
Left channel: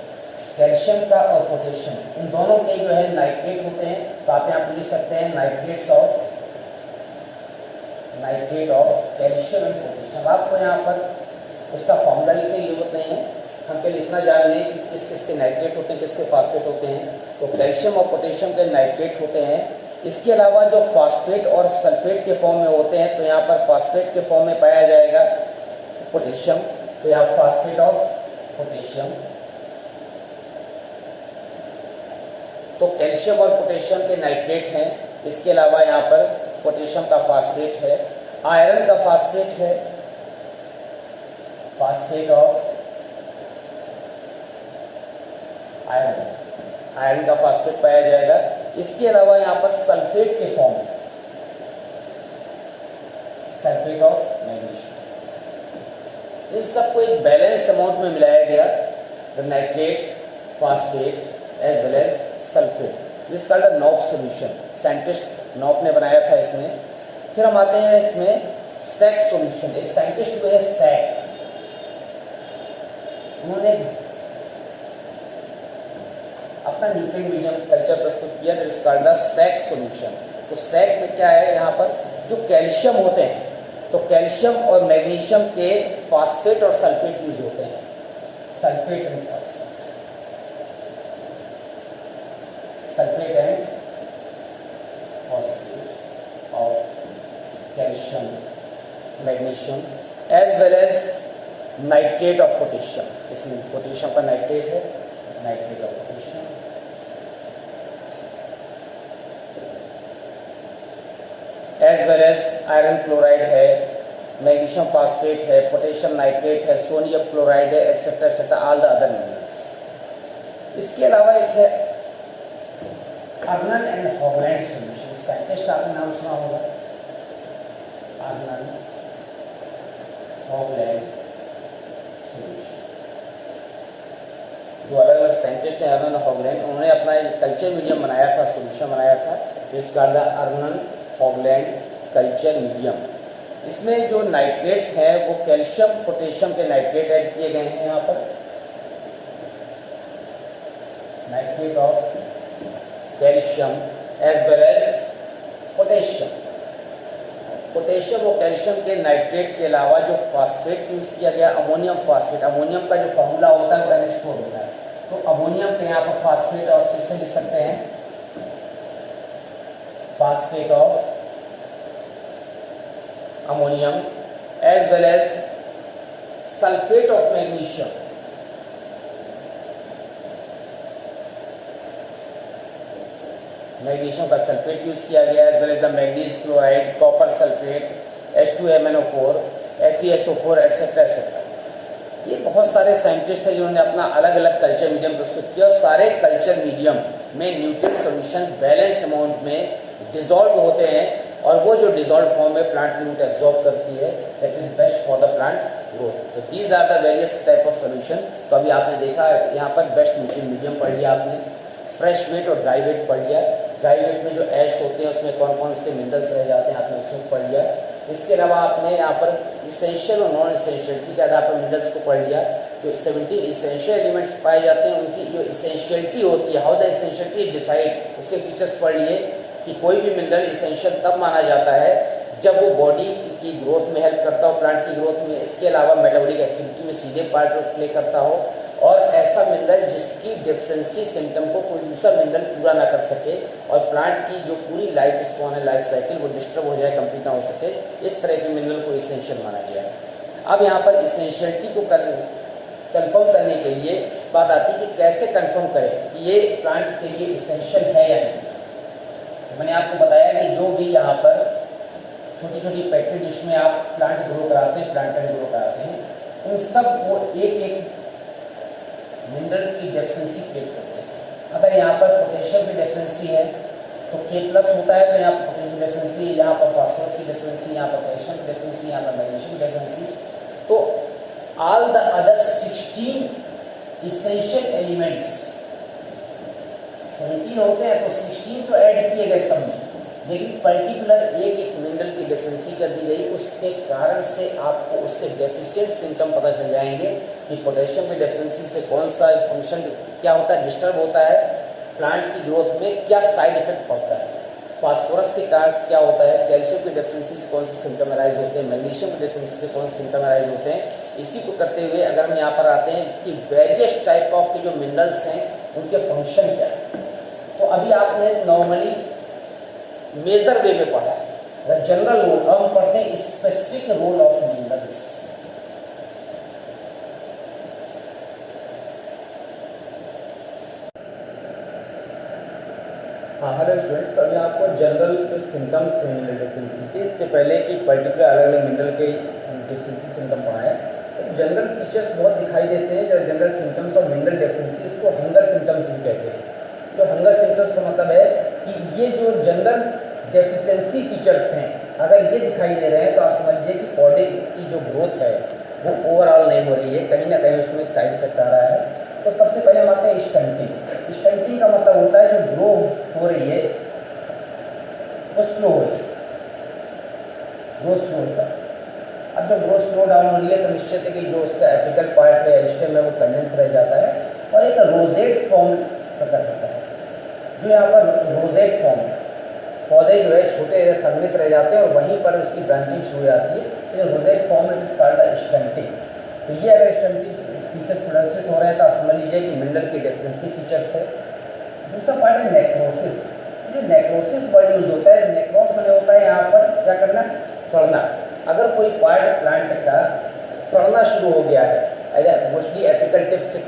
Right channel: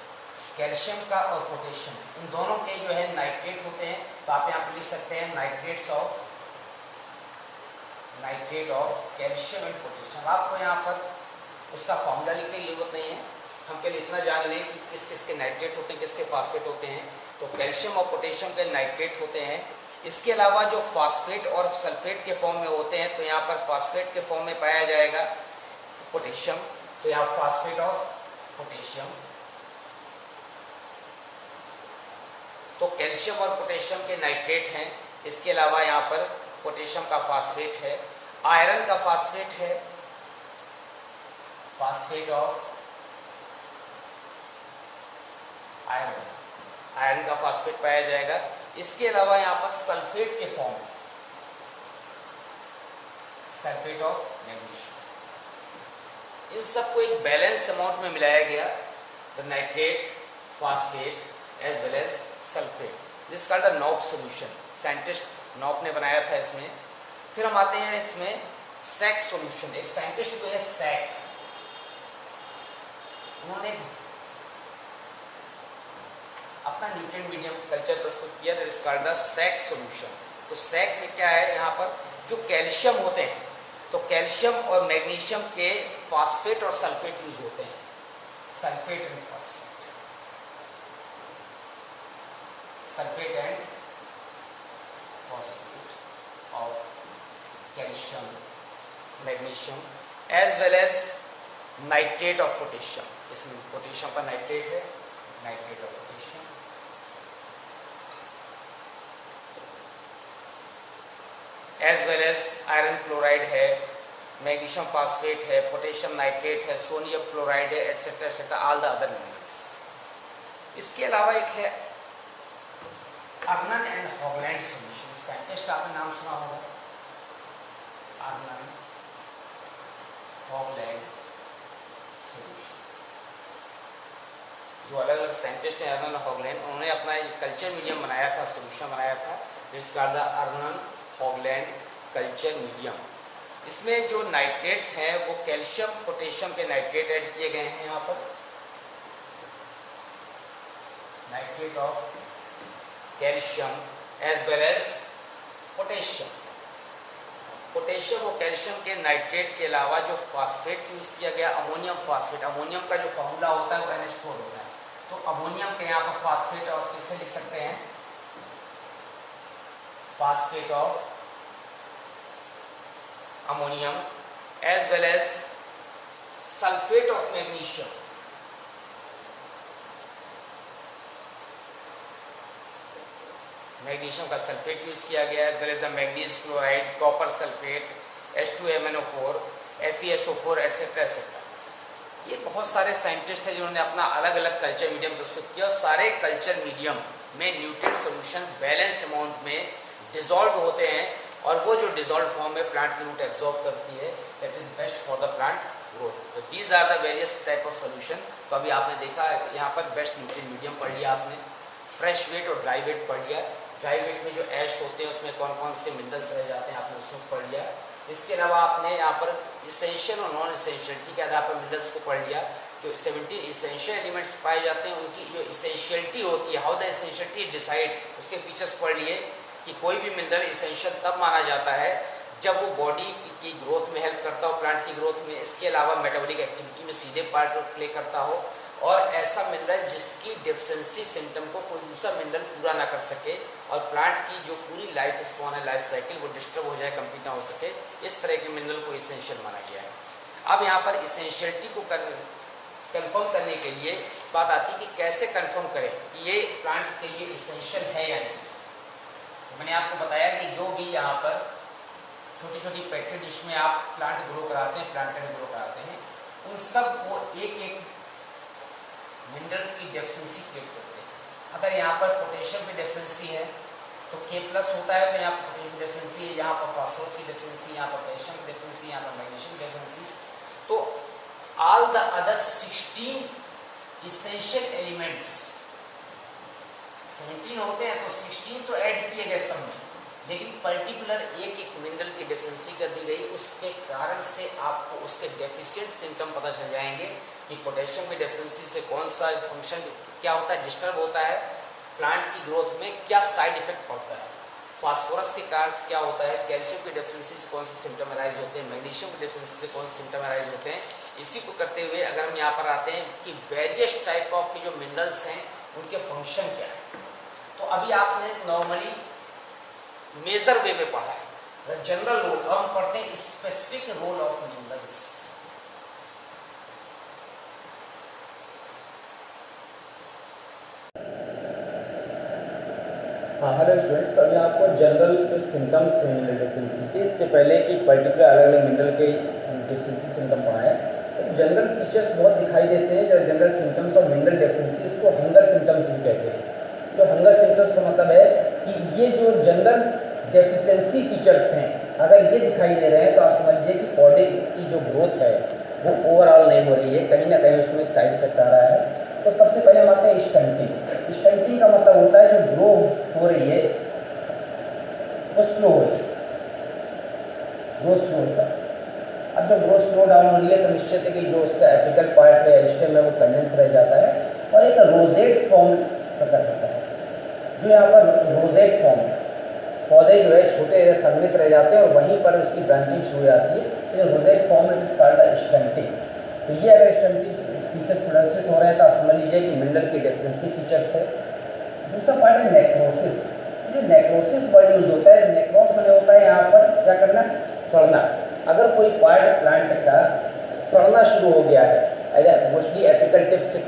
कैल्शियम का और पोटेशियम इन दोनों के जो है नाइट्रेट होते हैं। तो आप यहाँ पर लिख सकते हैं nitrate of calcium and potassium. आपको यहाँ पर उसका फॉर्मूला लिखने की जरूरत नहीं है, हम पहले इतना जान लें कि किस किस के नाइट्रेट होते हैं, किसके फास्फेट होते हैं। तो कैल्शियम और पोटेशियम के नाइट्रेट होते हैं। इसके अलावा जो फास्फेट और सल्फेट के फॉर्म में होते हैं, तो यहाँ पर फास्फेट के फॉर्म में पाया जाएगा पोटेशियम। तो यहाँ फास्फेट ऑफ पोटेशियम। तो कैल्शियम और पोटेशियम के नाइट्रेट हैं। इसके अलावा यहाँ पर पोटेशियम का फास्फेट है, आयरन का फास्फेट है, फास्फेट ऑफ आयरन, आयरन का फास्फेट पाया जाएगा। इसके अलावा यहाँ पर सल्फेट के फॉर्म में सल्फेट ऑफ मैग्नीशियम। इन सबको एक बैलेंस अमाउंट में मिलाया गया, the nitrate, phosphate as well as sulphate. This called the Knop solution. Scientist Knop ने बनाया था इसमें। फिर हम आते हैं इसमें सैक सॉल्यूशन। एक साइंटिस्ट हुए सैक, उन्होंने अपना न्यूट्रिएंट मीडियम कल्चर प्रस्तुत किया, that is called the Sachs solution. तो सैक में क्या है, यहाँ पर जो कैल्शियम होते हैं, तो कैल्शियम और मैग्नीशियम के फास्फेट और सल्फेट यूज होते हैं, sulphate and phosphate, sulphate and phosphate of calcium, magnesium as well as nitrate of potassium. इसमें पोटेशियम का नाइट्रेट है, nitrate of potassium as well as iron chloride है, मैग्नीशियम फास्फेट है, potassium nitrate है, sodium chloride है, etcetera etcetera, all the other minerals. इसके अलावा एक है Arnon and Hoagland solution. Scientist का आपने नाम सुना होगा, अर्नन हॉगलैंड सॉल्यूशन। दो अलग अलग साइंटिस्ट हैं, अर्नन हॉगलैंड। उन्होंने अपना कल्चर मीडियम बनाया था, सॉल्यूशन बनाया था, it's called the Arnon Hoagland culture medium. इसमें जो नाइट्रेट्स हैं वो कैल्शियम पोटेशियम के नाइट्रेट ऐड किए गए हैं। यहाँ पर nitrate of calcium as well as potassium. Potassium और कैल्शियम के नाइट्रेट के अलावा जो फास्फेट यूज किया गया, अमोनियम फास्फेट। अमोनियम का जो फॉर्मूला होता है NH4 होता है। तो अमोनियम के यहाँ पर फास्फेट और किससे लिख सकते हैं, phosphate of ammonium as well as sulphate of magnesium. Magnesium का सल्फेट यूज किया गया as well as the manganese chloride, copper sulphate, H2MnO4, FeSO4 etcetera etcetera. ये बहुत सारे साइंटिस्ट हैं जिन्होंने अपना अलग अलग कल्चर मीडियम प्रस्तुत किया। सारे कल्चर मीडियम में न्यूट्रिएंट सॉल्यूशन बैलेंस अमाउंट में डिसॉल्व होते हैं, और वो जो डिसॉल्व फॉर्म में प्लांट की रूट एब्जॉर्ब करती है, that is best for the plant growth. तो these are the various type of solution. तो अभी आपने देखा यहाँ पर बेस्ट न्यूट्रिएंट मीडियम पढ़ लिया आपने, फ्रेश वेट और ड्राई वेट पढ़ लिया। ड्राई वेट में जो ऐश होते हैं उसमें कौन कौन से मिनरल्स रह जाते हैं आपने उसको पढ़ लिया। इसके अलावा आपने यहाँ पर इसेंशियल और नॉन इसेंशियलिटी के आधार पर मिनरल्स को पढ़ लिया। जो 70 इसेंशियल एलिमेंट्स पाए जाते हैं उनकी जो इसेंशियलिटी होती है, हाउ द इसेंशियलिटी डिसाइड, उसके फीचर्स पढ़ लिए कि कोई भी मिनरल इसेंशियल तब माना जाता है जब वो बॉडी की ग्रोथ में हेल्प करता हो, प्लांट की ग्रोथ में, इसके अलावा मेटाबॉलिक एक्टिविटी में सीधे पार्ट प्ले करता हो, और ऐसा मिनरल जिसकी डेफिशिएंसी सिम्टम को कोई दूसरा मिनरल पूरा ना कर सके और प्लांट की जो पूरी लाइफ स्पॉन है, लाइफ साइकिल, वो डिस्टर्ब हो जाए, कंप्लीट ना हो सके, इस तरह के मिनरल को इसेंशियल माना गया है। अब यहाँ पर इसेंशियलिटी को कंफर्म करने के लिए बात आती है कि कैसे कंफर्म करें कि ये प्लांट के लिए इसेंशियल है या नहीं। तो मैंने आपको बताया कि जो भी यहाँ पर छोटी छोटी पेट्री डिश में आप प्लांट ग्रो कराते हैं, प्लांटेड ग्रो कराते हैं, उन सब वो एक एक मिनरल्स की डेफिशिएंसी क्रिएट करते हैं। अगर यहाँ पर पोटेशियम की डेफिशिएंसी है तो K+ होता है, तो यहाँ पर पोटेशियम की डेफिशिएंसी, यहाँ पर फास्फोरस की डेफिशिएंसी, यहाँ पर कैल्शियम की डेफिशिएंसी, यहाँ पर मैग्नीशियम की डेफिशिएंसी। तो all the other 16 essential elements 17 होते हैं, तो 16 तो ऐड किए गए सब में, लेकिन पर्टिकुलर एक एक मिनरल की डेफिशिएंसी कर दी गई। उसके कारण से आपको उसके डेफिशिएंट सिम्टम पता चल जाएंगे कि पोटेशियम की डेफिशिएंसी से कौन सा फंक्शन क्या होता है, डिस्टर्ब होता है, प्लांट की ग्रोथ में क्या साइड इफेक्ट पड़ता है, फास्फोरस के कारण से क्या होता है, कैल्शियम की डेफिशिएंसी से कौन से सिम्टम अराइज होते हैं, मैग्नीशियम की डेफिशिएंसी से कौन से सिम्टम अराइज होते हैं। इसी को करते हुए अगर हम यहाँ पर आते हैं कि वेरियस टाइप ऑफ के जो मिनरल्स हैं उनके फंक्शन क्या है, तो अभी आपने नॉर्मली मेजर वे में पढ़ा है, जनरल रोल। अब हम पढ़ते हैं स्पेसिफिक रोल ऑफ मिनरल्स। हाँ, हेलो स्टूडेंट्स, अभी आपको जनरल जो सिम्टम्स हैं मिनरल डेफिशिएंसी के, इससे पहले कि पर्टिकुलर अलग अलग मिनरल के डेफिशिएंसी सिम्टम पढ़ाए, तो जनरल फीचर्स बहुत दिखाई देते हैं। जो जनरल सिम्टम्स और मिनरल डेफिशिएंसी, इसको हंगर सिम्टम्स भी कहते हैं। जो हंगर सिम्टम्स का मतलब है कि ये जो जनरल डेफिशिएंसी फीचर्स हैं, अगर ये दिखाई दे रहे हैं तो आप समझिए कि पौधे की जो ग्रोथ है वो ओवरऑल नहीं हो रही है, कहीं ना कहीं उसमें साइड इफेक्ट आ रहा है। तो सबसे पहले हम आते हैं स्टंटिंग। स्टंटिंग का मतलब होता है जो ग्रो हो रही है वो स्लो हो रही है, ग्रोथ स्लो होता है। अब जब ग्रोथ स्लो डाउन हो रही है तो निश्चित है कि जो उसका एपिकल पार्ट है, स्टेम है, वो कंडेंस रह जाता है और एक रोजेट फॉर्म प्रकट होता है। जो यहाँ पर रोजेट फॉर्म, पौधे जो है छोटे संघनित रह जाते हैं और वहीं पर उसकी ब्रांचिंग शुरू हो जाती है, तो rosette form it is called stunting. तो ये अगर स्टंटिंग फीचर्स प्रदर्शित हो रहे हैं तो आप समझ लीजिए कि मिनरल की डेफिशिएंसी फीचर्स है। दूसरा पार्ट है नेक्रोसिस। जो नेक्रोसिस वर्ड यूज होता है, नेक्रोस मैंने होता है यहाँ पर क्या करना, सड़ना। अगर कोई पार्ट प्लांट का सड़ना शुरू हो गया है, मोस्टली एपिकल टिप से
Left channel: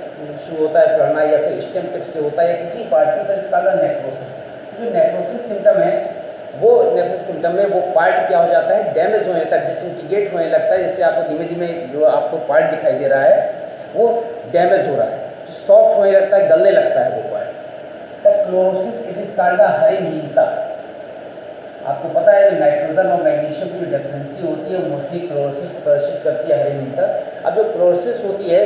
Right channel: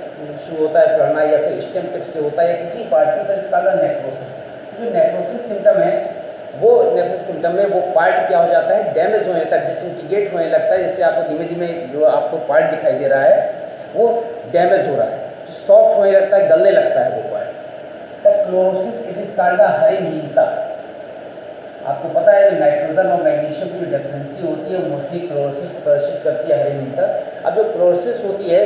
शुरू होता है सड़ना या फिर स्टेम टिप से होता है या किसी पार्ट से, तो इसका नेक्रोसिस। जो नेक्रोसिस सिम्टम है, वो नेक्रोसिस सिम्टम में वो पार्ट क्या हो जाता है, डैमेज होने लगता है, डिसइंटीग्रेट होने लगता है। जिससे आपको धीमे धीमे जो आपको पार्ट दिखाई दे रहा है वो डैमेज हो रहा है, तो सॉफ्ट होने लगता है, गलने लगता है वो part. Chlorosis it is called हरितहीनता। आपको पता है कि नाइट्रोजन और मैग्नीशियम की जो डेफिशिएंसी होती है वो मोस्टली क्लोरोसिस प्रदर्शित करती है, हरितहीनता। अब जो क्लोरोसिस होती है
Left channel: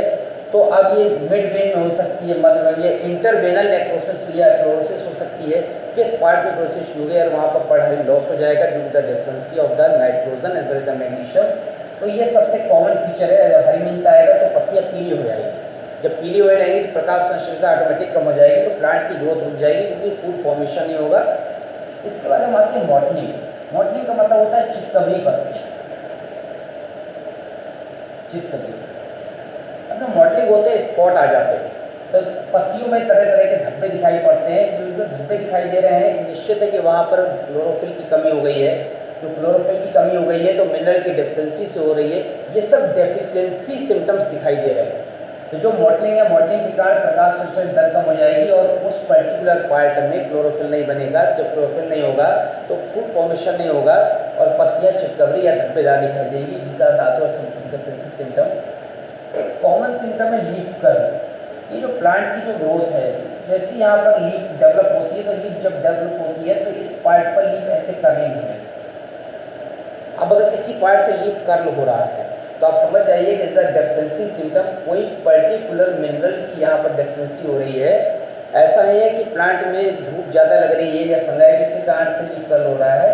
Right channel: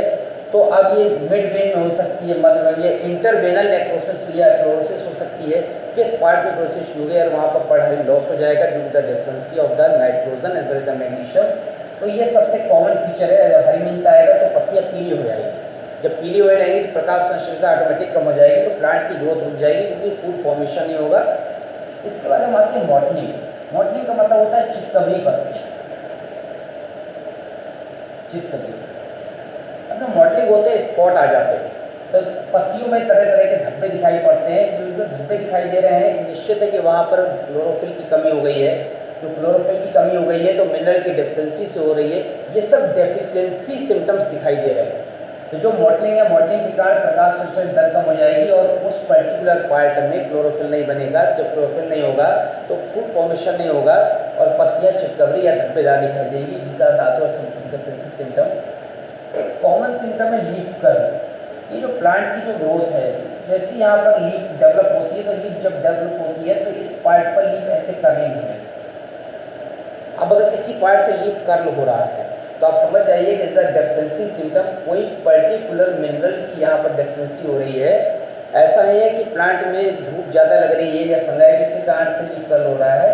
तो अब ये मिड वेन में हो सकती है, मध्य वेन, ये इंटरवेनल नेक्रोसिस या क्लोरोसिस हो सकती है। किस पार्ट में क्लोरोसिस शुरू है और वहाँ पर पढ़ाई लॉस हो जाएगा due to the deficiency of the nitrogen as well the magnesium. तो ये सबसे कॉमन फीचर है। जब हरितहीनता आएगा तो पत्तियाँ पीली हो जाएगी, जब पीली हो रहेगी तो प्रकाश संश्लेषण ऑटोमेटिक कम हो जाएगी, तो प्लांट की ग्रोथ रुक जाएगी क्योंकि फूड फॉर्मेशन नहीं होगा। इसके बाद हम आते हैं मॉटलिंग। मॉटलिंग का मतलब होता है चितकबरी पत्तियाँ, चितकबरी। अब जो मॉटलिंग होते हैं स्पॉट आ जाते हैं, तो पत्तियों में तरह तरह के धब्बे दिखाई पड़ते हैं। जो धब्बे दिखाई दे रहे हैं, निश्चित है कि वहाँ पर क्लोरोफिल की कमी हो गई है। जो क्लोरोफिल की कमी हो गई है तो मिनरल की डेफिशिएंसी से हो रही है। ये सब डेफिशिएंसी सिम्टम्स दिखाई दे रहे हैं। तो जो मॉटलिंग है, मॉटलिंग के कारण प्रकाश संश्लेषण दर कम हो जाएगी और उस पर्टिकुलर पार्ट में क्लोरोफिल नहीं बनेगा। जब क्लोरोफिल नहीं होगा तो फूड फॉर्मेशन नहीं होगा और पत्तियाँ चितकबरी या धब्बेदार दिखाई देगी। This are the other deficiency symptom. एक कॉमन सिम्टम है लीफ कर्व। ये जो प्लांट की जो ग्रोथ है, जैसे यहाँ पर लीफ डेवलप होती है, तो लीफ जब डेवलप होती है तो इस पार्ट पर लीफ ऐसे कर्लिंग है। अब अगर किसी पार्ट से लीफ कर्ल हो रहा है तो आप समझ जाइए कि इसका डेफिशिएंसी सिम्टम कोई पर्टिकुलर मिनरल की यहाँ पर डेफिशिएंसी हो रही है। ऐसा नहीं है कि प्लांट में धूप ज़्यादा लग रही है या सनलाइट किसी कारण से लीफ कर्ल हो रहा है।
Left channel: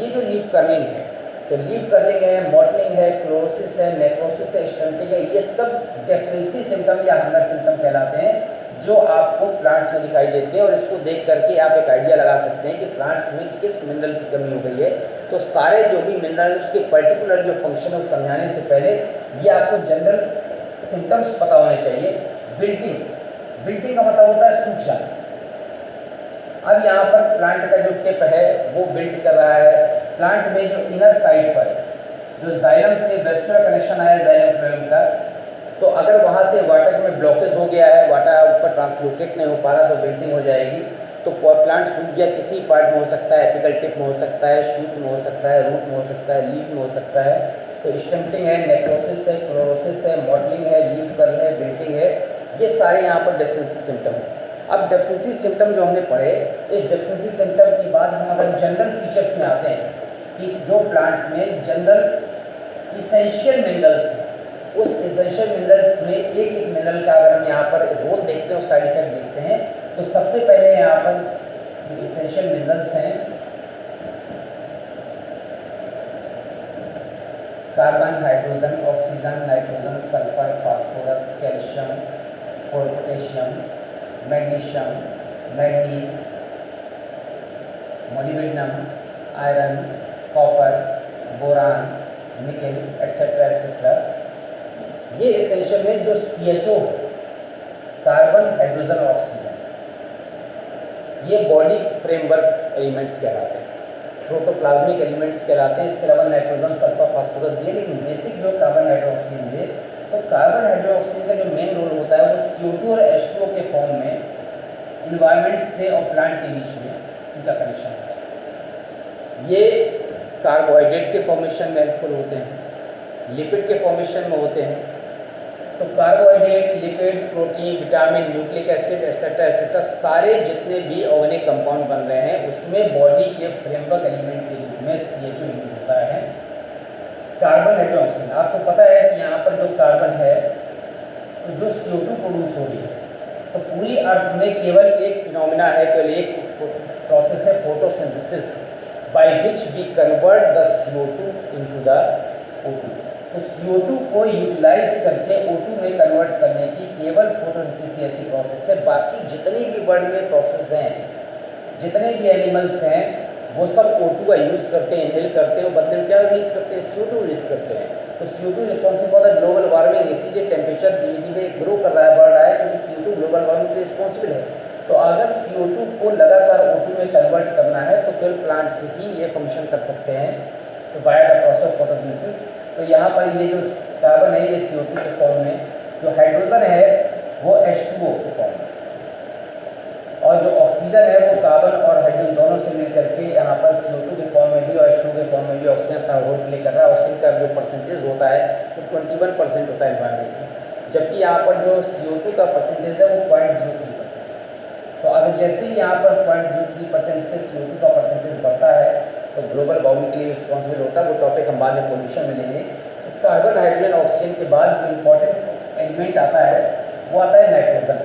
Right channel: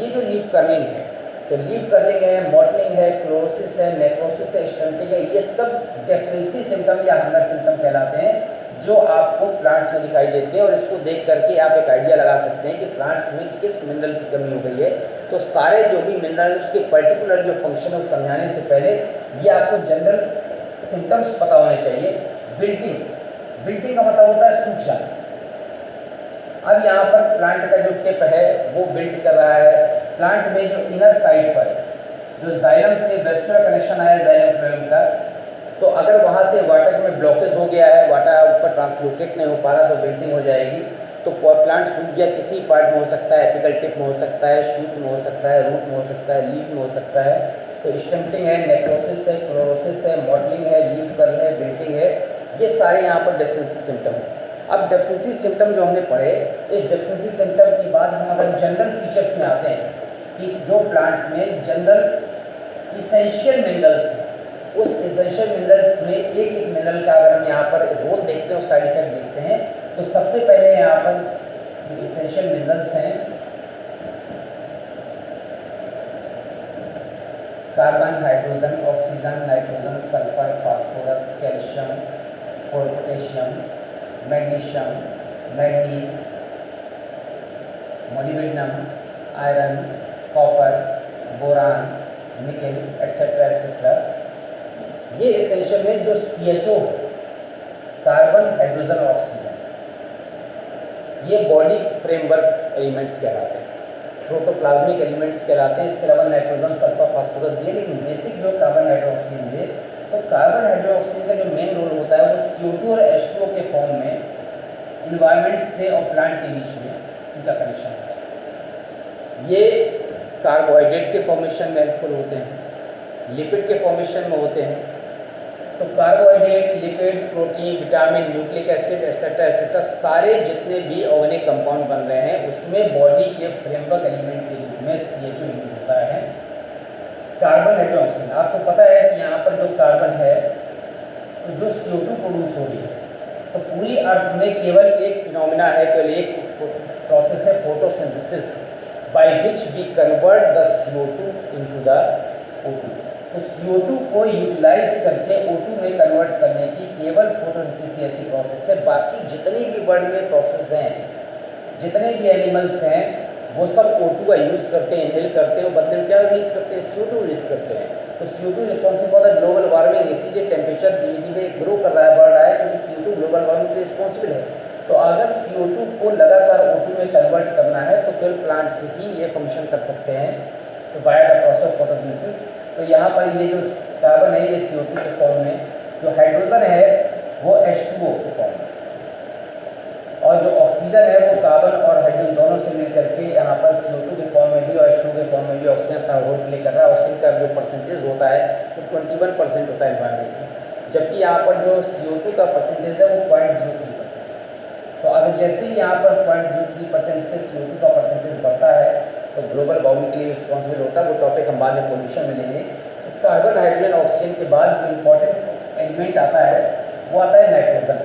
ये जो लीफ कर्लिंग है, तो लीफ कर्लिंग है, मॉटलिंग है, क्लोरोसिस है, नेक्रोसिस है, स्टंटिंग है, ये सब डेफिशिएंसी सिम्टम या हंगर सिम्टम कहलाते हैं जो आपको प्लांट्स में दिखाई देते हैं। और इसको देख करके आप एक आइडिया लगा सकते हैं कि प्लांट्स में किस मिनरल की कमी हो गई है। तो सारे जो भी मिनरल उसके पर्टिकुलर जो फंक्शन है समझाने से पहले ये आपको जनरल सिम्टम्स पता होने चाहिए विल्टिंग, विल्टिंग का मतलब होता है सूख जाना। अब यहाँ पर प्लांट का जो टिप है वो विल्ट कर रहा है। प्लांट में जो इनर साइड पर जो जाइलम से वेस्कुलर कनेक्शन आया जाइलम फ्लोएम का, तो अगर वहाँ से वाटर में ब्लॉकेज हो गया है, वाटर ऊपर ट्रांसलोकेट नहीं हो पा रहा, तो विल्टिंग हो जाएगी। तो प्लांट सूख गया, किसी पार्ट में हो सकता है, एपिकल टिप में हो सकता है, शूट में हो सकता है, रूट में हो सकता है, लीफ में हो सकता है। तो स्टम्पिंग है, नेक्रोसिस है, क्लोरोसिस है, मॉडलिंग है, लीफ कर्ल है, विल्टिंग है, ये सारे यहाँ पर डेफिशिएंसी सिम्टम है। अब डेफिशिएंसी सिम्टम जो हमने पढ़े, इस डेफिशिएंसी सिम्टम के बाद हम अगर जनरल फीचर्स में आते हैं कि जो प्लांट्स में जनरल इसेंशियल मिनरल्स हैं, उस इसेंशियल मिनरल्स में एक एक मिनरल का अगर हम यहाँ पर रोल देखते हैं और साइड इफेक्ट देखते हैं, तो सबसे पहले यहाँ पर जो इसेंशियल मिनरल्स हैं, carbon, hydrogen, oxygen, nitrogen, sulphur, phosphorus, calcium, potassium, magnesium, manganese, molybdenum, iron, copper, boron, nickel, etcetera etcetera, ये एसेंशियल में जो CHO कार्बन, हाइड्रोजन और ऑक्सीजन, ये बॉडी फ्रेमवर्क एलिमेंट्स कहलाते हैं, प्रोटोप्लाज्मिक एलिमेंट्स कहलाते हैं। इसके अलावा नाइट्रोजन, सल्फर, फास्फोरस भी है, लेकिन बेसिक जो कार्बन, हाइड्रोक्सीजन है, तो कार्बन, हाइड्रोक्सीजन का जो मेन रोल होता है वो CO2 और H2O के फॉर्म में इन्वायरमेंट से और प्लांट के बीच में उनका कनेक्शन होता है। ये कार्बोहाइड्रेट के फॉर्मेशन में हेल्पफुल होते हैं, लिपिड के फॉर्मेशन में होते हैं। तो carbohydrate, lipid, protein, vitamin, nucleic acid etcetera etcetera, सारे जितने भी ऑर्गेनिक कंपाउंड बन रहे हैं उसमें बॉडी के फ्रेमवर्क एलिमेंट के रूप में CHO यूज होता है। कार्बन, हाइड्रोक्सीजन, आपको पता है कि यहाँ पर जो कार्बन है तो जो CO2 प्रोड्यूस हो रही है, तो पूरी अर्थ में केवल एक फिनोमिना है, केवल एक प्रोसेस है, photosynthesis, by which we convert the CO2 into the O2। तो CO2 को यूटिलाइज करके O2 में कन्वर्ट करने की केवल फोटोसिंथेसिस ऐसी प्रोसेस है। बाकी जितनी भी वर्ल्ड में प्रोसेस हैं, जितने भी एनिमल्स हैं, वो सब O2 का यूज़ करते हैं, इनहेल करते हैं, बदले में क्या रिलीज करते हैं, CO2 रिलीज करते हैं। तो CO2 responsible for the global warming, इसीलिए टेम्परेचर धीरे धीरे ग्रो कर रहा है, बढ़ रहा है, क्योंकि CO2 ग्लोबल वार्मिंग के लिए रिस्पॉन्सिबल है। तो अगर CO2 को लगातार O2 में कन्वर्ट करना है तो केवल प्लांट्स ही ये फंक्शन कर सकते हैं, तो by the process of photosynthesis. तो यहाँ पर ये जो कार्बन है ये CO2 के फॉर्म में, जो हाइड्रोजन है वो H2O के फॉर्म में, और जो ऑक्सीजन है वो कार्बन और हाइड्रोजन दोनों से मिल करके यहाँ पर CO2 के फॉर्म में भी और H2O के फॉर्म में भी ऑक्सीजन अपना रोल प्ले कर रहा है। ऑक्सीजन का जो परसेंटेज होता है वो 21% होता है एनवायरमेंट में, जबकि यहाँ पर जो CO2 का परसेंटेज है वो 0.03%। तो अगर जैसे ही यहाँ पर 0.03% से CO2 का परसेंटेज बढ़ता है तो ग्लोबल वार्मिंग के लिए रिस्पॉन्सिबल होता है। वो टॉपिक हम बाद में पोल्यूशन में लेंगे। तो कार्बन, हाइड्रोजन, ऑक्सीजन के बाद जो इम्पोर्टेंट एलिमेंट आता है वो आता है नाइट्रोजन।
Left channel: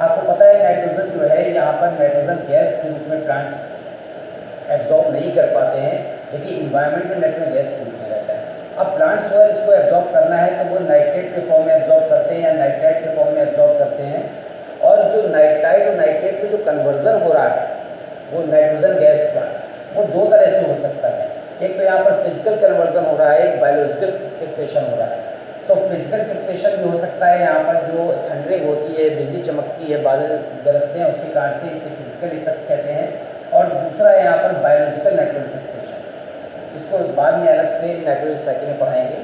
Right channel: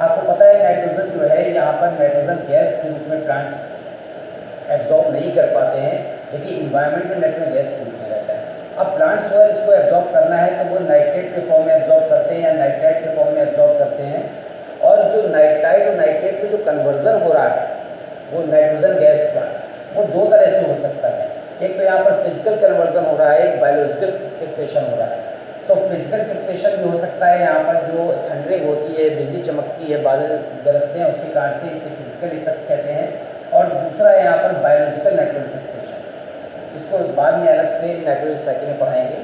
आपको पता है नाइट्रोजन जो है यहाँ पर नाइट्रोजन गैस के रूप में प्लांट्स एब्जॉर्ब नहीं कर पाते हैं, लेकिन इन्वायरमेंट में नाइट्रोजन गैस के रूप में रहता है। अब प्लांट्स को इसको एब्जॉर्ब करना है तो वो नाइट्रेट के फॉर्म में एब्जॉर्ब करते हैं या नाइट्राइट के फॉर्म में एब्जॉर्ब करते हैं। और जो नाइट्राइट और नाइट्रेट में जो कन्वर्जन हो रहा है वो नाइट्रोजन गैस का, वो दो तरह से हो सकता है। एक तो यहाँ पर फिजिकल कन्वर्जन हो रहा है, एक बायोलॉजिकल फिक्सेशन हो रहा है। तो फिजिकल फिक्सेशन भी हो सकता है, यहाँ पर जो थंडरिंग होती है, बिजली चमकती है, बादल गरजते हैं, उसके कारण से इसे फिजिकल इफेक्ट कहते हैं। और दूसरा है यहाँ पर बायोलॉजिकल नाइट्रोजन फिक्सेशन, इसको बाद में अलग से नाइट्रोजन साइकिल में पढ़ाएंगे।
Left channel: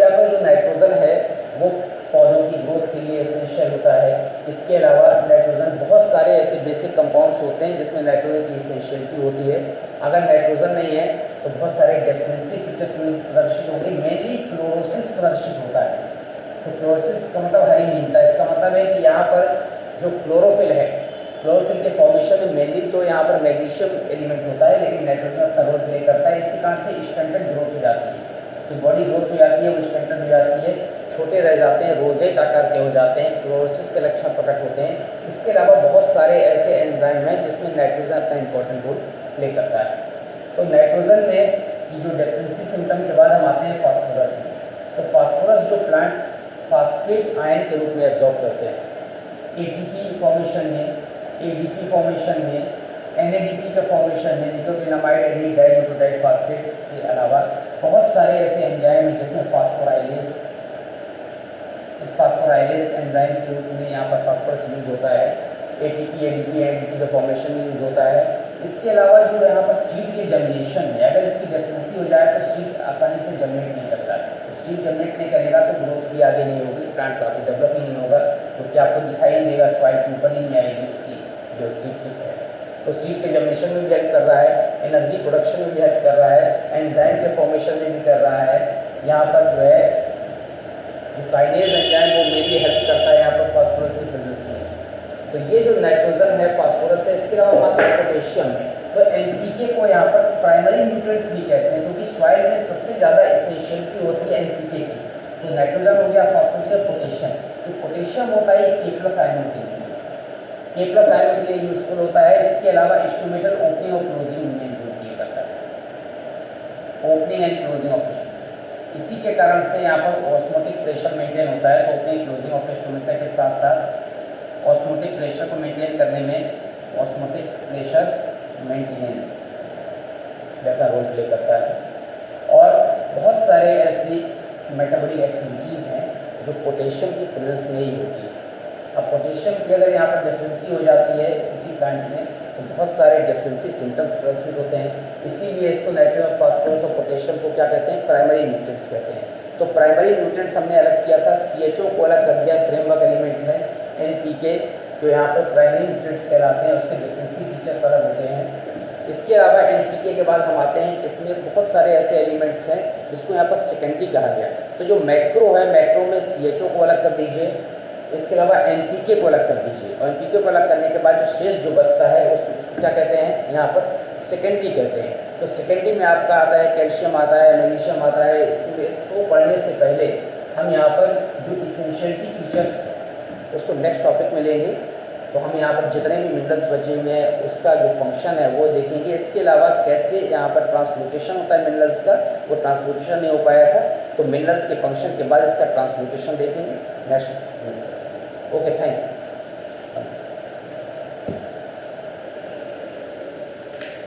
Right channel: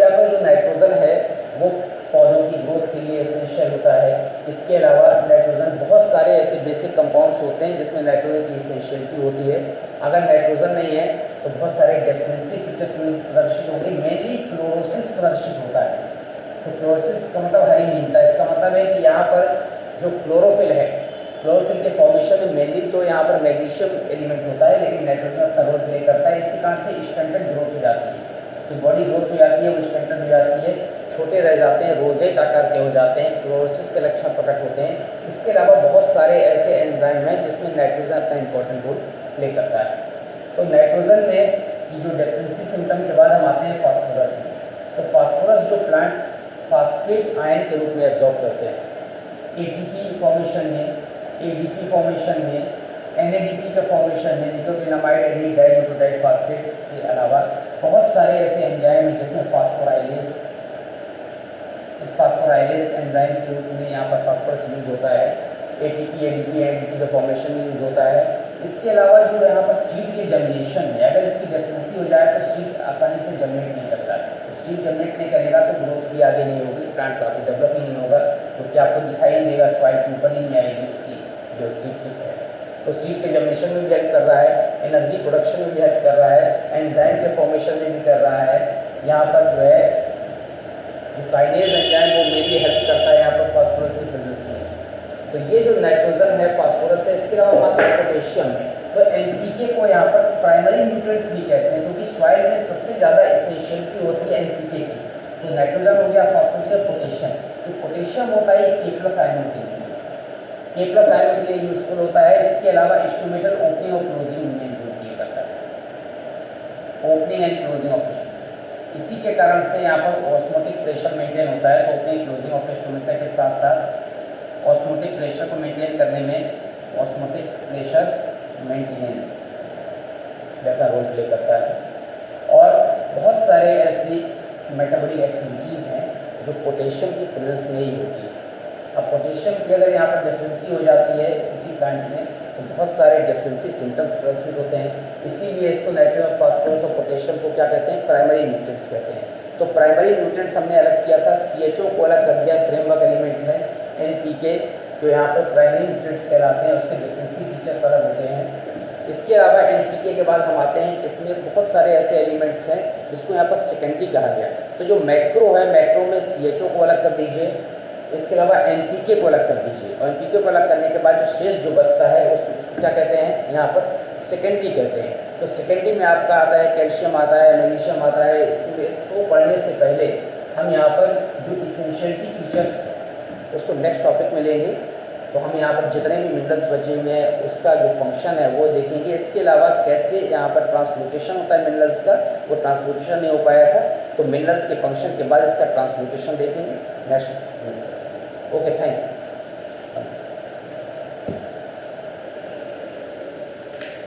यहाँ पर जो नाइट्रोजन है वो पौधों की ग्रोथ के लिए एसेंशियल होता है। इसके अलावा नाइट्रोजन बहुत सारे ऐसे बेसिक कंपाउंड्स होते हैं जिसमें नाइट्रोजन की एसेंशियलिटी होती है। अगर नाइट्रोजन नहीं है तो बहुत सारे डेफिशिएंसी फीचर प्रदर्शित होंगे, मेनली क्लोरोसिस प्रदर्शित होता है। तो क्लोरोसिस का मतलब हरिहीनता, इसका मतलब है कि यहाँ पर जो क्लोरोफिल है, क्लोरोफिल के फॉर्मेशन में मेनली तो यहाँ पर मैग्नीशियम एलिमेंट होता है, लेकिन नाइट्रोजन अपना रोल प्ले करता है। इसके कारण से स्टंटेड ग्रोथ हो जाती है, तो बॉडी ग्रोथ हो जाती है, वो स्टंटेड हो जाती है, छोटे रह जाते हैं, रोजेट आकार के हो जाते हैं, क्लोरोसिस के लक्षण प्रकट होते हैं। इसके अलावा बहुत सारे ऐसे एंजाइम हैं जिसमें नाइट्रोजन अपना इंपॉर्टेंट रोल प्ले करता है। तो नाइट्रोजन में की जो डेफिशिएंसी सिम्टम के बाद हम आते हैं फास्फोरस में। तो फास्फोरस जो प्लांट फास्फेट आयन के रूप में एब्जॉर्ब करते हैं, ATP फॉर्मेशन में, ADP फॉर्मेशन में, NADP के फॉर्मेशन में, निकोटिनामाइड एडिनिक डाइन्यूक्लियोटाइड फास्फेट के अलावा बहुत सारे ऐसे एंजाइम हैं जिसमें फास्फोराइलेज इस फास्फोराइलेज एंजाइम के रूप में यहाँ पर फास्फोरस यूज़ होता है, एटीपी, एडीपी, एडीपी का फॉर्मेशन में यूज़ होता है। इसके अलावा जो यहाँ पर सीड के जर्मिनेशन में अगर इसकी डेफिशिएंसी हो जाए तो सीड आसानी से जर्मिनेट नहीं करता है। तो सीड जर्मिनेट नहीं करेगा तो ग्रोथ भी आगे नहीं होगी, प्लांट्स आपको डेवलप नहीं होगा, क्योंकि आपको दिखाई नहीं देगा, सॉइल के ऊपर ही नहीं आएगी उसकी जो सीड टिप है। तो सीड के जर्मिनेशन में भी हेल्प कर रहा है, एनर्जी प्रोडक्शन में भी हेल्प कर रहा है, एंजाइम के फॉर्मेशन में भी कर रहा है। यहाँ पर जो है जो काइनेज एंजाइम वो में भी हेल्प करता है यहाँ पर फास्फोरस की प्रेजेंस में। तो ये जो नाइट्रोजन है, फास्फोरस है, इसके अलावा बात करें पोटेशियम है, तो एनपीके को यहाँ पर प्राइमरी न्यूट्रिएंट्स भी कहते हैं, क्योंकि सॉइल में सबसे ज़्यादा एसेंशियलिटी होती है एनपीके की। तो नाइट्रोजन हो गया, फास्फोरस या पोटेशियम। जो पोटेशियम होता है ये K+ आयनों के लिए, K+ आयनों के लिए यूजफुल होता है। इसके अलावा इंस्ट्रूमेंटल ओपनिंग और क्लोजिंग में भी करता है, opening and closing of instrument. इसी के कारण से यहाँ पर ऑस्मोटिक प्रेशर मेंटेन होता है। तो ओपनिंग क्लोजिंग ऑफ इंस्ट्रूमेंट के साथ साथ ऑस्मोटिक प्रेशर को मेंटेन करने में ऑस्मोटिक प्रेशर मेंटेनेंस का रोल प्ले करता है। और बहुत सारे ऐसी मेटाबॉलिक एक्टिविटीज़ हैं जो पोटेशियम की प्रेजेंस में ही होती है। अब पोटेशियम की अगर यहाँ पर डेफिशिएंसी हो जाती है किसी प्लांट में तो बहुत सारे डेफिशिएंसी सिम्टम्स प्रदर्शित होते हैं। इसीलिए इसको नाइट्रोजन, फास्फोरस और पोटेशियम को क्या कहते हैं, प्राइमरी न्यूट्रिएंट्स कहते हैं। तो प्राइमरी न्यूट्रिएंट्स हमने अलग किया था, CHO को अलग कर दिया, फ्रेमवर्क एलिमेंट है। NPK जो यहाँ पर प्राइमरी न्यूट्रिएंट्स कहलाते हैं, उसके डेफिशिएंसी फीचर्स अलग होते हैं। इसके अलावा NPK के बाद हम आते हैं, इसमें बहुत सारे ऐसे एलिमेंट्स हैं जिसको यहाँ पर सेकेंडरी कहा गया। तो जो मैक्रो है, मैक्रो में CHO को अलग कर दीजिए, इसके अलावा NPK को अलग कर दीजिए, और NPK को अलग करने के बाद जो शेष जो बचता है उसको क्या कहते हैं, यहाँ पर सेकेंडरी कहते हैं। तो सेकेंडरी में आपका आता है कैल्शियम, आता है मैग्नीशियम, आता है। इसको पढ़ने से पहले हम यहाँ पर जो इसेंशियलिटी फीचर्स उसको नेक्स्ट टॉपिक में लेंगे। तो हम यहाँ पर जितने भी मिनरल्स बचे हुए हैं उसका जो फंक्शन है वो देखेंगे। इसके अलावा कैसे यहाँ पर ट्रांसलोकेशन होता है मिनरल्स का, वो ट्रांसलोकेशन नहीं हो पाया था, तो मिनरल्स के फंक्शन के बाद इसका ट्रांसलोकेशन देखेंगे नेक्स्ट। Okay, thank you.